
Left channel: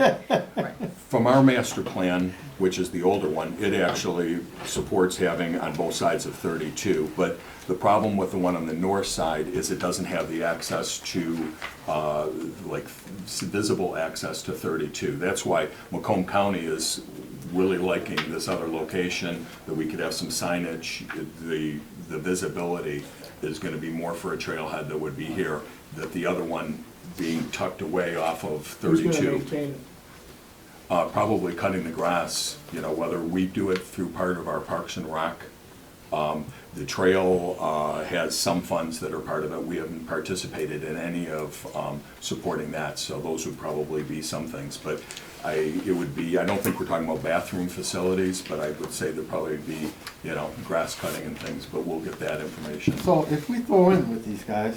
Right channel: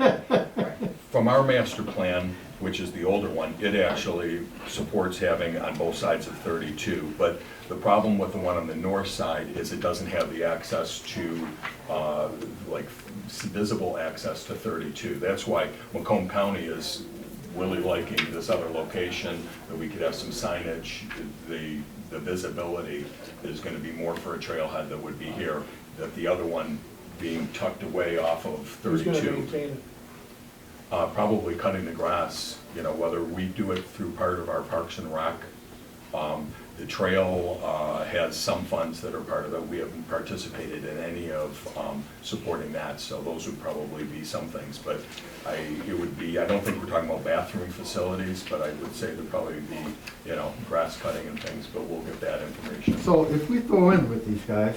from our master plan, which is the older one, it actually supports having on both sides of 32. But the problem with the one on the north side is it doesn't have the access to, like, visible access to 32. That's why Macomb County is really liking this other location, that we could have some signage. The visibility is gonna be more for a trailhead that would be here, that the other one being tucked away off of Who's 32. gonna maintain it? Probably cutting the grass, you know, whether we do it through part of our Parks and Rec. The trail has some funds that are part of it. We haven't participated in any of supporting that, so those would probably be some things. But it would be, I don't think we're talking about bathroom facilities, but I would say there'd probably be, you know, grass cutting and things, but we'll get that information. So if we throw in with these guys,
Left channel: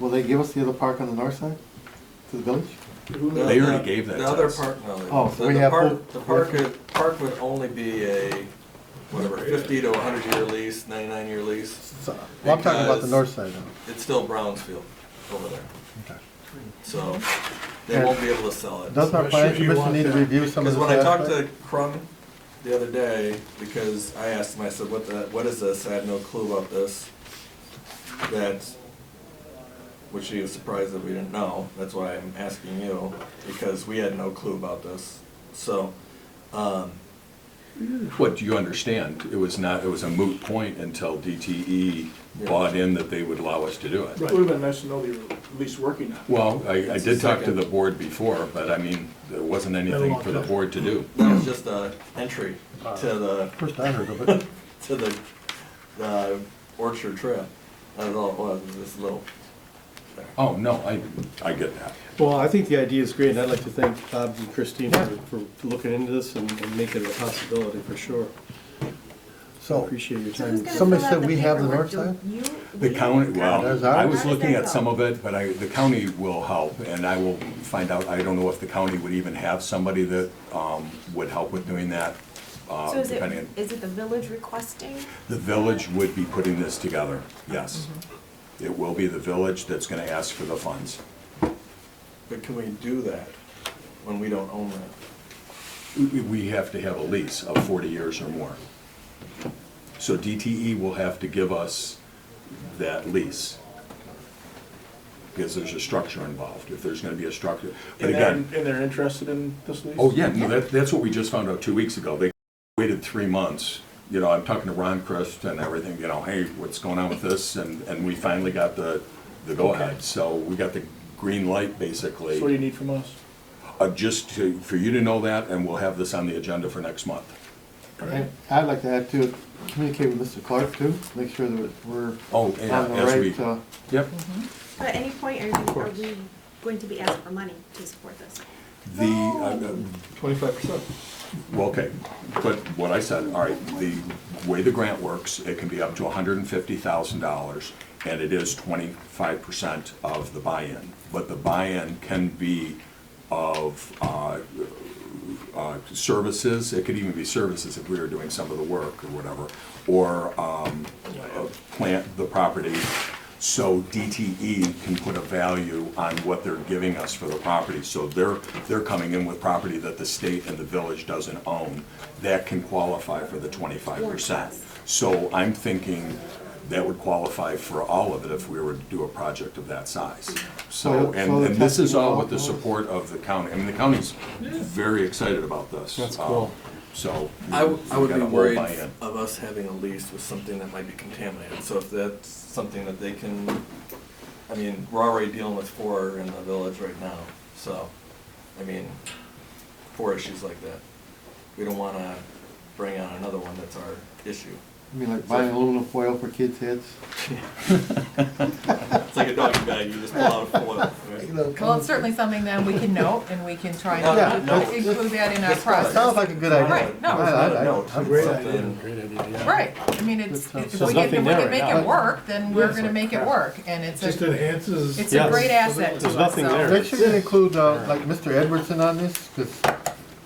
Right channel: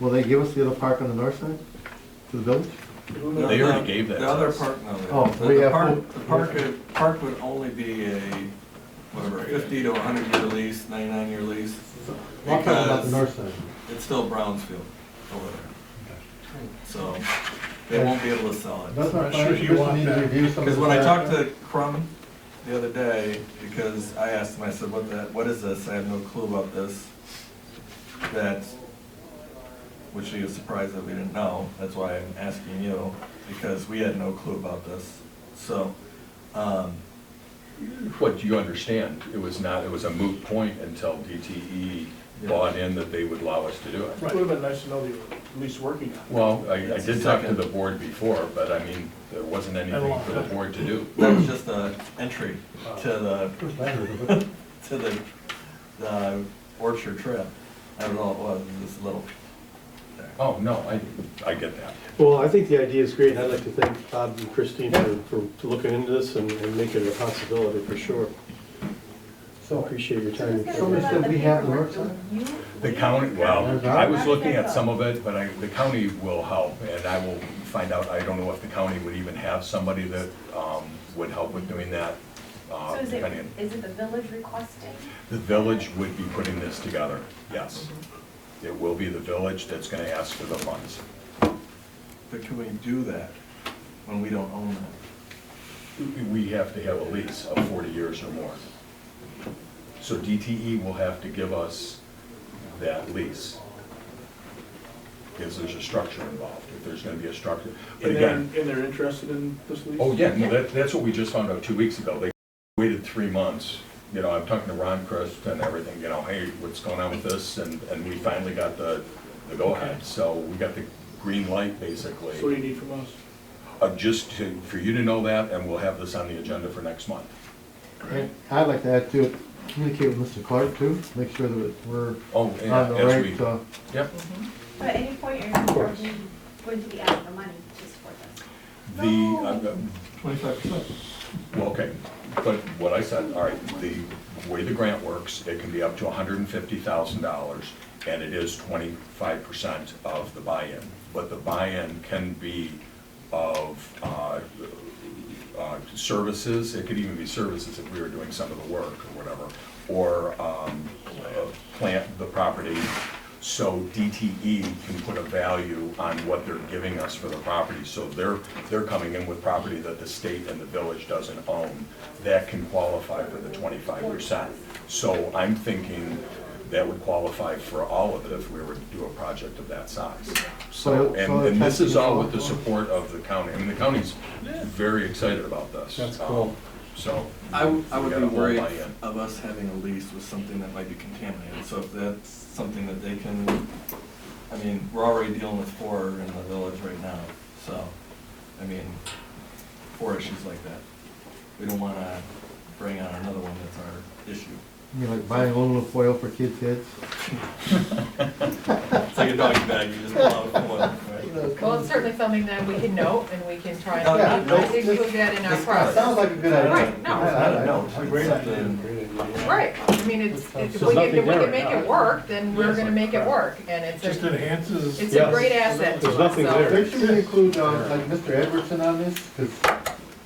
will they give us the other park on the north side to the village? They already gave that The to other us. park, no. Oh, The- we the have park- both. The park would only be a, whatever, 50 to 100 year lease, 99-year lease. Well, I'm talking about the because north side now. It's still Brownsfield over there. So they won't be able to sell it. Doesn't our I'm planning sure you commission want need to that. review some of Because this? when I talked aspect? to Crum the other day, because I asked him, I said, what is this? I have no clue about this. That, which he was surprised that we didn't know. That's why I'm asking you, because we had no clue about this. So, What, do you understand? It was a moot point until DTE bought in that they would allow us to do it. It would've been nice to know you were at least working on it. Well, I That's did the talk to second. the board before, but I mean, there wasn't anything for the board to do. that was just an entry to the, First I heard of it. to the Orchard Trail. That was all it was, this little. Oh, no, I get that. Well, I think the idea is great, and I'd like to thank Todd and Christine for looking into this and making it a possibility, for sure. So, Appreciate your So time. who's gonna Somebody fill out said we have the paperwork? north side? Do you? The county, well, That's I was ours. looking How at does that some of it, but the county will help, and I will find out. I don't know if the county would even have somebody that would help with doing that. So is depending on. it the village requesting? The village would be putting this together, yes. It will be the village that's gonna ask for the funds. But can we do that when we don't own that? We have to have a lease of 40 years or more. So DTE will have to give us that lease. Because there's a structure involved, if there's gonna be a structure. But again, And they're interested in this lease? oh yeah, no, that's what we just found out 2 weeks ago. They waited 3 months. You know, I'm talking to Ron Crest and everything, you know, hey, what's going on with this? And we finally got the go-ahead. So we got the green light, basically. So what do you need from us? For you to know that, and we'll have this on the agenda for next month. I'd like to add to it, communicate with Mr. Clark too, make sure that we're Oh, on and the as we, right, yep. But at any point, are we going to be asking for money to support this? The, 25%. well, okay, but what I said, all right, the way the grant works, it can be up to $150,000, and it is 25% of the buy-in. But the buy-in can be of services, it could even be services if we were doing some of the work or whatever, or plant the property. So DTE can put a value on what they're giving us for the property. So they're coming in with property that the state and the village doesn't own. That can qualify for the 25%. So I'm thinking that would qualify for all of it if we were to do a project of that size. So, and this is all with the support of the county. I mean, the county's very excited about this. That's cool. So. I would we got be a whole worried buy-in. of us having a lease with something that might be contaminated. So if that's something that they can, I mean, we're already dealing with 4 in the village right now. So, I mean, 4 issues like that. We don't wanna bring on another one that's our issue. I mean, like buying aluminum foil for kids' heads. It's like a doggy bag, you just pull out one. Well, it's certainly something that we can note and we can try Yeah, to no, include that in our process. Sounds like a good idea. Right, no. I Great idea, great idea, yeah. Right, I mean, if There's we nothing can there make right it now. work, then we're gonna make it work, and it's Just a, enhances. it's a Yes. great asset to There's us, nothing so. there. Make sure you include, like, Mr. Edwardson on this, because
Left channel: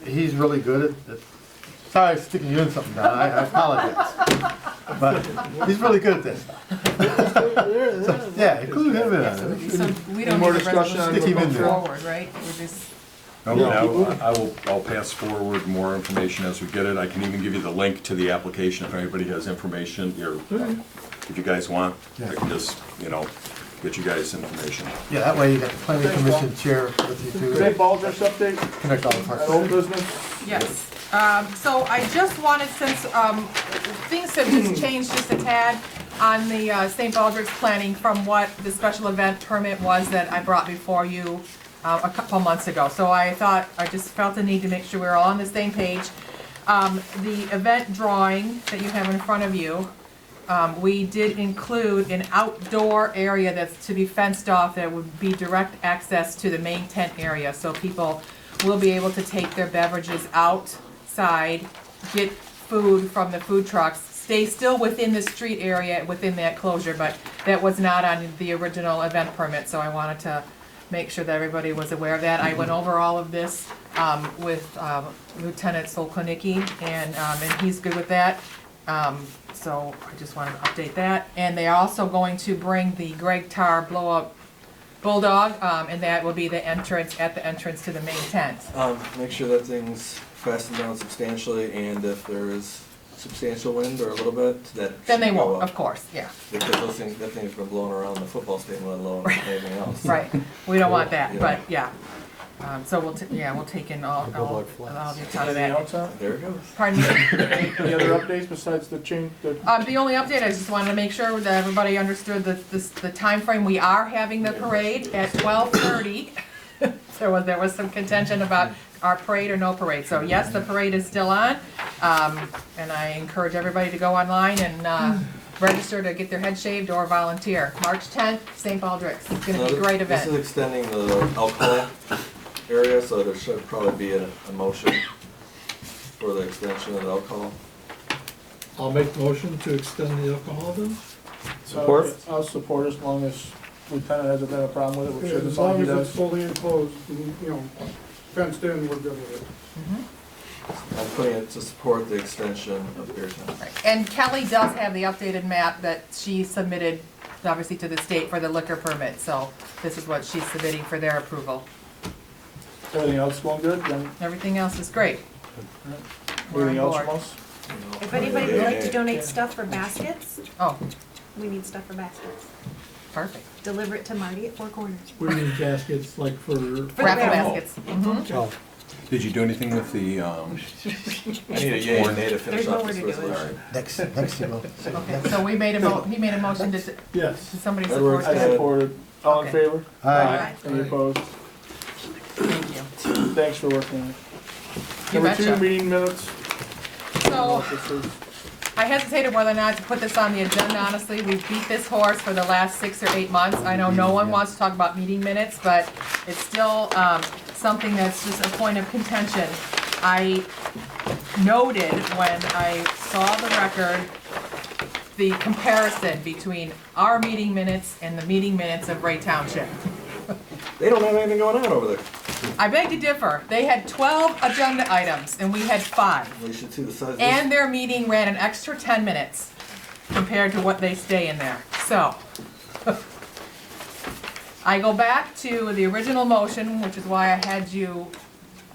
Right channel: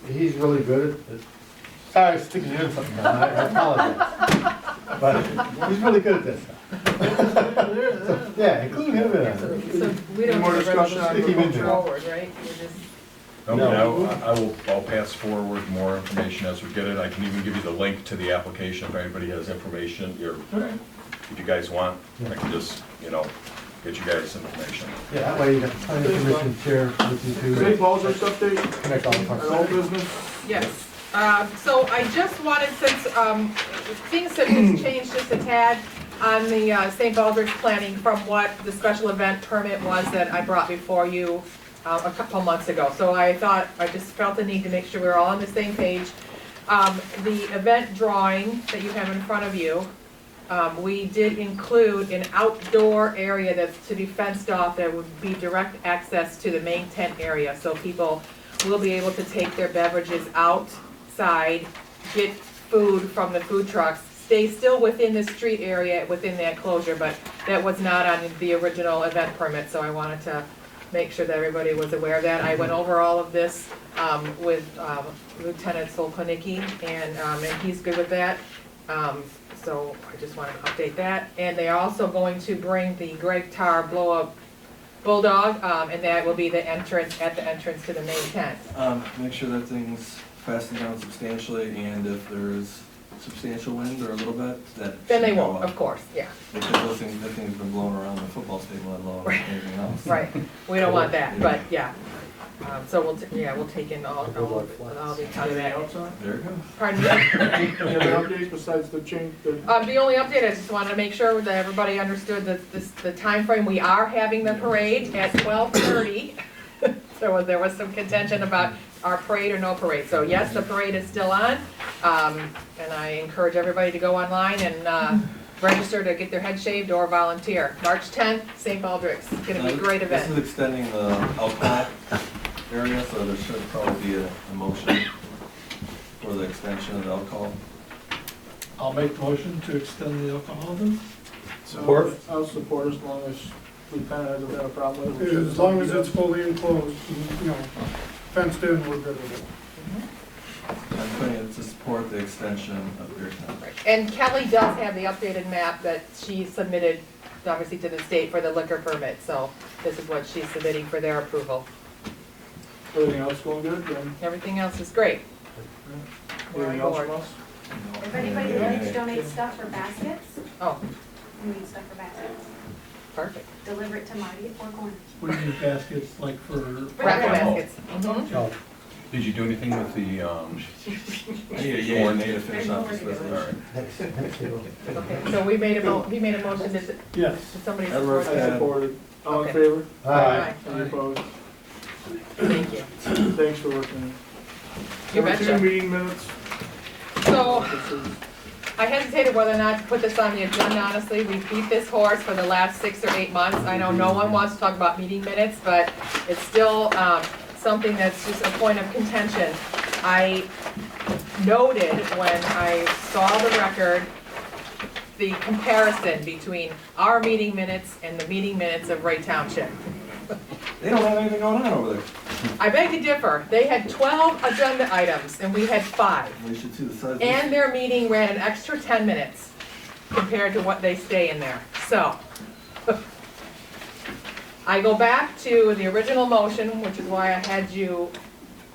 he's really good at, sorry, I'm sticking you in something, Don, I apologize. But he's really good at this stuff. So, yeah, include him in So it. so we don't Any more need to discussion on Stick him in move there. forward, right? We're just, No, I'll pass forward more information as we get it. I can even give you the link to the application if anybody has information, or if you guys want, I can just, get you guys information. Yeah, that way you got the planning commission chair with you St. too. Paul's update, Connect all the parts. old business? yes. So I just wanted, since things have just changed just a tad on the St. Baldrick's planning from what the special event permit was that I brought before you a couple months ago. So I just felt the need to make sure we were all on the same page. The event drawing that you have in front of you, we did include an outdoor area that's to be fenced off. There would be direct access to the main tent area, so people will be able to take their beverages outside, get food from the food trucks, stay still within the street area, within that closure, but that was not on the original event permit, so I wanted to make sure that everybody was aware of that. I went over all of this with Lieutenant Solkonicki, and he's good with that. So I just wanted to update that. And they're also going to bring the Greg Tar blow-up bulldog, and that will be the entrance to the main tent. Make sure that thing's fastened down substantially, and if there is substantial wind or a little bit, that Then they should go won't, up. of course, yeah. Because that thing's been blowing around the football stadium, let alone anything else. Right, we don't want that, Yeah. but yeah. So we'll take in all the account of that. There it goes. Pardon me? Any other updates besides the change? The only update, I just wanted to make sure that everybody understood the timeframe. We are having the parade at 12:30. So there was some contention about our parade or no parade. So yes, the parade is still on. And I encourage everybody to go online and register to get their head shaved or volunteer. March 10th, St. Baldrick's. It's gonna be a great event. This is extending the alcohol area, so there should probably be a motion for the extension of the alcohol. I'll make the motion to extend the alcohol then. Support? I'll support as long as Lieutenant hasn't had a problem with it. which is As long as something it's fully enclosed, fenced in, we're good with it. I'm putting it to support the extension of Beertown. And Kelly does have the updated map that she submitted, obviously, to the state for the liquor permit, so this is what she's submitting for their approval. Everything else going good, then? Everything else is great. We're on Anything else board. from us? If anybody would like to donate stuff for baskets, Oh, we need stuff for baskets. perfect. Deliver it to Marty at Four Corners. What do you need baskets, like for? For raffle baskets. Mhm. Oh, Did you do anything with the, I need a yay or nay to finish There's off nowhere this to do it. resolution. Next month. Okay, so we made a motion, did yes. somebody Edward, support I that? support it. All in Okay. favor? Aye. Any opposed? Thank you. Thanks for working on it. You Number 2, betcha. meeting minutes. So, I hesitated whether or not to put this on the agenda, honestly. We beat this horse for the last 6 or 8 months. I know no one wants to talk about meeting minutes, but it's still something that's just a point of contention. I noted when I saw the record, the comparison between our meeting minutes and the meeting minutes of Ray Township. They don't have anything going on over there. I beg to differ. They had 12 agenda items and we had 5. We should see the size of this. And their meeting ran an extra 10 minutes compared to what they stay in there. So, I go back to the original motion, which is why I had you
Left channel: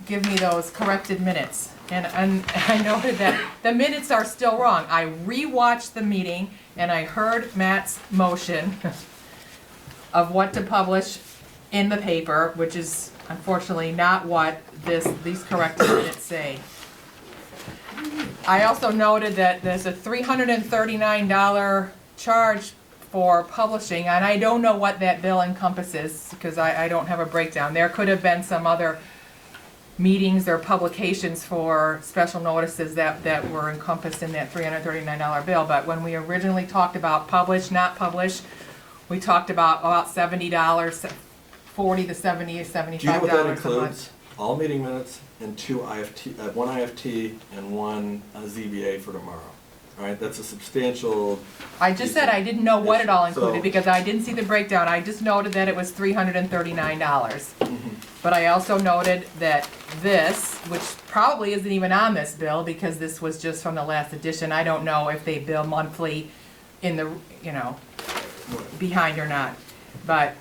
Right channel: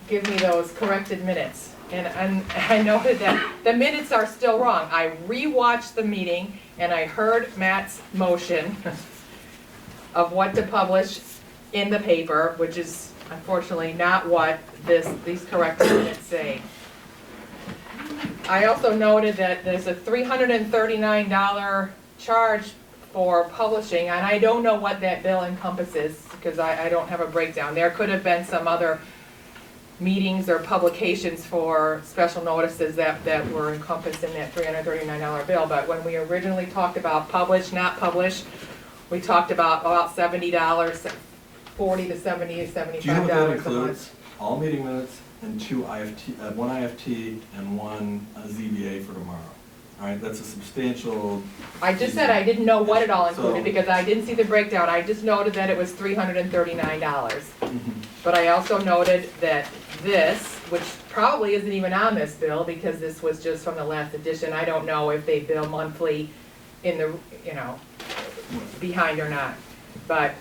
give me those corrected minutes. And I noted that the minutes are still wrong. I rewatched the meeting and I heard Matt's motion of what to publish in the paper, which is unfortunately not what these corrected minutes say. I also noted that there's a $339 charge for publishing, and I don't know what that bill encompasses, because I don't have a breakdown. There could have been some other meetings or publications for special notices that were encompassed in that $339 bill, but when we originally talked about publish, not publish, we talked about $70, $40 to $70, $75 Do you know what that a month. includes? All meeting minutes and 2 IFT, 1 IFT and 1 ZBA for tomorrow. All right, that's a substantial. I just said I didn't know what it all included So- because I didn't see the breakdown. I just noted that it was $339. Mhm. But I also noted that this, which probably isn't even on this bill because this was just from the last edition. I don't know if they bill monthly in the, behind or not. But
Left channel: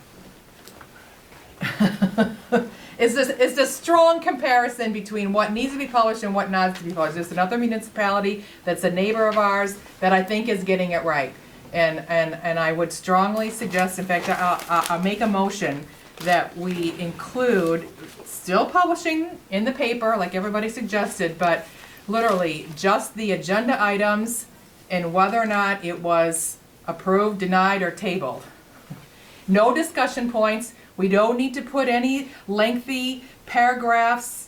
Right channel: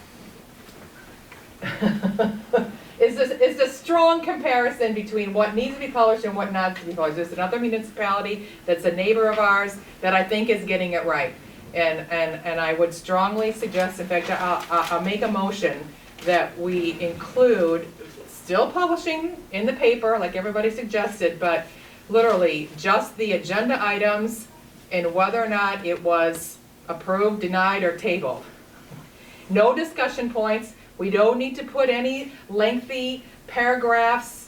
it's a strong comparison between what needs to be published and what not to be published. There's another municipality that's a neighbor of ours that I think is getting it right. And I would strongly suggest, in fact, I'll make a motion that we include, still publishing in the paper like everybody suggested, but literally just the agenda items and whether or not it was approved, denied, or tabled. No discussion points. We don't need to put any lengthy paragraphs.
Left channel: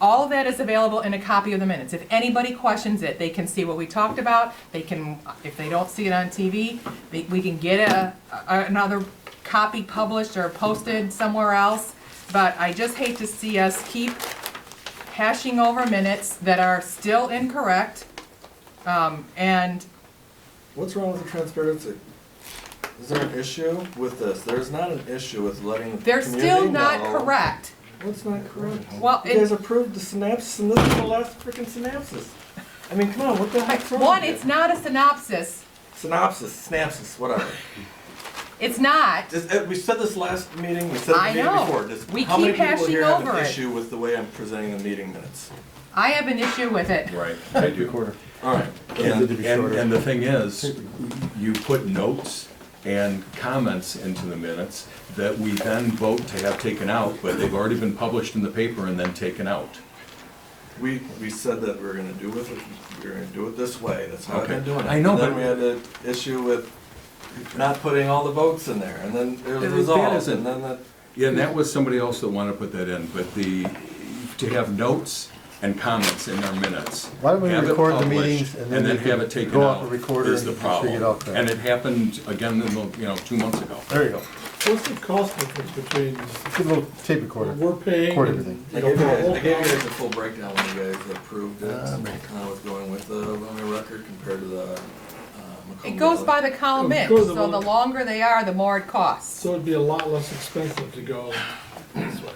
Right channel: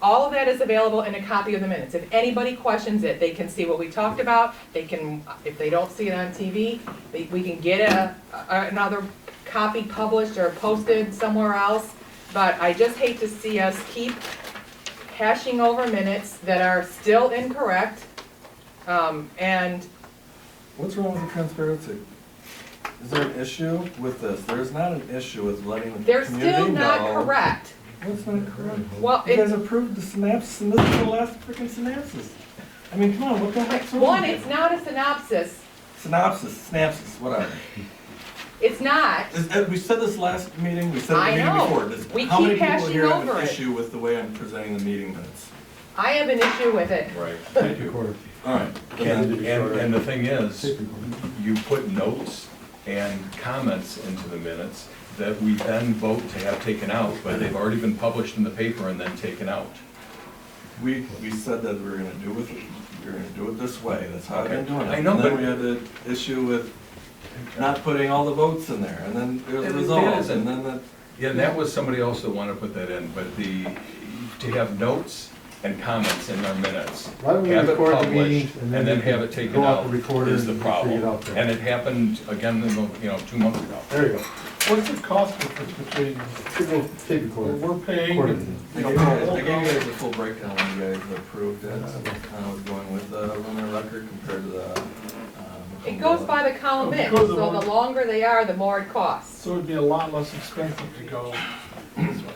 All of that is available in a copy of the minutes. If anybody questions it, they can see what we talked about. They can, if they don't see it on TV, we can get another copy published or posted somewhere else. But I just hate to see us keep hashing over minutes that are still incorrect. And What's wrong with the transparency? Is there an issue with this? There's not an issue with letting the they're community still not know. correct. What's not correct? Well, You guys approved the synopsis, and this is the last freaking synopsis. I mean, come on, what the heck's wrong One, with it's you? not a synopsis. Synopsis, whatever. It's not. We said this last meeting, we said it I the meeting know. before. Does- We How many keep people hashing here have over an it. issue with the way I'm presenting the meeting minutes? I have an issue with it. right, I do. All right. And the thing is, you put notes and comments into the minutes that we then vote to have taken out, but they've already been published in the paper and then taken out. We said that we were gonna do it this way, that's how I've been Okay. doing it. I know, And then but- we had the issue with not putting all the votes in there, and then there was That results, isn't- and then the. Yeah, and that was somebody else that wanted to put that in, but to have notes and comments in our minutes. Why don't we have it record the published, meetings and then you have can it taken go out out and record it is the and make sure you get problem. out there. And it happened again, 2 months ago. There you go. What's the cost difference between It's a little tape recorder. what we're paying Record and? everything. I gave you guys a full breakdown when you guys approved it, I was going with the Romeo record compared to the. It goes by the column It in, goes so the along. longer they are, the more it costs. So it'd be a lot less expensive to go this way.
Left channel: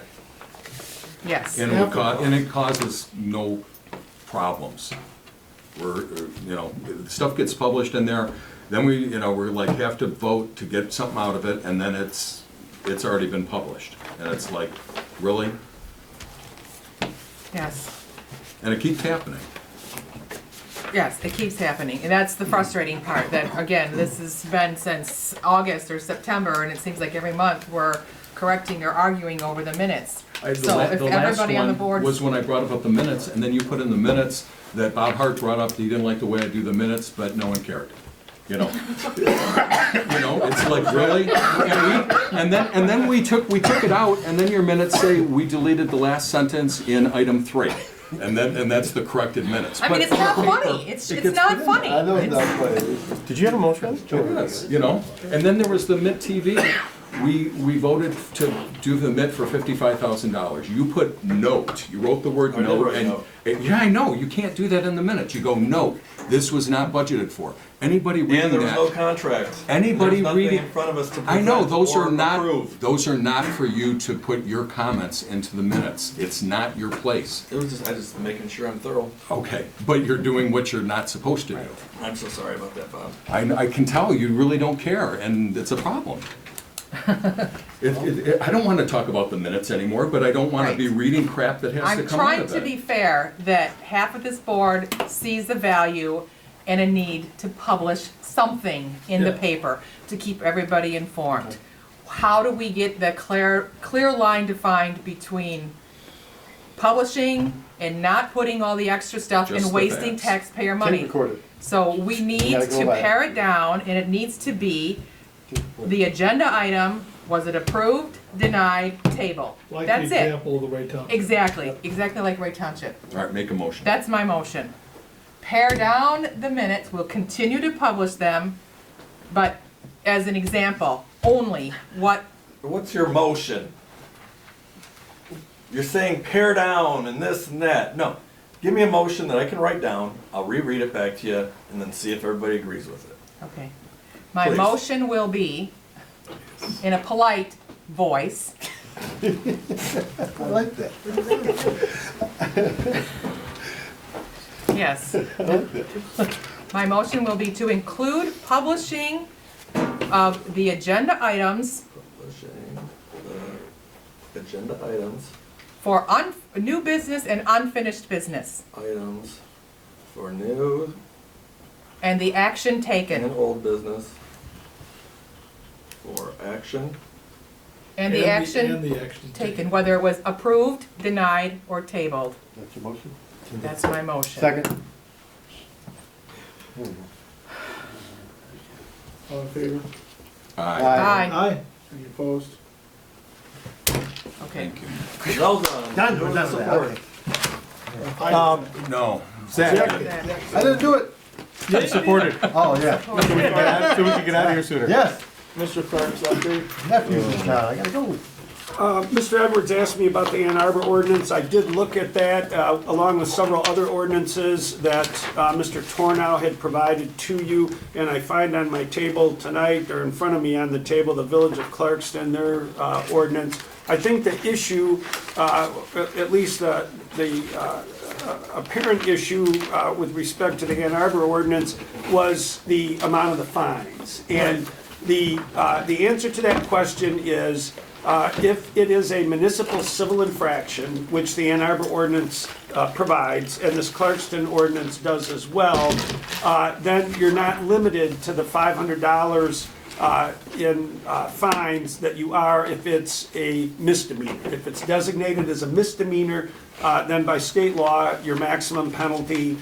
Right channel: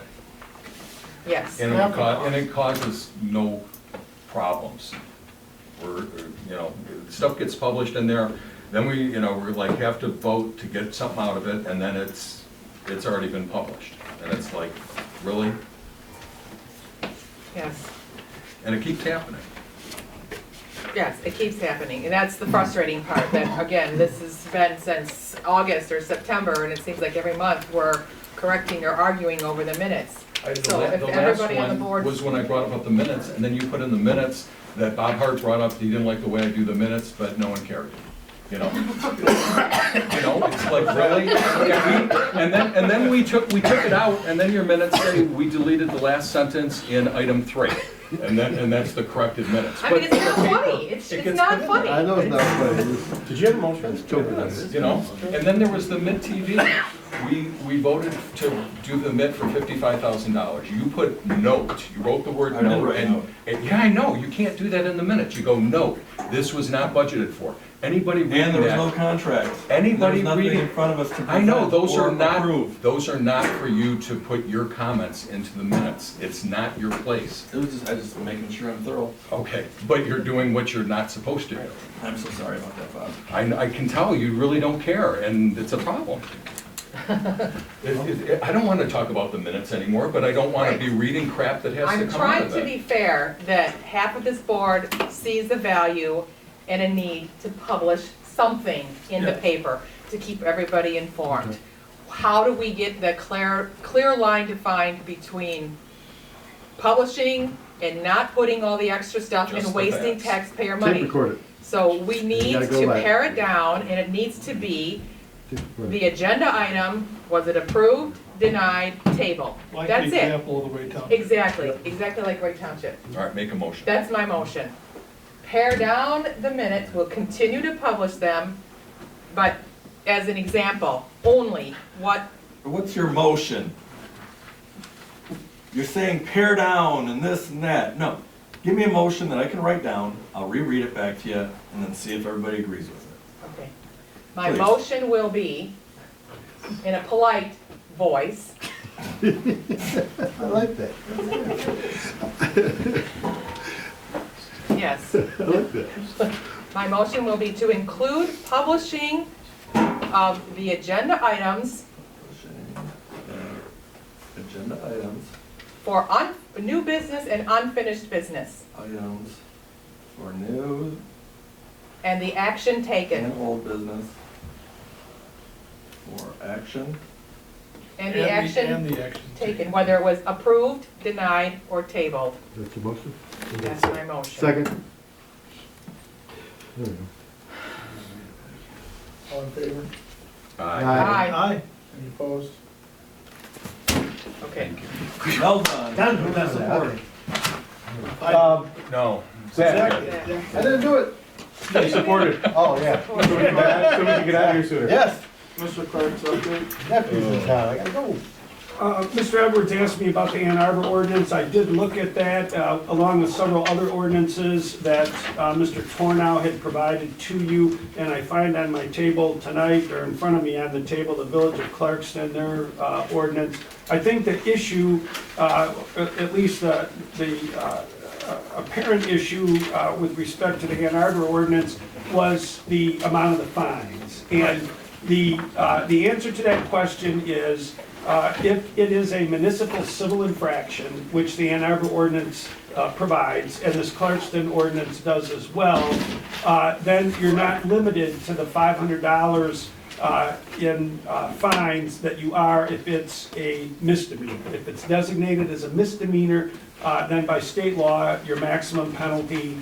Yes. And it causes no problems. Stuff gets published in there, then we're like, have to vote to get something out of it, and then it's already been published. And it's like, really? Yes. And it keeps happening. Yes, it keeps happening, and that's the frustrating part, that, again, this has been since August or September, and it seems like every month we're correcting or arguing over the minutes. So if everybody on the board. Was when I brought up the minutes, and then you put in the minutes that Bob Hart brought up, he didn't like the way I do the minutes, but no one cared. It's like, really? And then we took it out, and then your minutes say we deleted the last sentence in item 3. And that's the corrected minutes. I mean, it's not funny, it's not funny. I know it's not funny. Did you have a motion? Yes, and then there was the Mitt TV. We voted to do the Mitt for $55,000. You put note, you wrote the word note, and yeah, I know, you can't do that in the minutes. You go, note, this was not budgeted for. Anybody reading that? And there was no contract. Anybody There was nothing reading in front of us to I know, present or approve. those are not for you to put your comments into the minutes. It's not your place. It was I just making sure I'm thorough. Okay, but you're doing what you're not supposed to do. I'm so sorry about that, Bob. I can tell you really don't care, and it's a problem. I don't want to talk about the minutes anymore, but I don't want to be reading crap that has to I'm come out trying of to it. be fair, that half of this board sees the value and a need to publish something in the paper to keep everybody informed. How do we get the clear line defined between publishing and not putting all the extra stuff Just and the wasting facts. taxpayer money? Record it. So we need gotta go to back. pare it down, and it needs to be the agenda item, was it approved, denied, tabled? Like That's the it. example of the Ray Township. Exactly like Ray Township. All right, make a motion. That's my motion. Pare down the minutes, we'll continue to publish them, but as an example, only What's your motion? You're saying pare down and this and that. No, give me a motion that I can write down, I'll reread it back to you, and then see if everybody agrees with it. okay. My Please. motion will be, in a polite voice, I like that. yes. I like that. My motion will be to include publishing of the agenda items Agenda items, for new business and unfinished business, items for new and the action and taken. old business, for action, And the action taken, whether it was approved, denied, or tabled. That's your motion? That's my motion. Second. All in favor? Aye. Aye. Any opposed? Okay. well done. No. Second. I didn't do it. Supported. Oh, yeah. So we can get out of here sooner. Yes. Mr. Clark's update. Nephews, I gotta go. Mr. Edwards asked me about the Ann Arbor ordinance. I did look at that, along with several other ordinances that Mr. Tornow had provided to you, and I find on my table tonight, or in front of me on the table, the Village of Clarkston, their ordinance. I think the issue, at least the apparent issue with respect to the Ann Arbor ordinance was the amount of the fines. And the answer to that question is, if it is a municipal civil infraction, which the Ann Arbor ordinance provides, and this Clarkston ordinance does as well, then you're not limited to the $500 in fines that you are if it's a misdemeanor. If it's designated as a misdemeanor, then by state law, your maximum penalty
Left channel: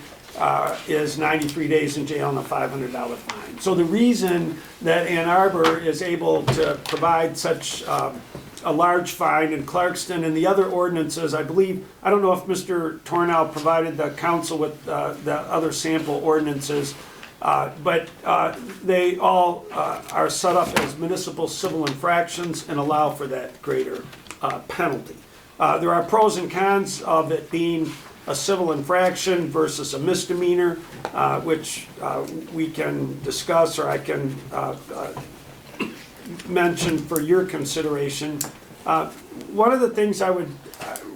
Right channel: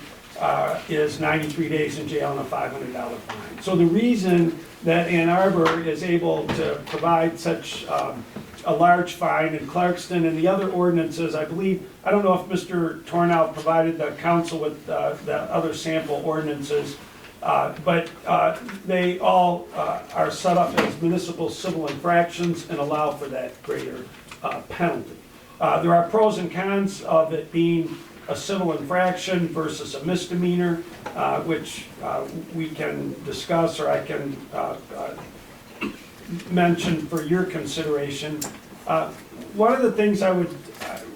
is 93 days in jail and a $500 fine. So the reason that Ann Arbor is able to provide such a large fine in Clarkston and the other ordinances, I believe, I don't know if Mr. Tornow provided the council with the other sample ordinances, but they all are set up as municipal civil infractions and allow for that greater penalty. There are pros and cons of it being a civil infraction versus a misdemeanor, which we can discuss, or I can mention for your consideration. One of the things I would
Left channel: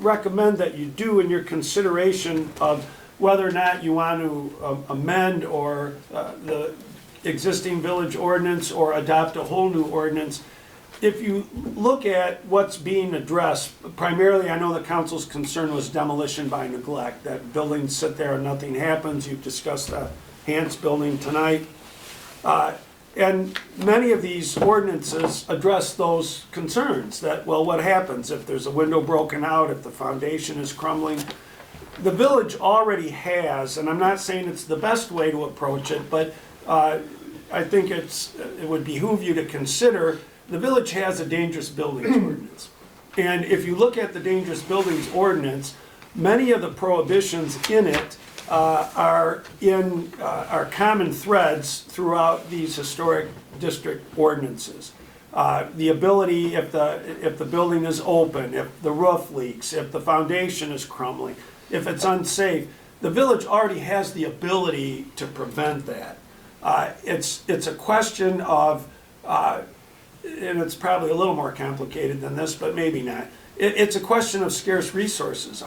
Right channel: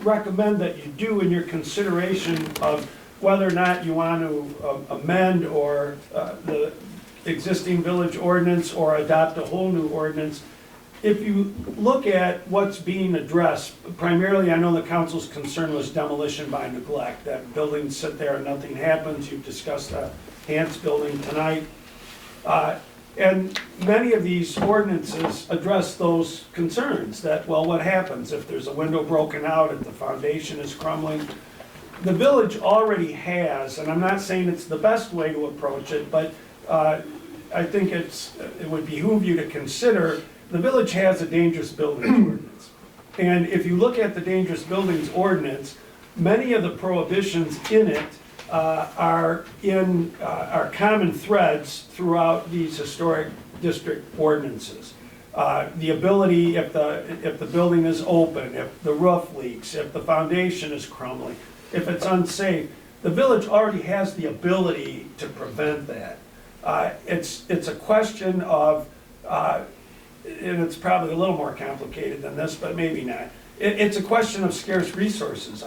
recommend that you do in your consideration of whether or not you want to amend or the existing village ordinance or adopt a whole new ordinance, if you look at what's being addressed, primarily I know the council's concern was demolition by neglect, that buildings sit there and nothing happens. You've discussed the Hans building tonight. And many of these ordinances address those concerns, that, well, what happens if there's a window broken out, if the foundation is crumbling? The village already has, and I'm not saying it's the best way to approach it, but I think it would behoove you to consider, the village has a dangerous buildings ordinance. And if you look at the dangerous buildings ordinance, many of the prohibitions in it are common threads throughout these historic district ordinances. The ability, if the building is open, if the roof leaks, if the foundation is crumbling, if it's unsafe, the village already has the ability to prevent that. It's a question of, and it's probably a little more complicated than this, but maybe not. It's a question of scarce resources.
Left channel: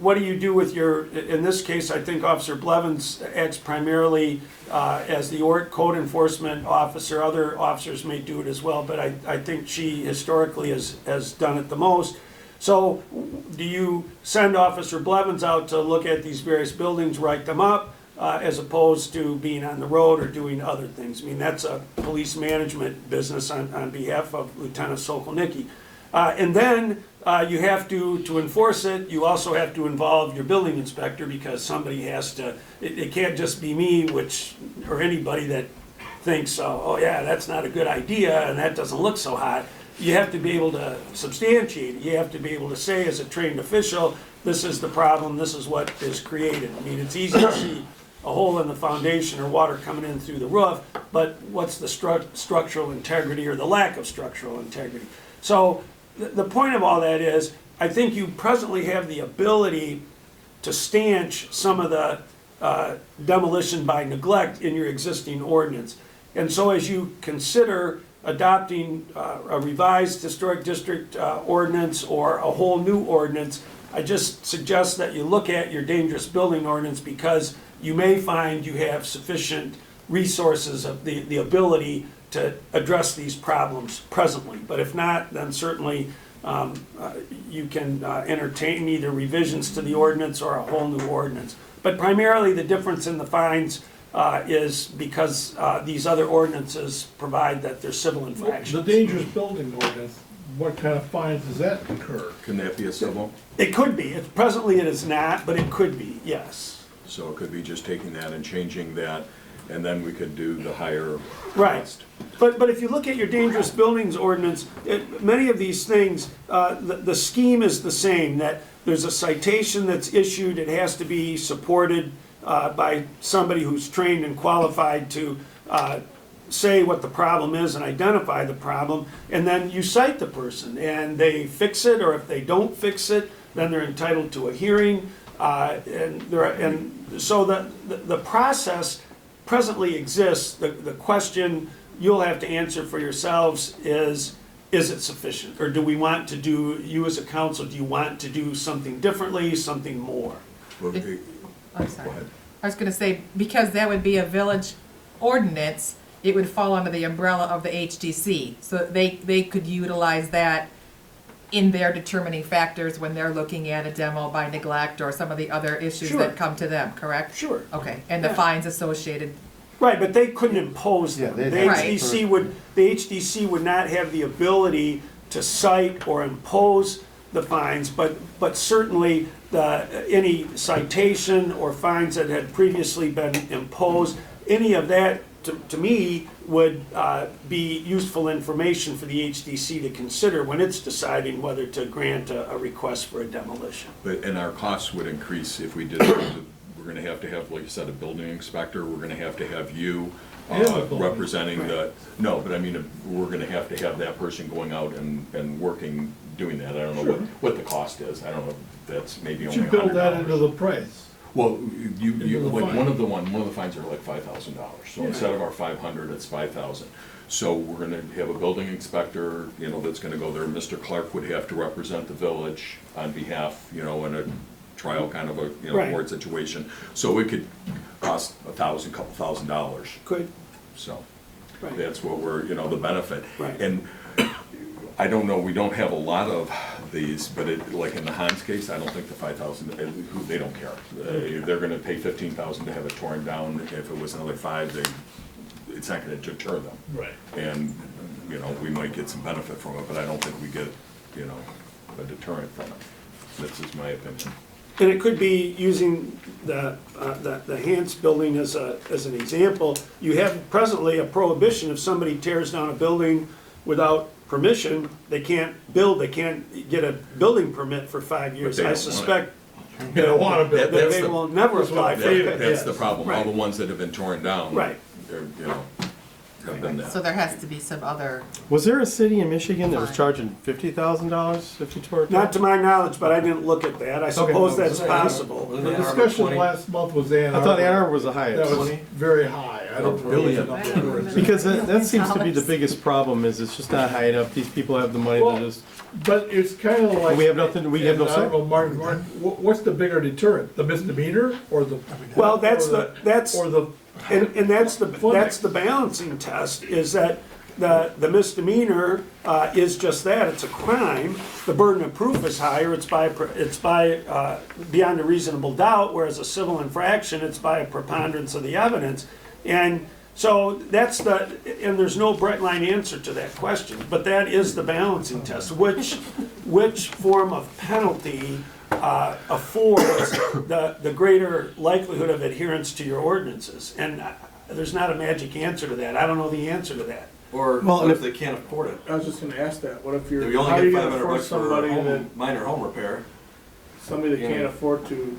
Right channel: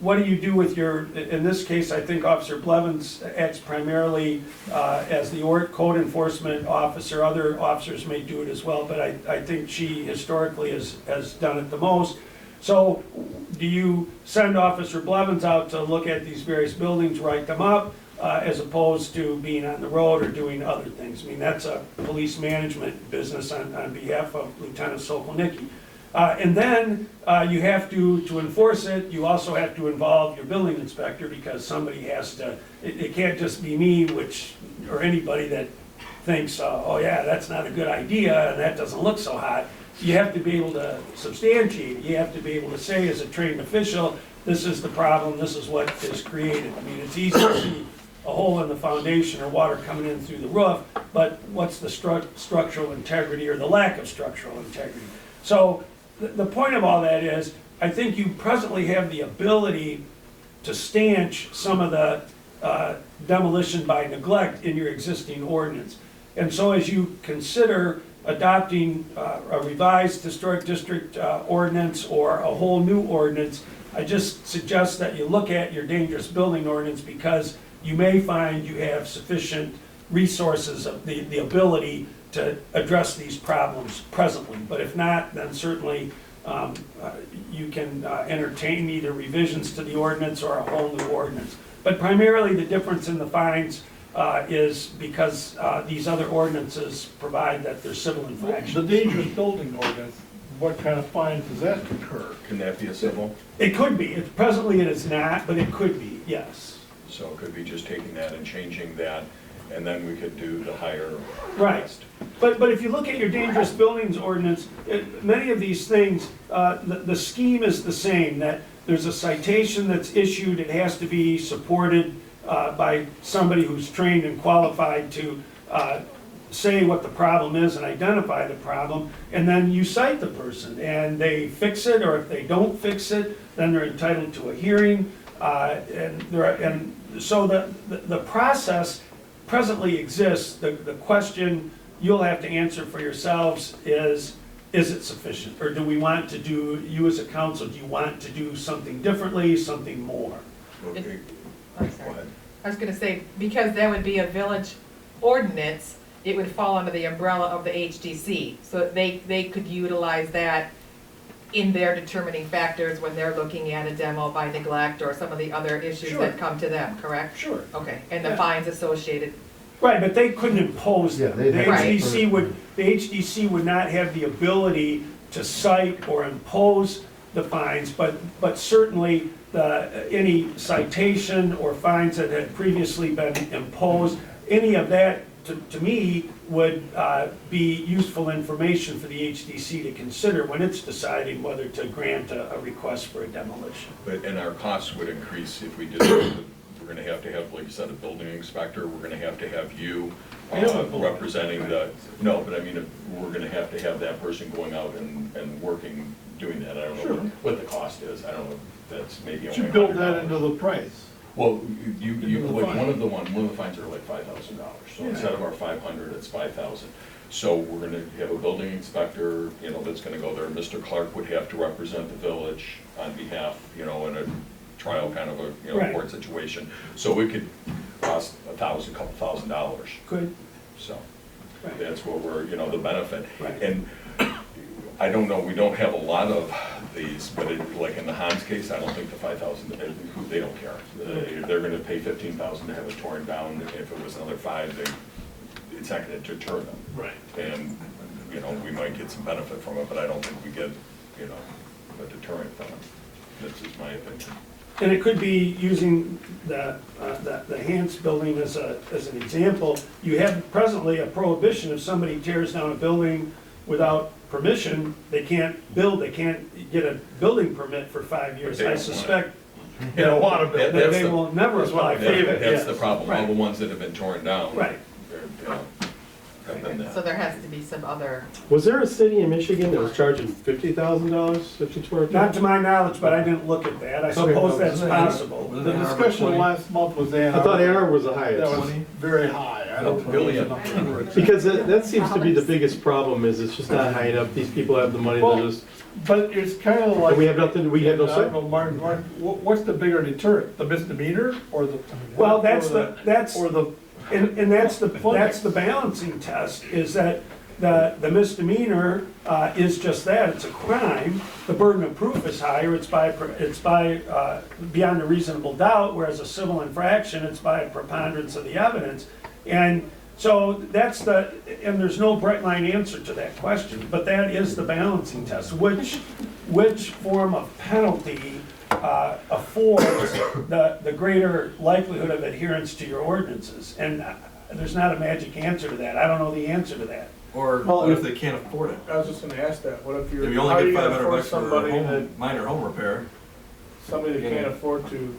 What do you do with your, in this case, I think Officer Blevins acts primarily as the code enforcement officer. Other officers may do it as well, but I think she historically has done it the most. So do you send Officer Blevins out to look at these various buildings, write them up, as opposed to being on the road or doing other things? I mean, that's a police management business on behalf of Lieutenant Sokolnicki. And then you have to enforce it, you also have to involve your building inspector, because somebody has to, it can't just be me, or anybody that thinks, oh yeah, that's not a good idea and that doesn't look so hot. You have to be able to substantiate, you have to be able to say as a trained official, this is the problem, this is what is created. I mean, it's easy to see a hole in the foundation or water coming in through the roof, but what's the structural integrity or the lack of structural integrity? So the point of all that is, I think you presently have the ability to stanch some of the demolition by neglect in your existing ordinance. And so as you consider adopting a revised historic district ordinance or a whole new ordinance, I just suggest that you look at your dangerous building ordinance, because you may find you have sufficient resources of the ability to address these problems presently. But if not, then certainly you can entertain either revisions to the ordinance or a whole new ordinance. But primarily the difference in the fines is because these other ordinances provide that they're civil infractions. The dangerous building ordinance, what kind of fines does that incur? Can that be a civil? It could be. Presently it is not, but it could be, yes. So it could be just taking that and changing that, and then we could do the higher Right. cost. But if you look at your dangerous buildings ordinance, many of these things, the scheme is the same, that there's a citation that's issued, it has to be supported by somebody who's trained and qualified to say what the problem is and identify the problem, and then you cite the person, and they fix it, or if they don't fix it, then they're entitled to a hearing, and so the process presently exists. The question you'll have to answer for yourselves is it sufficient? Or do we want to do, you as a council, do you want to do something differently, something more? I'm sorry. I was gonna say, because that would be a village ordinance, it would fall under the umbrella of the HDC. So they could utilize that in their determining factors when they're looking at a demo by neglect or some of the other issues Sure. that come to them, correct? Sure. Okay, and the Yeah. fines associated. Right, but they couldn't impose them. Yeah, The they'd have to- HDC would not have the ability to cite or impose the fines, but certainly any citation or fines that had previously been imposed, any of that, to me, would be useful information for the HDC to consider when it's deciding whether to grant a request for a demolition. And our costs would increase if we did that. We're gonna have, like you said, a building inspector, we're gonna have you representing the, no, but I mean, we're gonna have to have that person going out and working, doing that. I don't know what the cost is, I don't know, if that's maybe You only should build that $100. into the price. Well, like one of the fines are like $5,000. So Yeah. instead of our 500, it's 5,000. So we're gonna have a building inspector, that's gonna go there. Mr. Clark would have to represent the village on behalf, in a trial kind of a, Right. court situation. So it could cost $1,000, couple $1,000. Good. So Right. that's what we're, the benefit. Right. And I don't know, we don't have a lot of these, but like in the Hans case, I don't think the 5,000, they don't care. They're gonna pay 15,000 to have it torn down. If it was another 5, it's not gonna deter them. Right. And, we might get some benefit from it, but I don't think we get, a deterrent from it. This is my opinion. And it could be using the Hans building as an example. You have presently a prohibition: if somebody tears down a building without permission, they can't build, they can't get a building permit for 5 years. But they I don't want it. suspect They don't want to build. that they will never apply for it. That's the problem. All Right. the ones that have been torn down. Right. They're, have been that. So there has to be some other, Was there a city in Michigan that was charging $50,000 if you tore it down? Not to my knowledge, but I didn't look at that. I suppose that's possible. The discussion last month was Ann I thought Ann Arbor. Arbor was the highest. That was very high. I don't Really? really. Because that seems to be the biggest problem, is it's just not high enough. These people have the money Well, to just, But it's kind of like. we have nothing, we have no I don't say. know, Martin, what's the bigger deterrent, the misdemeanor or the? Well, that's or Or the. and that's the balancing test, is that the misdemeanor is just that, it's a crime. The burden of proof is higher, it's by beyond a reasonable doubt, whereas a civil infraction, it's by a preponderance of the evidence. And so and there's no bright line answer to that question, but that is the balancing test. Which form of penalty affords the greater likelihood of adherence to your ordinances? And there's not a magic answer to that. I don't know the answer to that. Or Well, what if- if they can't afford it? I was just gonna ask that, what if If you're, you how are only you get gonna 500 force bucks for somebody a that, minor home repair, somebody that Yeah. can't afford to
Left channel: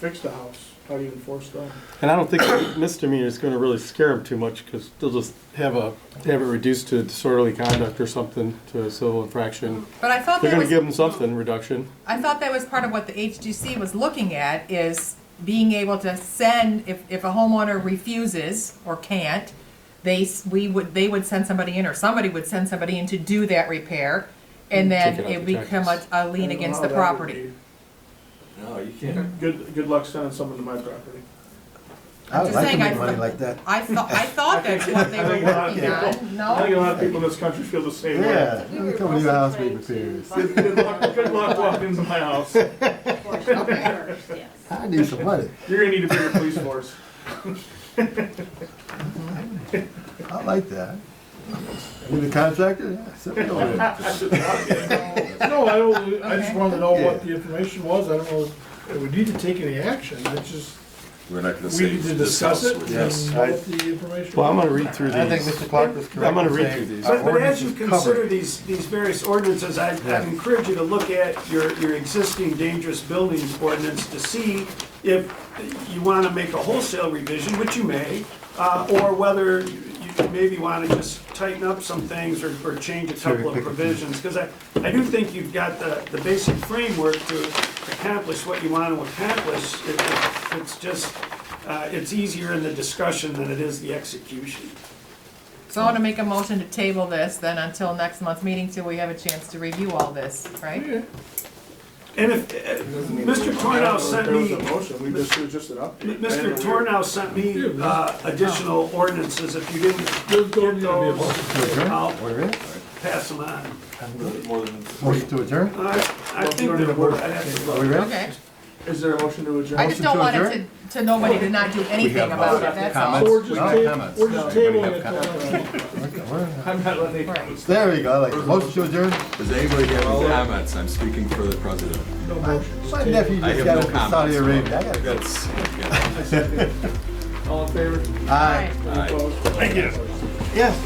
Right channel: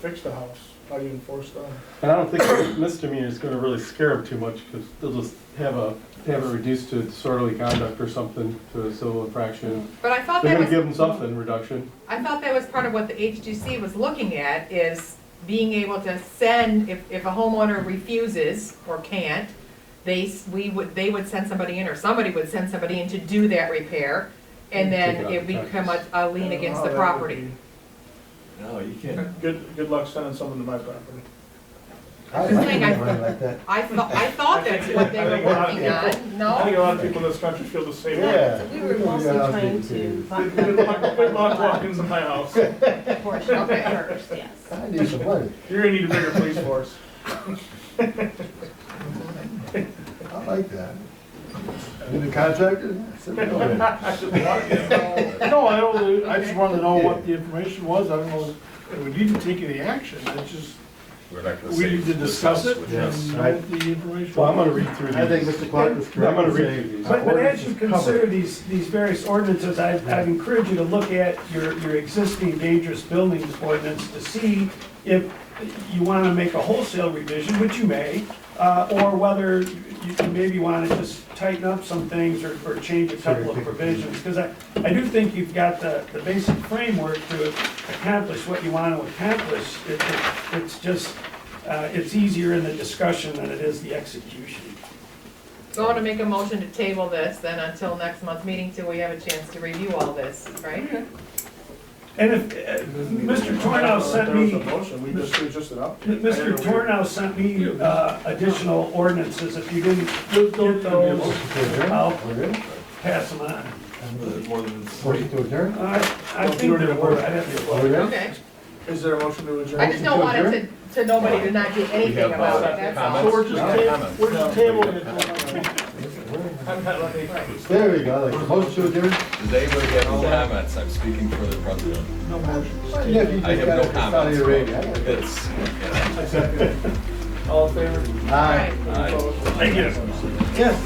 fix the house, how do you enforce that? And I don't think misdemeanor is gonna really scare them too much, because they'll just have it reduced to disorderly conduct or something, to a civil infraction. but I thought They're that gonna was, give them something, reduction. I thought that was part of what the HGC was looking at, is being able to send, if a homeowner refuses or can't, they would send somebody in, or somebody would send somebody in to do that repair, and then Take it out it the become a lien against the Oh, How that would property. no, you can't. be- Good luck sending someone to my property. I'm just saying, that. I thought that's what they were working on, I think a no? lot of people in this country feel the same way. Yeah. We were Come to your house, mostly meet trying with to you. Good luck walking into my house. portion of it first, yes. I need some money. You're gonna need a bigger police force. I like that. You the contractor? Send me over there. No, I just wanted to know what the information was, I don't know if we need to take any action, that's just, We're not gonna we say need to discuss it with and this. know what the information. Well, I'm gonna read through I think these. Mr. Clark was correct. I'm gonna in read saying through these. But as you ordinance is consider covered. these various ordinances, I'd encourage you to look at your existing dangerous building ordinance to see if you want to make a wholesale revision, which you may, or whether you maybe want to just tighten up some things or change a couple of provisions. Because I do think you've got the basic framework to accomplish what you want to accomplish. It's just, it's easier in the discussion than it is the execution. So I wanna make a motion to table this then until next month's meeting, till we have a chance to review all this, right? And if, Mr. Tornow sent me, There was a motion, we just adopted. Mr. Tornow sent me additional ordinances. If you didn't get those, I'll pass them on. Motion to adjourn? I think they're worth, I have to Are we vote. ready? Okay, Is there a motion to adjourn? I just don't want it to nobody to not do anything about it, that's all. So we're just comments. we're just tabling it. I'm not letting Right. There you go, like, motion to adjourn? Does anybody have any comments? I'm speaking for the president. No motion. My nephew I just have got no it from Saudi comments. Arabia. I gotta go. That's, All in favor? Aye. Aye. Opposed? Thank you. Yes.